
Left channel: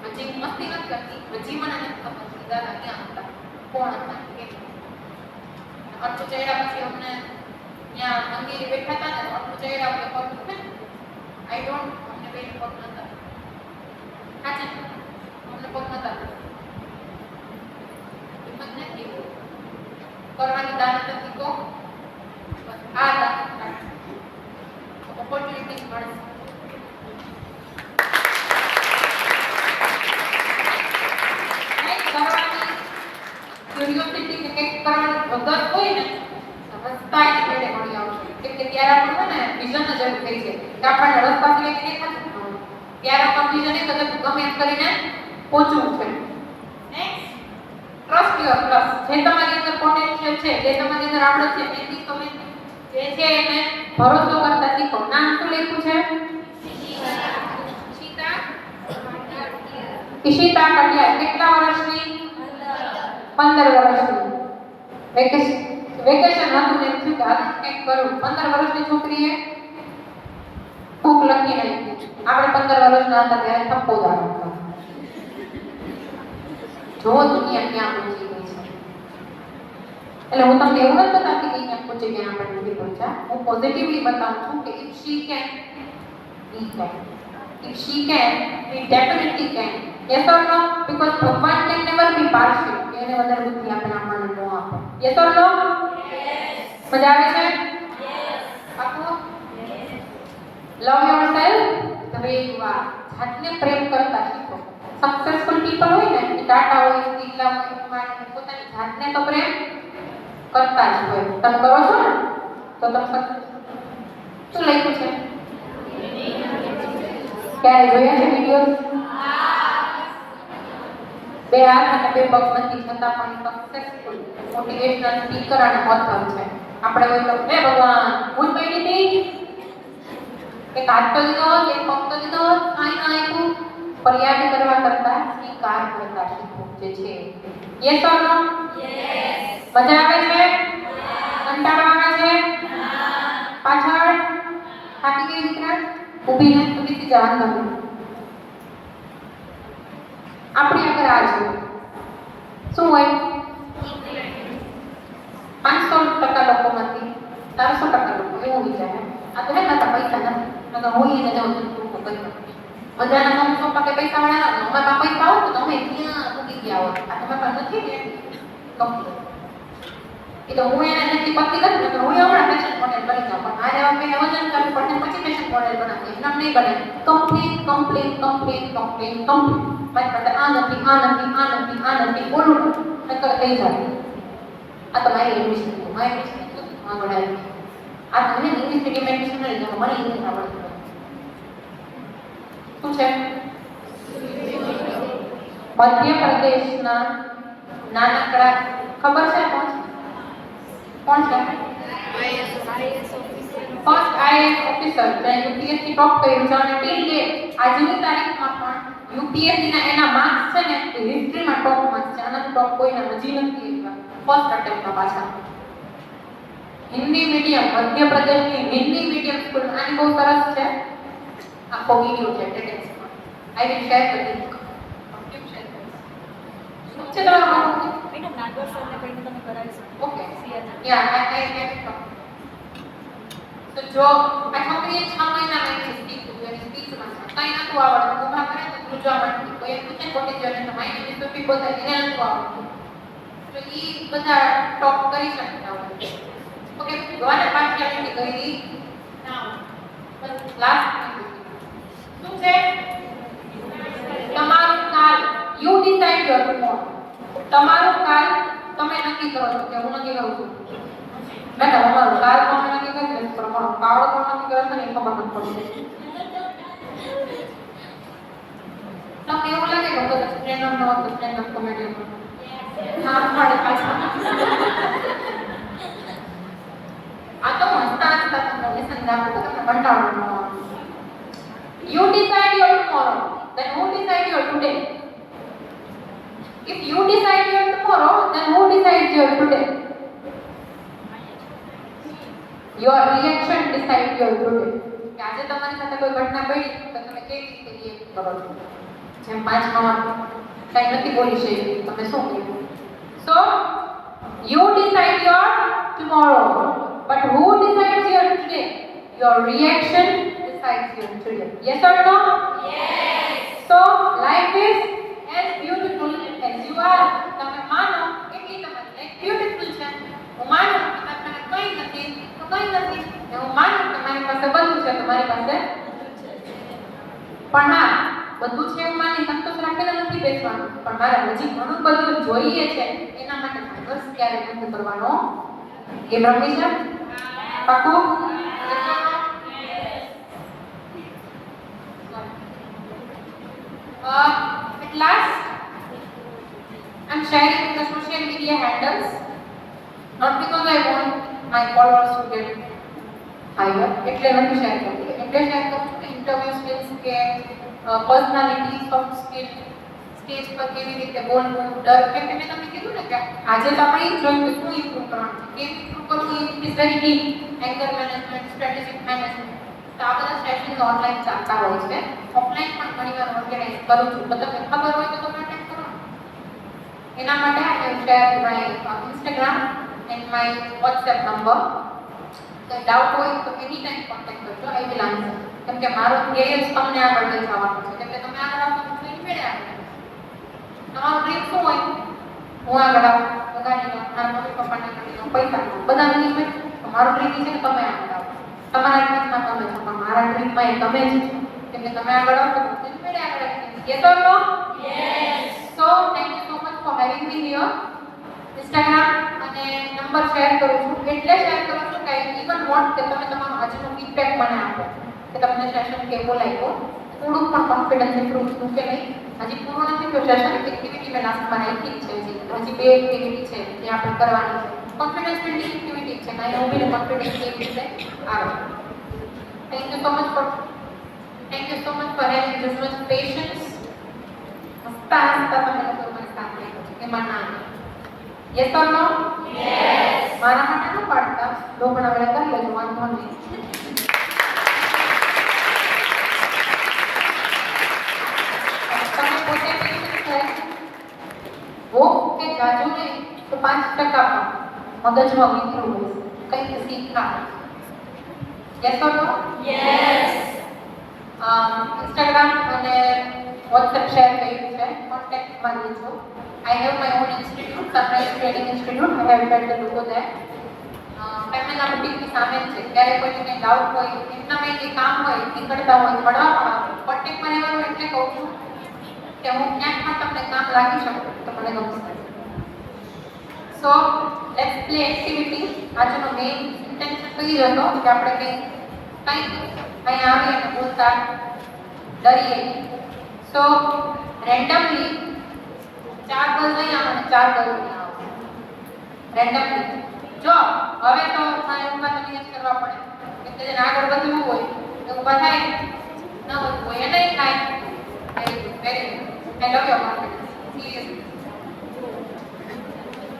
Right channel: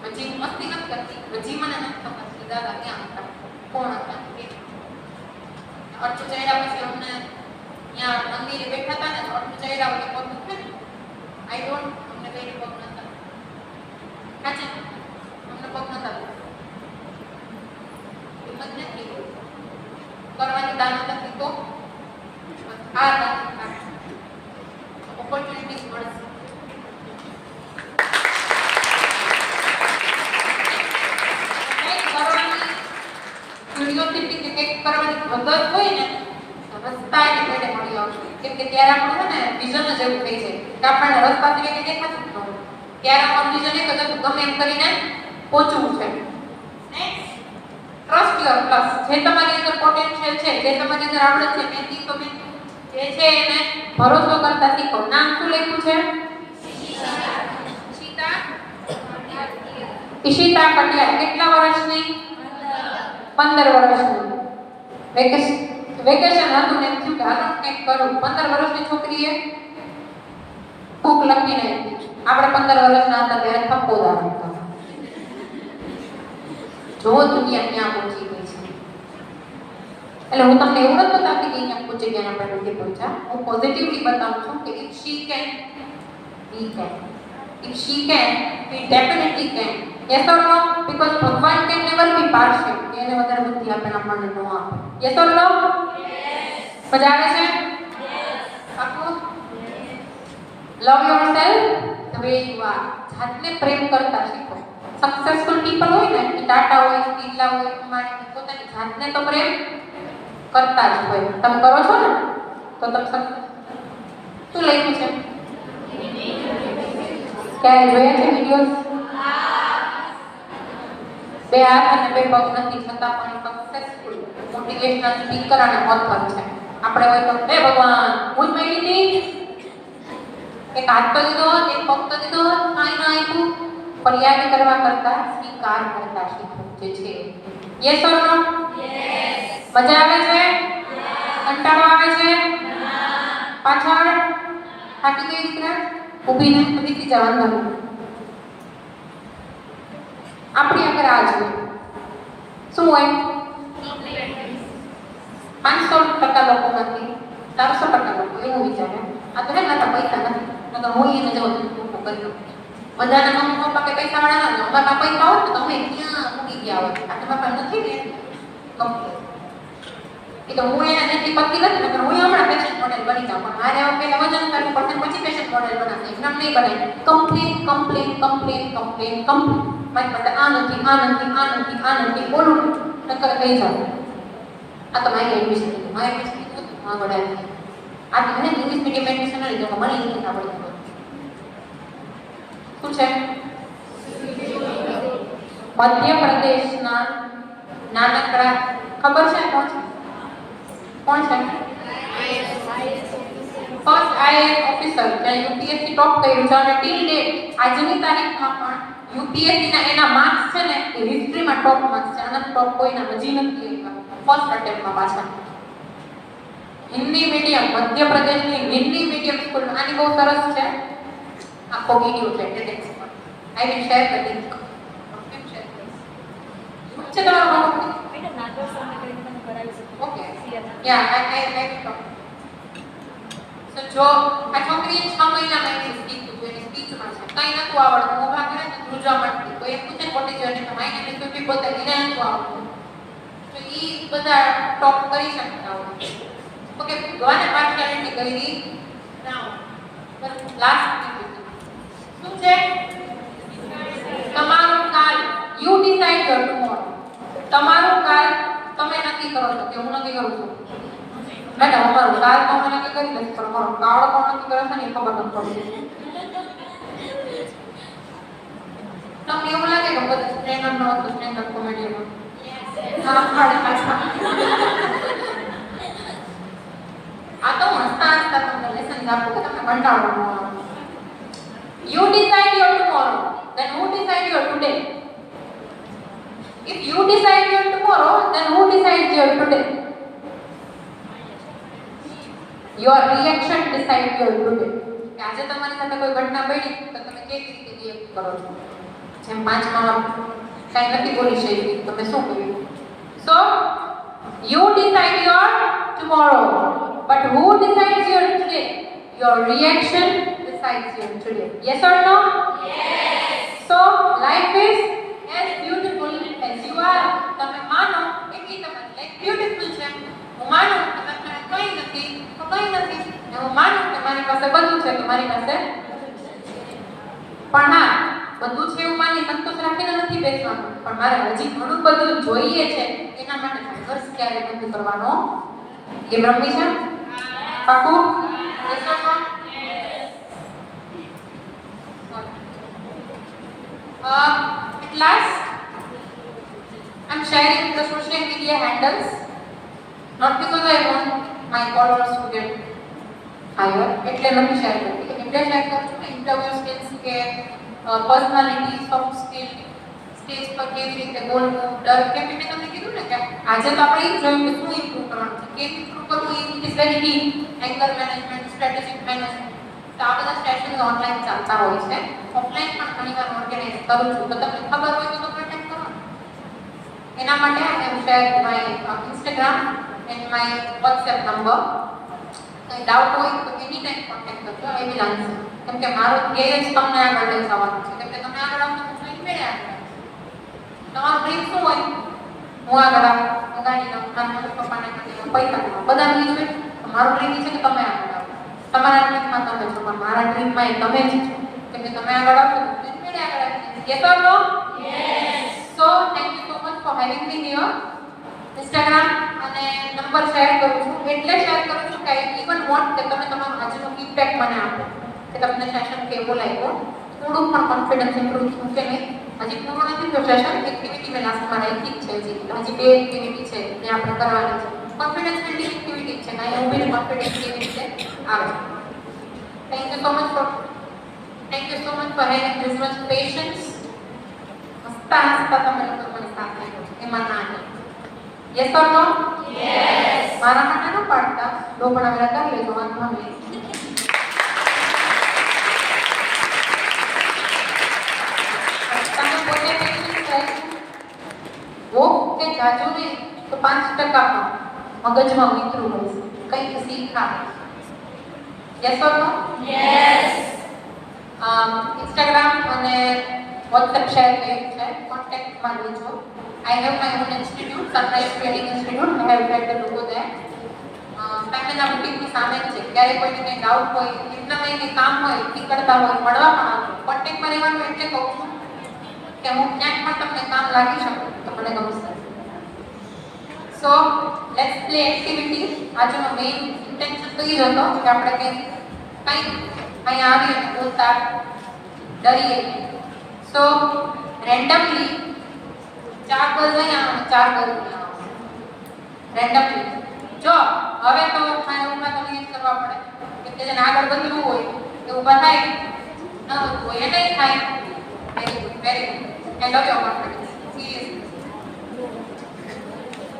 છે હજી મસ્તી નથી કરતી હજી મને નથી ખબર કે દાદા ક્યાં હતા કોણ હતા કે અટુ ચહેરા પછી અમને ત્યાં મંદિરે બેઠા હતા ને અટુ ચહેરા એટલે પગ દુખે ને આઈ ડોન્ટ અમને બે પગ નતા હાચે અમને પગ નતા હિંમત નથી કરવાની દાન નથી તો આ દાન ઓપોર્ચ્યુનિટીઝ મળશે ક્યુરિયોસિટી કે કંઈક કરવાની વધત હોય ને રસ્તા એને પેડે મળી આવશે કેમ કે ત્યારે આપણે છે ને વિઝન જ એવું થઈ છે કે આપણને રસ્તા સિવાય કે દેખાતું જ ન હોય ત્યારે આપણું વિઝન એક જ હતું ગમે એમ કરીને પહોંચવું છે ટ્રસ્ટ યોર પ્લસ જે તમારી અંદર પોટેન્શિયલ છે જે તમારી અંદર આવડત છે મહેનતી તમે જે છે એને ભરોસો કરતા શીખો નામ શું લખ્યું છે ઈશિતા કટિયાર કેટલા વર્ષની 15 વર્ષની વેકેશન હતું ને થયું કે હાલો કંઈક કરું 15 વર્ષની છોકરીએ બુક લખી નાખી આપણે 15 વર્ષના હતા ત્યારે થપ્પો દાડો જો દુનિયા ક્યાં પહોંચી ગઈ છે એટલે હું તમને એવું નથી બતાવતી કે અહીંયા પહોંચી ગયા આપણે નથી પહોંચ્યા હું પોઝિટિવલી બતાવું છું કે if she can we can if she can we definitely can yes or no because ભગવાન can never be partial એને વધારે બુદ્ધિ આપે આપણને નો આપે yes or no yes મજા આવે છે yes પાકું love yourself the way you are જાતને પ્રેમ કરતા શીખો સક્સેસફુલ પીપલ હોય ને કે ટાટા હોય બિરલા હોય અમારે પોતાની જાતને તો પ્રેમ કરતા જ હોય તમે કરો છો ને તો તમે શું લખ્યું છે ક્યારે જોયા છે વિડિયોઝ બે હાથ અને બે પગ નથી છતાં પણ સક્સેસફુલ મોટિવેશનલ સ્પીકર અને ઓથર છે આપણે હોય તો હે ભગવાન હું મેની હતી એક હાથ તો દીધો એક પગ તો દીધો કાંઈ ના આપ્યું ફરિયાદ કરવા કરતા સ્વીકાર કરતા શીખવું જે છે યસ ઓર નો યસ મજા આવે છે કંટાળો આવે છે પાછળ થાકી ગઈ દીકરા ઊભી ને ઉભી જવાનું આપણી આગળ આ છે શું હોય 500% લોકોમાંથી 400% લોકો એવું વિચારે આ તો હે ને પૈસા નથી નકર હું એને જવું તું કરી બધાને મમ્મી પપ્પા કે પૈસા વાળા ના અમારા પૈસા આવો તો તમે ક્યાં મૂકી ગયા હો આ તમારા નથી ને કમ્પ્લીટ એ તો હું એને નથી પક્કી નથી નકર હું હમણાં પેશન્ટ મોડેલ બની જાઉં પણ મારે હવે વજન કરવું પડશે પછી પેશન્ટ મોડેલ બનાવશે એમ નહીં કરે કમ્પ્લીટ મારી પાસે આ નથી બોલું નકર કહી જાવ આ તો મારી એડમિશન હા વડા આ તમને ઇંગ્લિશ મીડિયમ એડમિશન લઈ જાવ મને ઇંગ્લિશ આવડતું શું છે મધ્યપ્રદેશના નાનકડા ખબર છે કોણ છે ફર્સ્ટ આઈએએસ ઓફિસર જેને યુપીએસસી ટોપ કર્યું છે અને ટીલ ડેટ આજની તારીખમાં પણ યુપીએસસી ના એના માર્ક્સ છે ને એ હિસ્ટ્રીમાં ટોપ માર્ક્સ છે આના ટોપ કોઈના હજી નથી ફર્સ્ટ અટેમ્પમાં પાછા હિન્દી મીડિયમ મધ્યપ્રદેશની હિન્દી મીડિયમ સ્કૂલ આની બહુ સરસ છે આખો વિડિયો છે ટેટેક્સમાં I will share the link કેમ શેર કરીશ શું છે તમારું મેડમ નાગર સરને કહીને તમે કરાવી શકો ઓકે યા આઈ લાઈક તો જો આ છોકરીએ 6 મહિના મેં સ્પીચ કર્યું એની સ્પીચમાં કઈ નતું આવડતું ઊભા કરે તો ધ્રુજવા માંડતી તો એક પૂછે કોટી જોઈને તો માઈને બી સુપી પોતે એને નતું આવડતું તો ઈ બધા ટોપ કરી શકતા હોય ઓકે ભગવાને પાર્ટિયાલિટી કરી નાઉ બસ લાસ્ટ શું છે તમારું કાલ યુ ડિસાઇડ યોર ટુમોરો તમારું કાલ તમે નક્કી કરો છો કે હું નક્કી કરું છું મેડમ અમારું કાલ તમે નક્કી કરી લેશો પણ અમારું કાળ કોણ નક્કી કરે છે ને એ ખબર નથી પડતી તમને એવું લાગે કે બધા સ્ટેન્ડ અપ નો હતો સ્ટેન્ડ અપ કોમેડીમાં હા મારે પાછા આ તો હસતા હસતા તમને લેસન આપું તો તમને કંટાળો ન આવે You decide your tomorrow, then who decide your today? If you decide your tomorrow, then who decides your today? Your reaction decides your today. કે આજે તમારી સાથે કોઈ ઘટના બની તો તમે કેવી રીતે રિએક્ટ કરો છો જેમ 5 માં કઈ નથી બોલી શકતી તમે શું કહ્યું So you decide your tomorrow, but who decides your today? Your reaction decides your today. Yes or no? Yes. So life is as beautiful as you are. તમે માનો એટલી તમારી લાઈફ બ્યુટીફુલ છે હું માનું કે તમારે કંઈ નથી તો કંઈ નથી અને હું માનું કે મારી પાસે બધું છે તમારી પાસે પણ હા બધું છે એવું માની સંતોષ રાખીને નથી બેસવાનું પણ મારે હજી ઘણું બધું જોઈએ છે એના માટે સંઘર્ષ ક્યારેય નથી કરવાનો એ રમી છે પાકું Yes or no? At last, I'm sharing the social media handles, not because I want my followers to get higher. એટલે નથી શેર કરતી એટલે શેર કરું છું કે ઇન્ટરવ્યુ સ્કિલ્સ કે પર્સનાલિટી સોફ્ટ સ્કિલ સ્ટેજ પર કેવી રીતે બોલવું ડર કેમ કે મેં તમને કીધું ને કે આજે તો આપણે એ જોયું કે શું ઇમ્પ્રૂવ કરવાનું છે કેમ ઇમ્પ્રૂવ કરવું it is very deep anger management strategic management તો આ બધા સેશન્સ ઓનલાઈન ચાલતા હોય છે ઓફલાઈન પણ ઘણીવાર ઓર્ગેનાઇઝ કરું છું તો તમને ખબર હોય તો તમે અટેન્ડ કરો એના માટે I have share my Instagram and my WhatsApp number કંઈ ડાઉટ હોય તો એની ટાઈમ કોન્ટેક્ટ કરજો આઈ વિલ આન્સર કેમ કે મારો ધ્યેય જ તમને આગળ લઈ જવાનું છે કેમ કે તમે આગળ આવશો તો જોઈને મેળે આગળ તમારું ડ્રીમ શું હોય હું આગળ આવું હું ગાડી લઉં મારા મમ્મી પપ્પાને કરી પૈસા લઉં બધા ડ્રીમ છે મારું ડ્રીમ છે કે તમે આગળ આવો તમારા ડ્રીમમાં તમે છો પણ મારા ડ્રીમમાં એ તમે જ છો કેમ કે તમે આગળ આવશો તો જોઈને મેળે આગળ આવી જશે yes or no yes so thank you so much for having me here Instagram અને નંબર શેર કરું છું એટલે શેર કરું છું કે આઈ ઇવન વોન્ટ કે તમે તમારો આજનો ફીડબેક મને આપો કે તમને સેશન કેવો લાગ્યો થોડું પણ કોન્ફિડન્સ ઇમ્પ્રૂવ થયું કે નહીં હજી પૂરું નથી થયું સેશન એક્ટિવિટી મેં લાસ્ટમાં રાખી છે હજી 2 એક્ટિવિટી છે જે આપણે કરવાની છે કોન્ફિડન્સ બિલ્ડિંગ એક્ટિવિટી છે ના હું બી કોન્ફિડન્સ કેવી રીતે આવે thank you so much for having this much patience હસતા હસતા તમે લોકો મને સાથ આપ્યો એમાં ના યસ ઓર નો યસ મારા માટે ન પાડતા લોકોના વેળા કરી લેજો વાંધો નહીં તમે પોતે પેશન્સ થાય वो કે જાજુ નહીં તો 5% પણ મગજમાં વિતરું હશે કંઈક શીખા yes or no yes Instagram અને વોટ્સએપ શેર કર્યું છે કોન્ટેક્ટમાં લેજો I have my own institute, Sunrise Trading Institute. I have read the logo there. Family બુટીકની સામે છે ક્યારે કોઈને કંઈ ડાઉટ હોય એમના કંઈ કામ હોય નીકળતા હોય મળવા પણ આવજો કોન્ટેક્ટમાં રહેવાનું એટલે કહું છું કે હું ક્યાંક પણ તમને કામ લાગી શકું તો મને ગમશે સો લેટ્સ પ્લે એક્ટિવિટી આજનો મેઇન ઇન્ટેન્શન તો એ હતો કે આપણે કંઈ અહીંયા આવી અને બોલતા ડરીએ સો રેન્ડમલી 4 ગર્લ્સ અહીંયા અને 4 ગર્લ્સ રેન્ડમલી જો હવે તો ઉભા તમને જ કરવા પડે એટલે જેને આગળ વધવું હોય એ ઊભા થાય ન વધવું હોય એ નહીં થાય very good I love your confidence seriously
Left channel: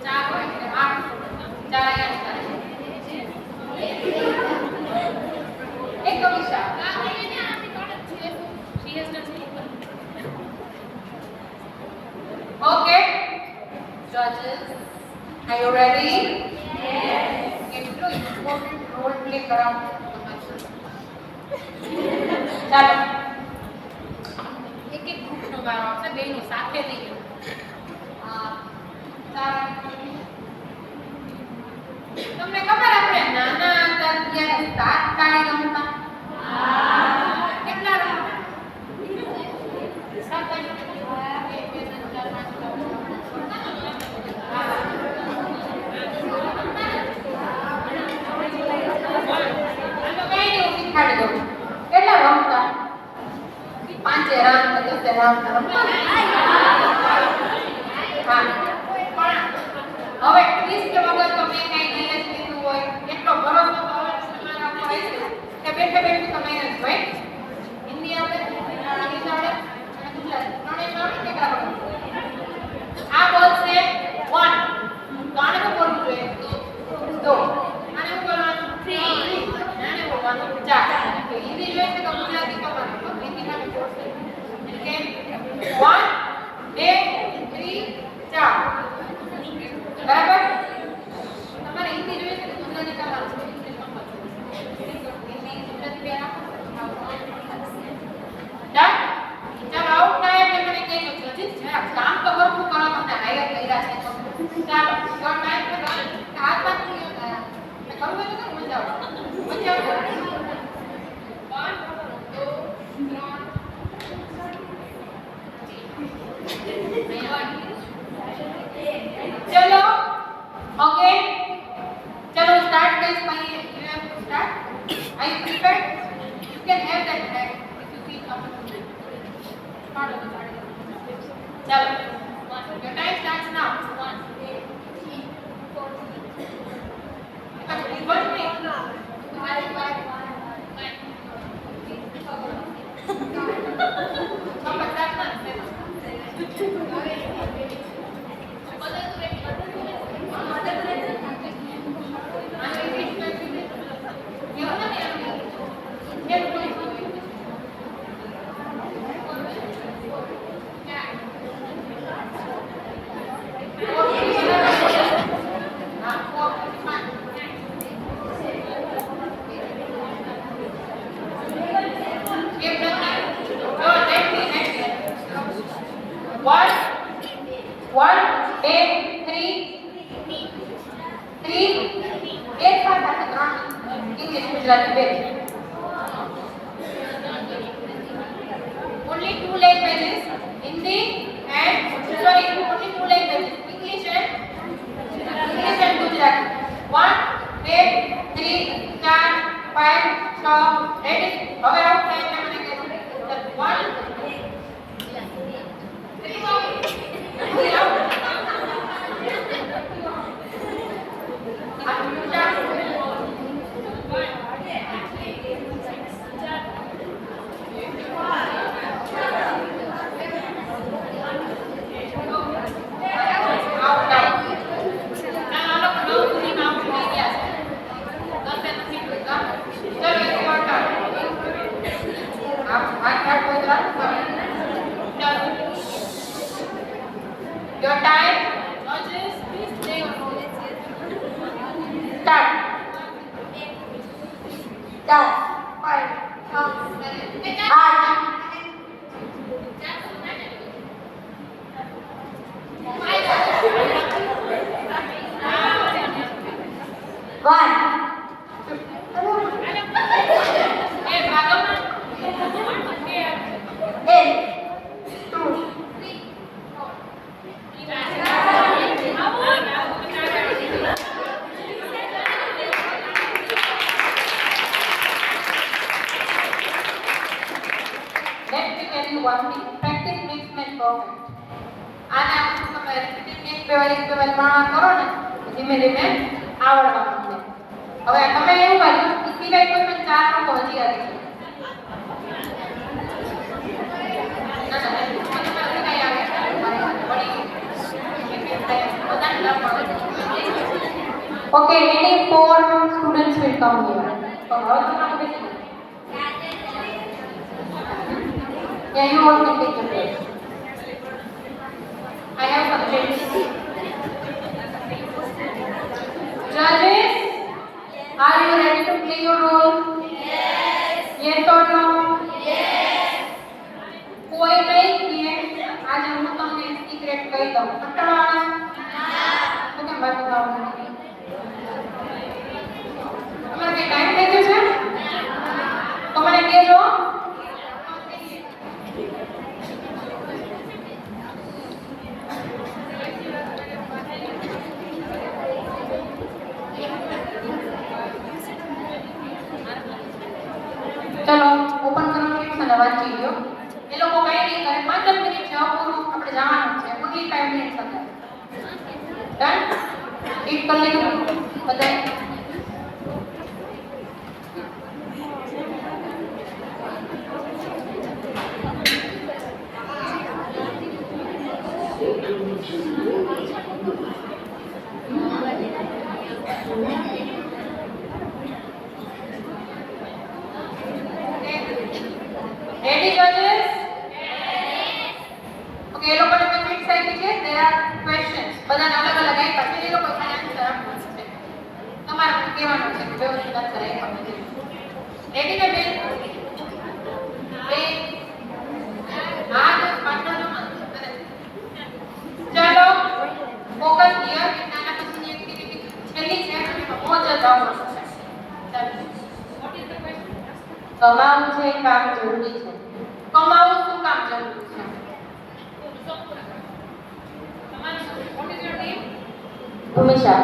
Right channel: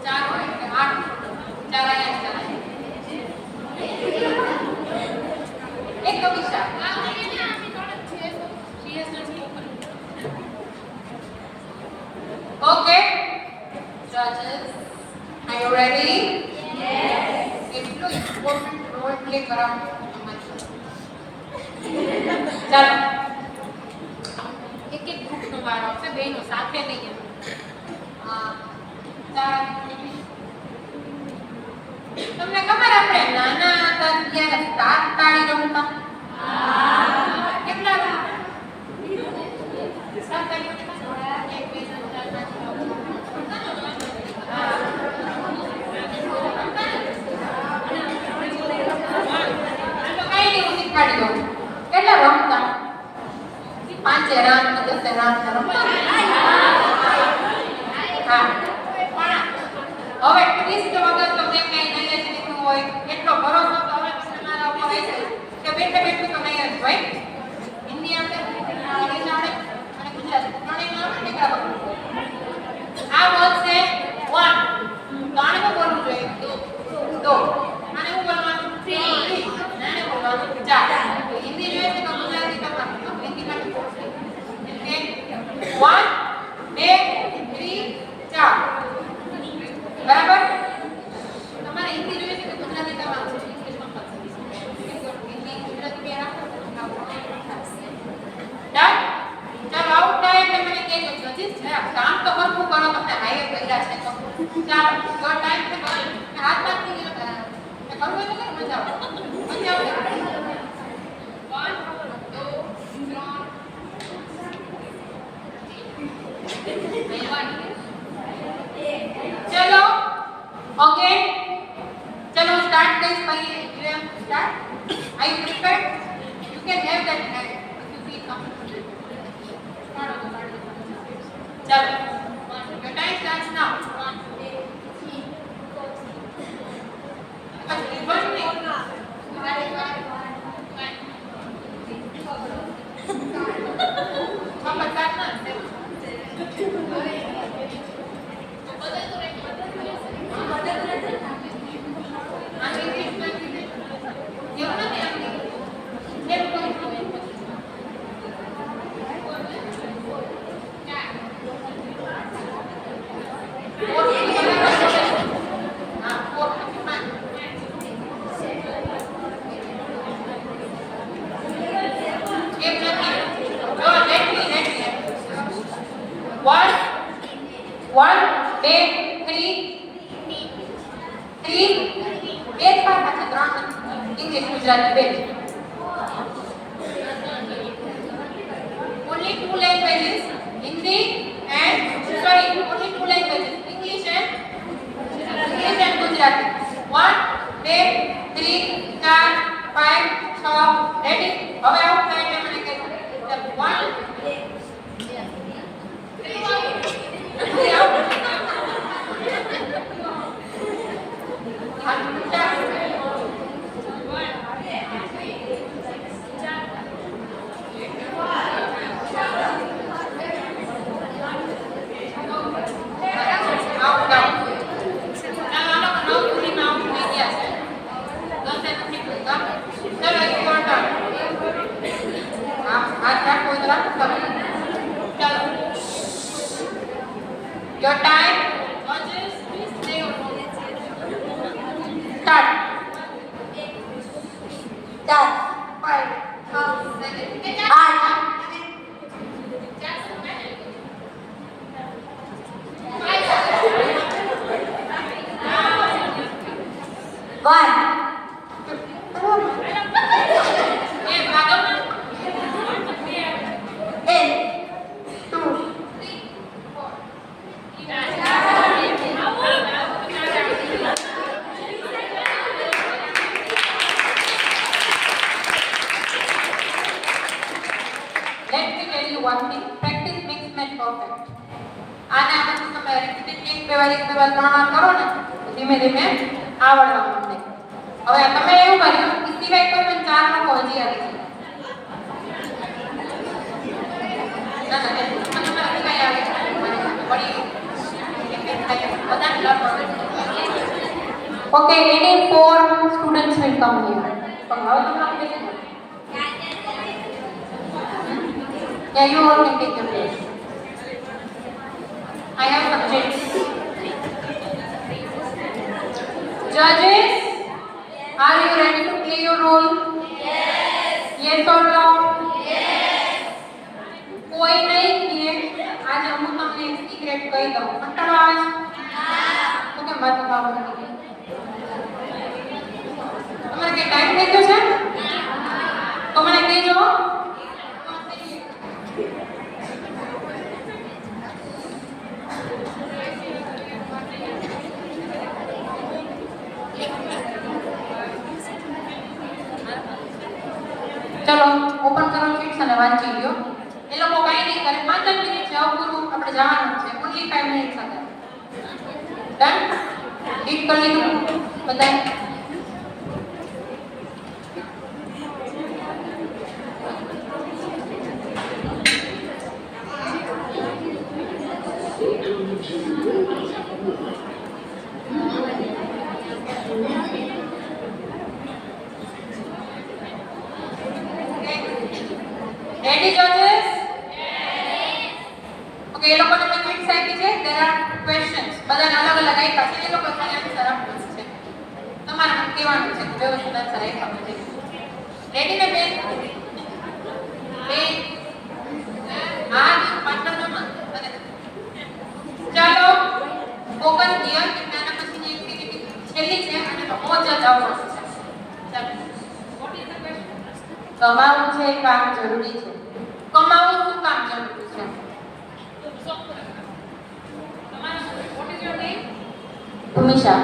4 હોય એટલે 8 4 અહીંયા એક Kavisha Okay, judges, are you ready? Yes. કેટલું important role play કરાવું ચાલો એક એક ગ્રુપનો વારો આવશે બેનો સાથે નહીં તમને ખબર આપણે નાના હતા ત્યારે 7 તાળી રમતા કેટલા રમતા 7 તાળી રમતા 1 2 3 4 5 6 જરા હા પણ હવે ટ્વિસ્ટ વગર તમને કઈ નહીં જ લીધું હોય એટલો ભરોસો તો હવે તમારા ઉપર હશે કે બેઠે બેઠું તમે જોઈ હિન્દી આવડે ઇંગ્લિશ આવડે અને ગુજરાતી ત્રણેય આવડે કે આવડે આ બોલશે 1 ત્રણ કો બોલવું જોઈએ 2 અને હું બોલવાનું 3 નાને બોલવાનું 4 હિન્દી જોઈએ તો ગુજરાતી તો હિન્દી માં બોલશે કે 1 2 3 4 બરાબર તમારે હિન્દી જોઈએ છે કે ગુજરાતી તમારું છે ઇંગ્લિશ કમ્પલસરી છે હિન્દી ગુજરાતી બે ડન ચાલો આઉટ થાય એટલે મને કહેજો જજીસ જરા કામ તો હરખું કરો તમને હાયર કર્યા છે તો ચાલો યોર ટાઈમ છે હાથ બાદ નહીં કરવું હોય તો કરો મજા આવે 1 2 3 चलो ओके चलो स्टार्ट गाइस भाई you have to start are you prepared you can have that hand if you feel comfortable पाड़ो चलो योर टाइम स्टार्ट्स नाउ 1 अच्छा वन नहीं हम बच्चा ना Only two languages, Hindi and sorry, only two languages, English and Gujarati. 1, 2, 3, 4, 5, 6, ready? હવે out થાય એટલે મને કહેજો. 4 students will come here. Yeah, you all can take your place. I have subjects. Judges, are you ready to play your role? Yes or no? કોઈ નહીં કે આજે હું તમને એક સિક્રેટ કહી દઉં. કંટાળો તો કેમ વાત કરવાનું? તમારે કઈ ટાઈમ થઈ ગયો છે? તો મને કહેજો. ચલો ઓપન કરો શીટ્સ અને વાંચી લ્યો. એ લોકો કઈ નહીં કરે 5 ટીક કરી લીધું બધાએ? Ready, judges? Okay, એ લોકોને મેં ક્વિઝ આપી છે. There are questions. બધાને અલગ અલગ આપ્યા છે. એ લોકો ખાલી આન્સર આપવાના છે. તમારે કહેવાનું છે કે જો આન્સર આપ્યા છે. રેડી ને બેન? બેન હા જો પાછળ જો મત. ચાલો ફોકસ હિયર. નાના પછીની એક્ટિવિટી છેલ્લી છે અને બહુ જ આવડશે. ચાલો વોટ ઇઝ ધ ક્વેશ્ચન? તમારું છે કામ જરૂરી છે. કમાવું શું કામ જરૂરી છે? તમારા વોટ ઇઝ યોર નેમ? ભૂમિશા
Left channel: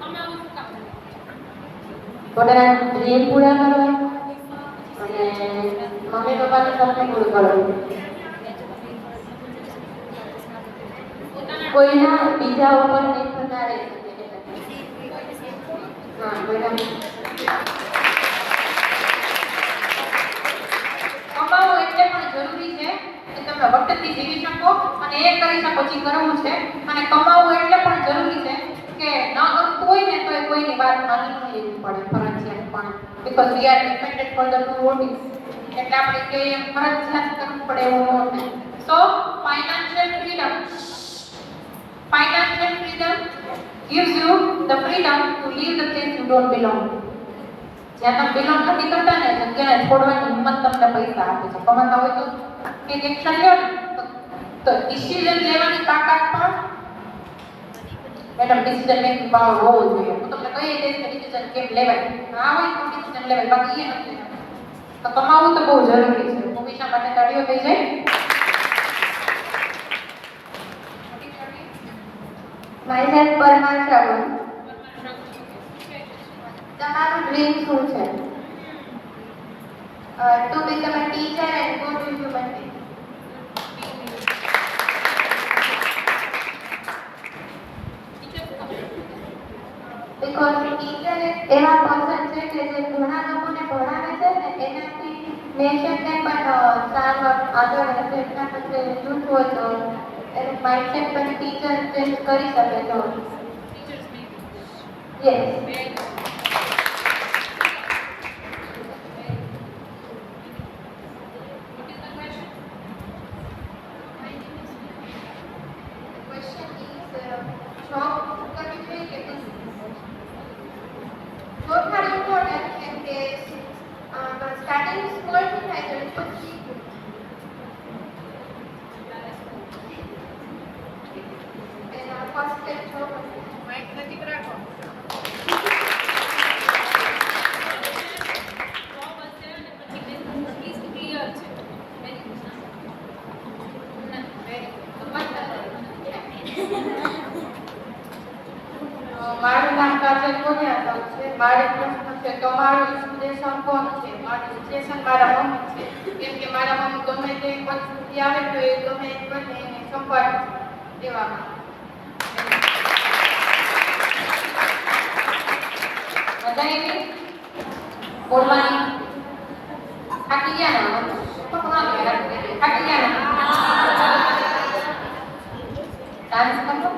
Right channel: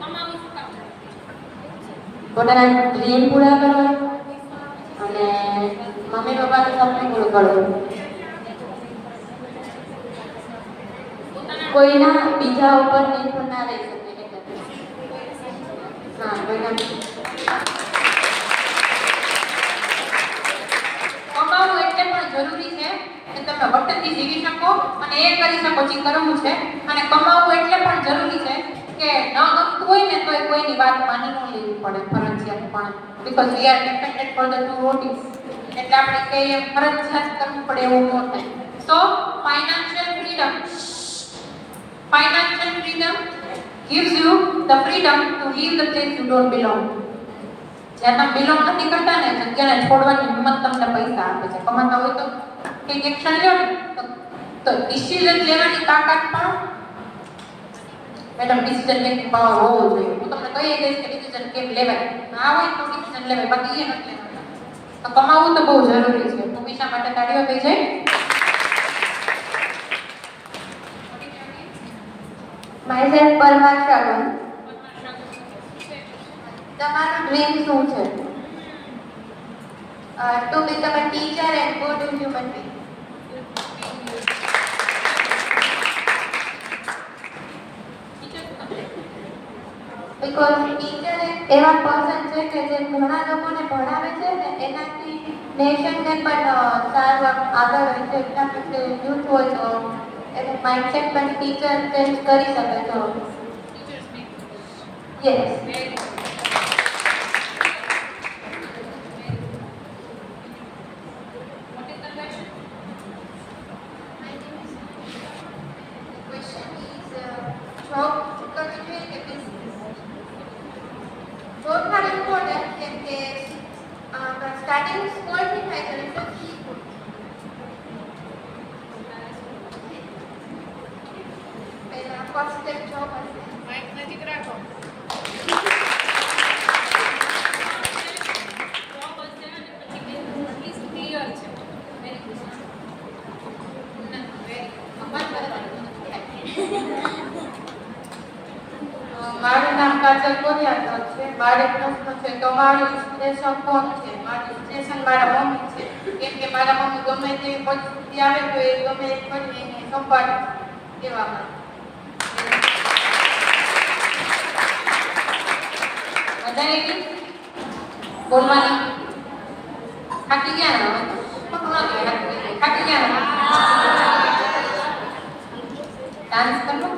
કમાવું શું કામ છે? પોતાના ડ્રીમ પૂરા કરવા અને મમ્મી પપ્પાનું સપનું પૂરું કરવું. કોઈના બીજા ઉપર નિર્ભર ના રહી શકે. હા કોઈના કમાવું એટલે પણ જરૂરી છે કે તમે વખતથી જીવી શકો અને એ કરી શકો જે કરવું છે. અને કમાવું એટલે પણ જરૂરી છે કે ન ગમતું હોય ને તો કોઈની વાત માની ન લેવી પડે ફરજિયાત પણ because we are dependent for the two rotis એટલે આપણે કહીએ ફરજિયાત કરવું પડે એવું નથી. So financial freedom gives you the freedom to leave the place you don't belong. જ્યાં તમે બિલોંગ નથી કરતા ને જગ્યાને છોડવાની હિંમત તમને પૈસા આપે છે. કમાતા હોય તો કંઈક એક્શન લ્યો ને તો ડિસિઝન લેવાની તાકાત પણ મેડમ ડિસિઝન મેકિંગ પાવર હોવો જોઈએ. હું તમને કહી દઈશ કે ડિસિઝન કેમ લેવાય. ના હોય તો ડિસિઝન લેવાય બાકી એ નથી લેવાય. તો કમાવું તો બહુ જરૂરી છે. ભૂમિશા માટે તાળીઓ થઈ જાય. માયસેલ્ફ પરમાર શાગન. તમારું ડ્રીમ શું છે? To become a teacher and good human being. Because teacher એવા પર્સન છે કે જે ઘણા લોકોને ભણાવે છે ને એનાથી નેશનને પણ સારું આગળ વધે. એટલા માટે યુથ હોય તો એનું માઇન્ડસેટ પણ ટીચર ચેન્જ કરી શકે છે. Teachers make yes. Very What is the question? My name is The question is job કરવી જોઈએ કે બિઝનેસ? જોબ પણ ઇમ્પોર્ટન્ટ કેમ કે સ્ટાર્ટિંગ સ્મોલ થી થાય તો ઇટ ઇઝ ગુડ. પહેલા ફર્સ્ટ સ્ટેપ જોબ હશે. માઇક નજીક રાખો. જોબ હશે અને પછી બિઝનેસ એટલીસ્ટ ક્લિયર છે. Very good. વેરી ખબર મારું નામ કાજલ કોરિયાદર છે. મારે પ્રશ્ન છે તમારું ઇન્સ્પિરેશન કોણ છે? મારું ઇન્સ્પિરેશન મારા મમ્મી છે. કેમ કે મારા મમ્મી ગમે તેવી પરિસ્થિતિ આવે તો એ ગમે એ કરીને એને સંભાળ દેવામાં. બધાએ બોલવાની થાકી ગયા ને? થાકી ગયા ને? ડાન્સ કરો?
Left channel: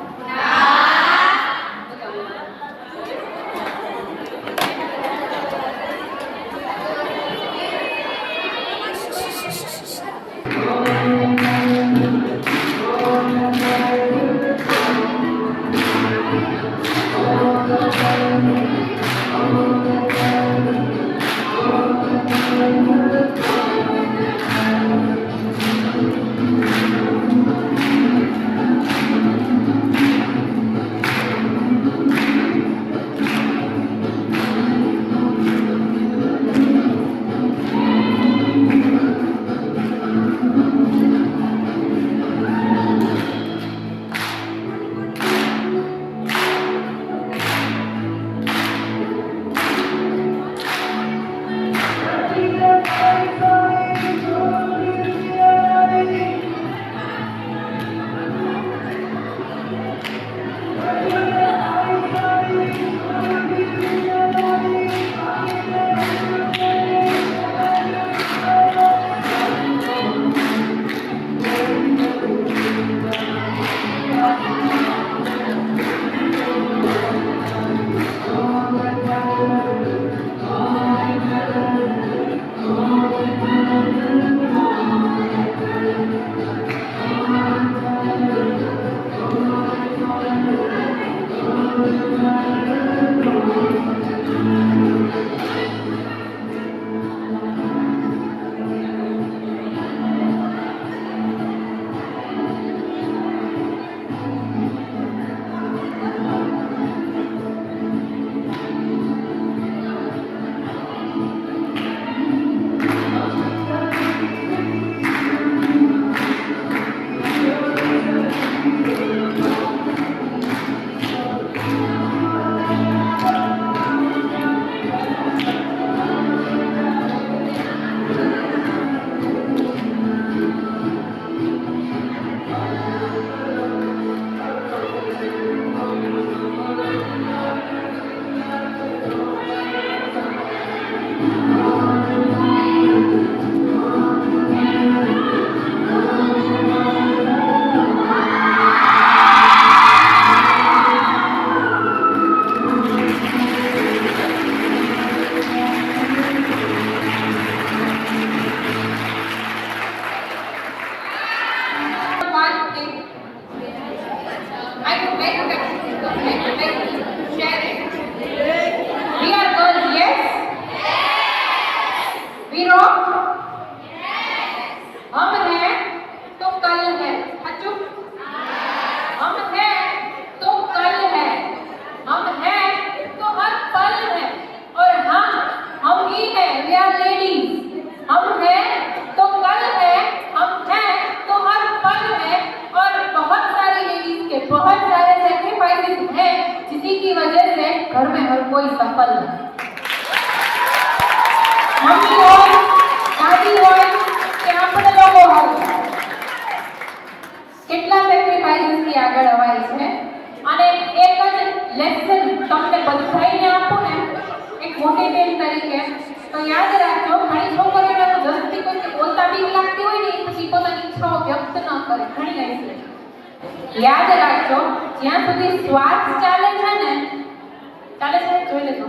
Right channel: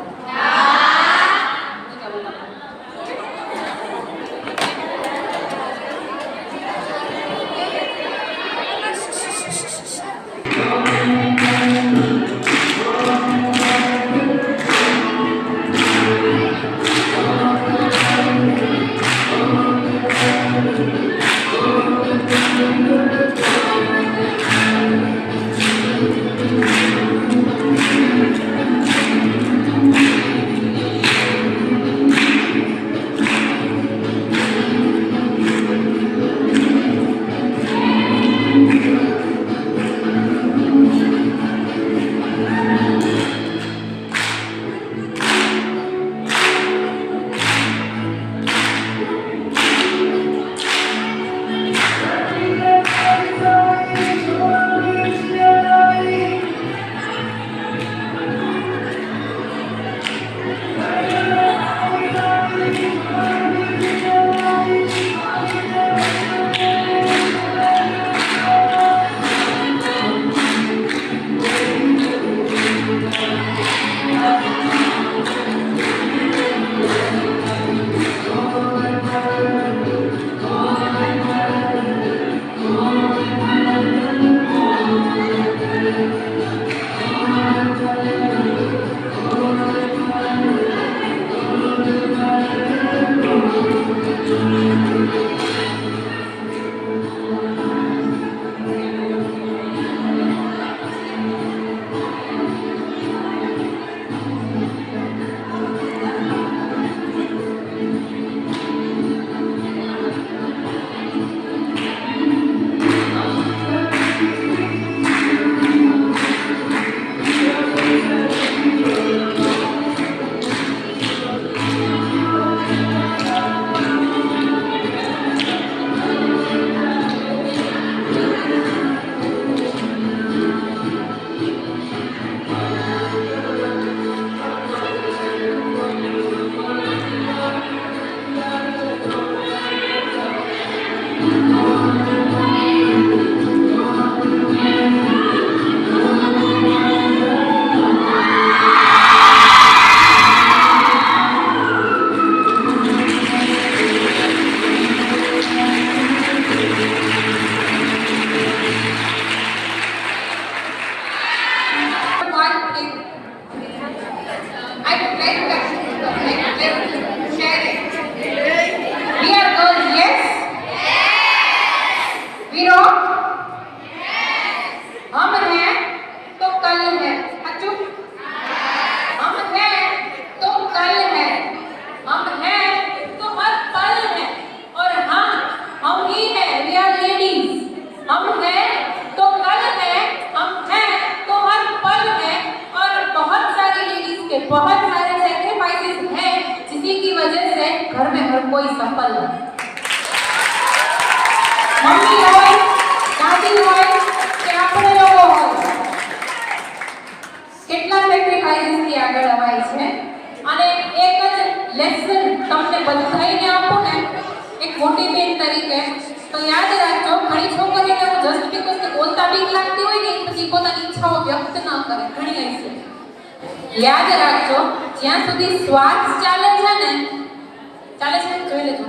हीरो हम हैं तो कल है अच्छू हम हैं तो कल है हम हैं तो हर पल है और हाँ हम ही हैं वी आर लेडीज हम हैं तो कल है हम हैं तो हर पल है और बहुत सारी लेडीज के बहुत सारे सैक्रिफाइसेस हैं जिसी की वजह से घर में हर कोई सफल है मम्मी હોય દાદી હોય કે આપણે લોકો હોય કેટલા સેક્રિફાઇસીસ થી આગળ અવાય છે અને એક જ લેસન તમને બધાઈને આપું ને એક મોટી બેન તરીકે તો યાદ રાખજો ઘણી છોકરીઓને જસ્ટ બીકોઝ કે બોલતા બીક લાગતી હોય ને એ પછી પોતાની ઈચ્છાઓ વ્યક્ત ન કરે ઘણી હશે યાદ રાખજો જ્યાં સુધી શ્વાસ ચાલે છે ને ચાલે છે જોઈ લેજો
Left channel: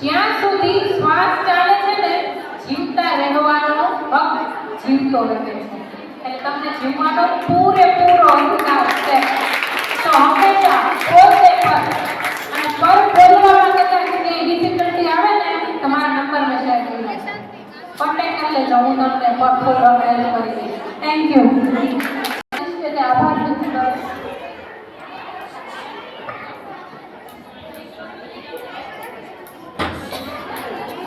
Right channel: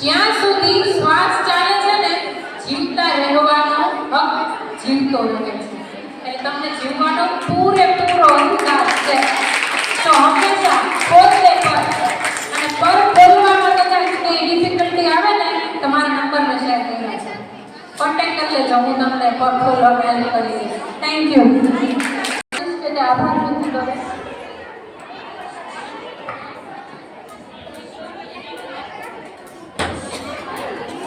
જ્યાં સુધી શ્વાસ ચાલે છે ને જીવતા રહેવાનો હક જીવતો રહે છે એટલે તમને જીવવાનો પૂરેપૂરો અધિકાર છે તો હંમેશા પોતે પર અને પર બોલવામાં કદાચ કંઈ ડિફિકલ્ટી આવે ને તમારા નંબરને શેર કરી છે કોન્ટેક્ટ કરી લેજો હું તમને પર બોલવામાં હેલ્પ કરી દઈશ થેન્ક યુ તે આભાર વ્યક્ત કરે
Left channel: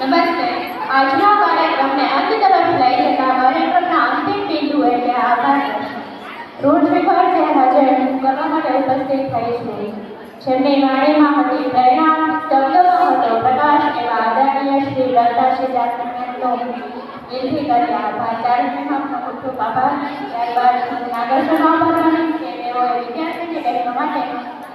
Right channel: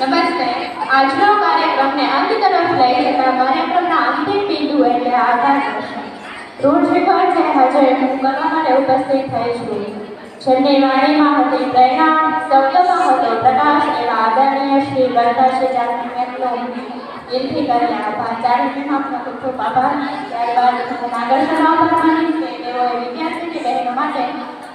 નમસ્તે આજનો કાર્યક્રમને અંત તરફ લઈ જતા કાર્યક્રમના અંતિમ બિંદુ એટલે આભાર દર્શન ઋણ સ્વીકાર જે હાજર હું કરવા માટે ઉપસ્થિત થઈ છું જેમની વાણીમાં હતી પ્રેરણા શબ્દોમાં હતો પ્રકાશ એવા આદરણીય શ્રી લતાશ્રી જાતનો દિલથી કરી આભાર ચારેયને આપનો ખૂબ ખૂબ આભાર ત્યારબાદ હું નાગર્ષણનો આભાર માનીશ કે તેઓએ વિદ્યાર્થીની બહેનો માટે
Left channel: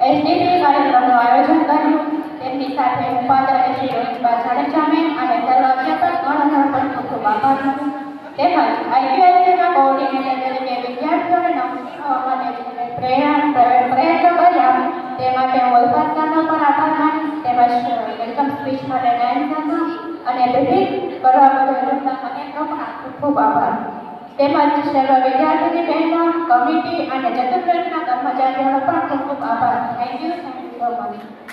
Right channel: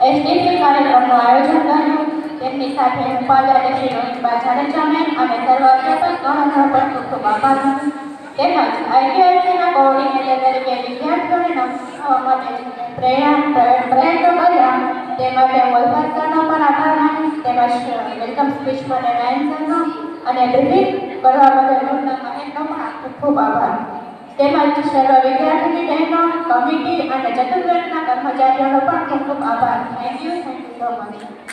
એસડીપી કાર્યક્રમનું આયોજન કર્યું તેમની સાથે હું પાદર શ્રી રોહિતબા જાડેજા મેમ અને સર્વ અધ્યાપક ગણોનો પણ ખૂબ ખૂબ આભાર માનું તેમજ આઈટીઆઈસીના કોઓર્ડિનેટર તરીકે વિદ્યાર્થીઓને નમસ્કાર માટે પ્રયત્નો કર્યા તે માટે હું અલ્ફાઝ સરનો પણ આભાર માનીશ તેમજ વેલકમ સ્પીચ માટે નાયન સરનો અને બ્રીફિંગ કરવા બદલ ડૉક્ટર મહેકનો પણ ખૂબ ખૂબ આભાર તેમજ સર્વ વિદ્યાર્થીની બહેનો કમિટી અને ચતુર્વેદના કર્મચારીઓનો પણ ખૂબ ખૂબ આભાર થેન્ક યુ સો મચ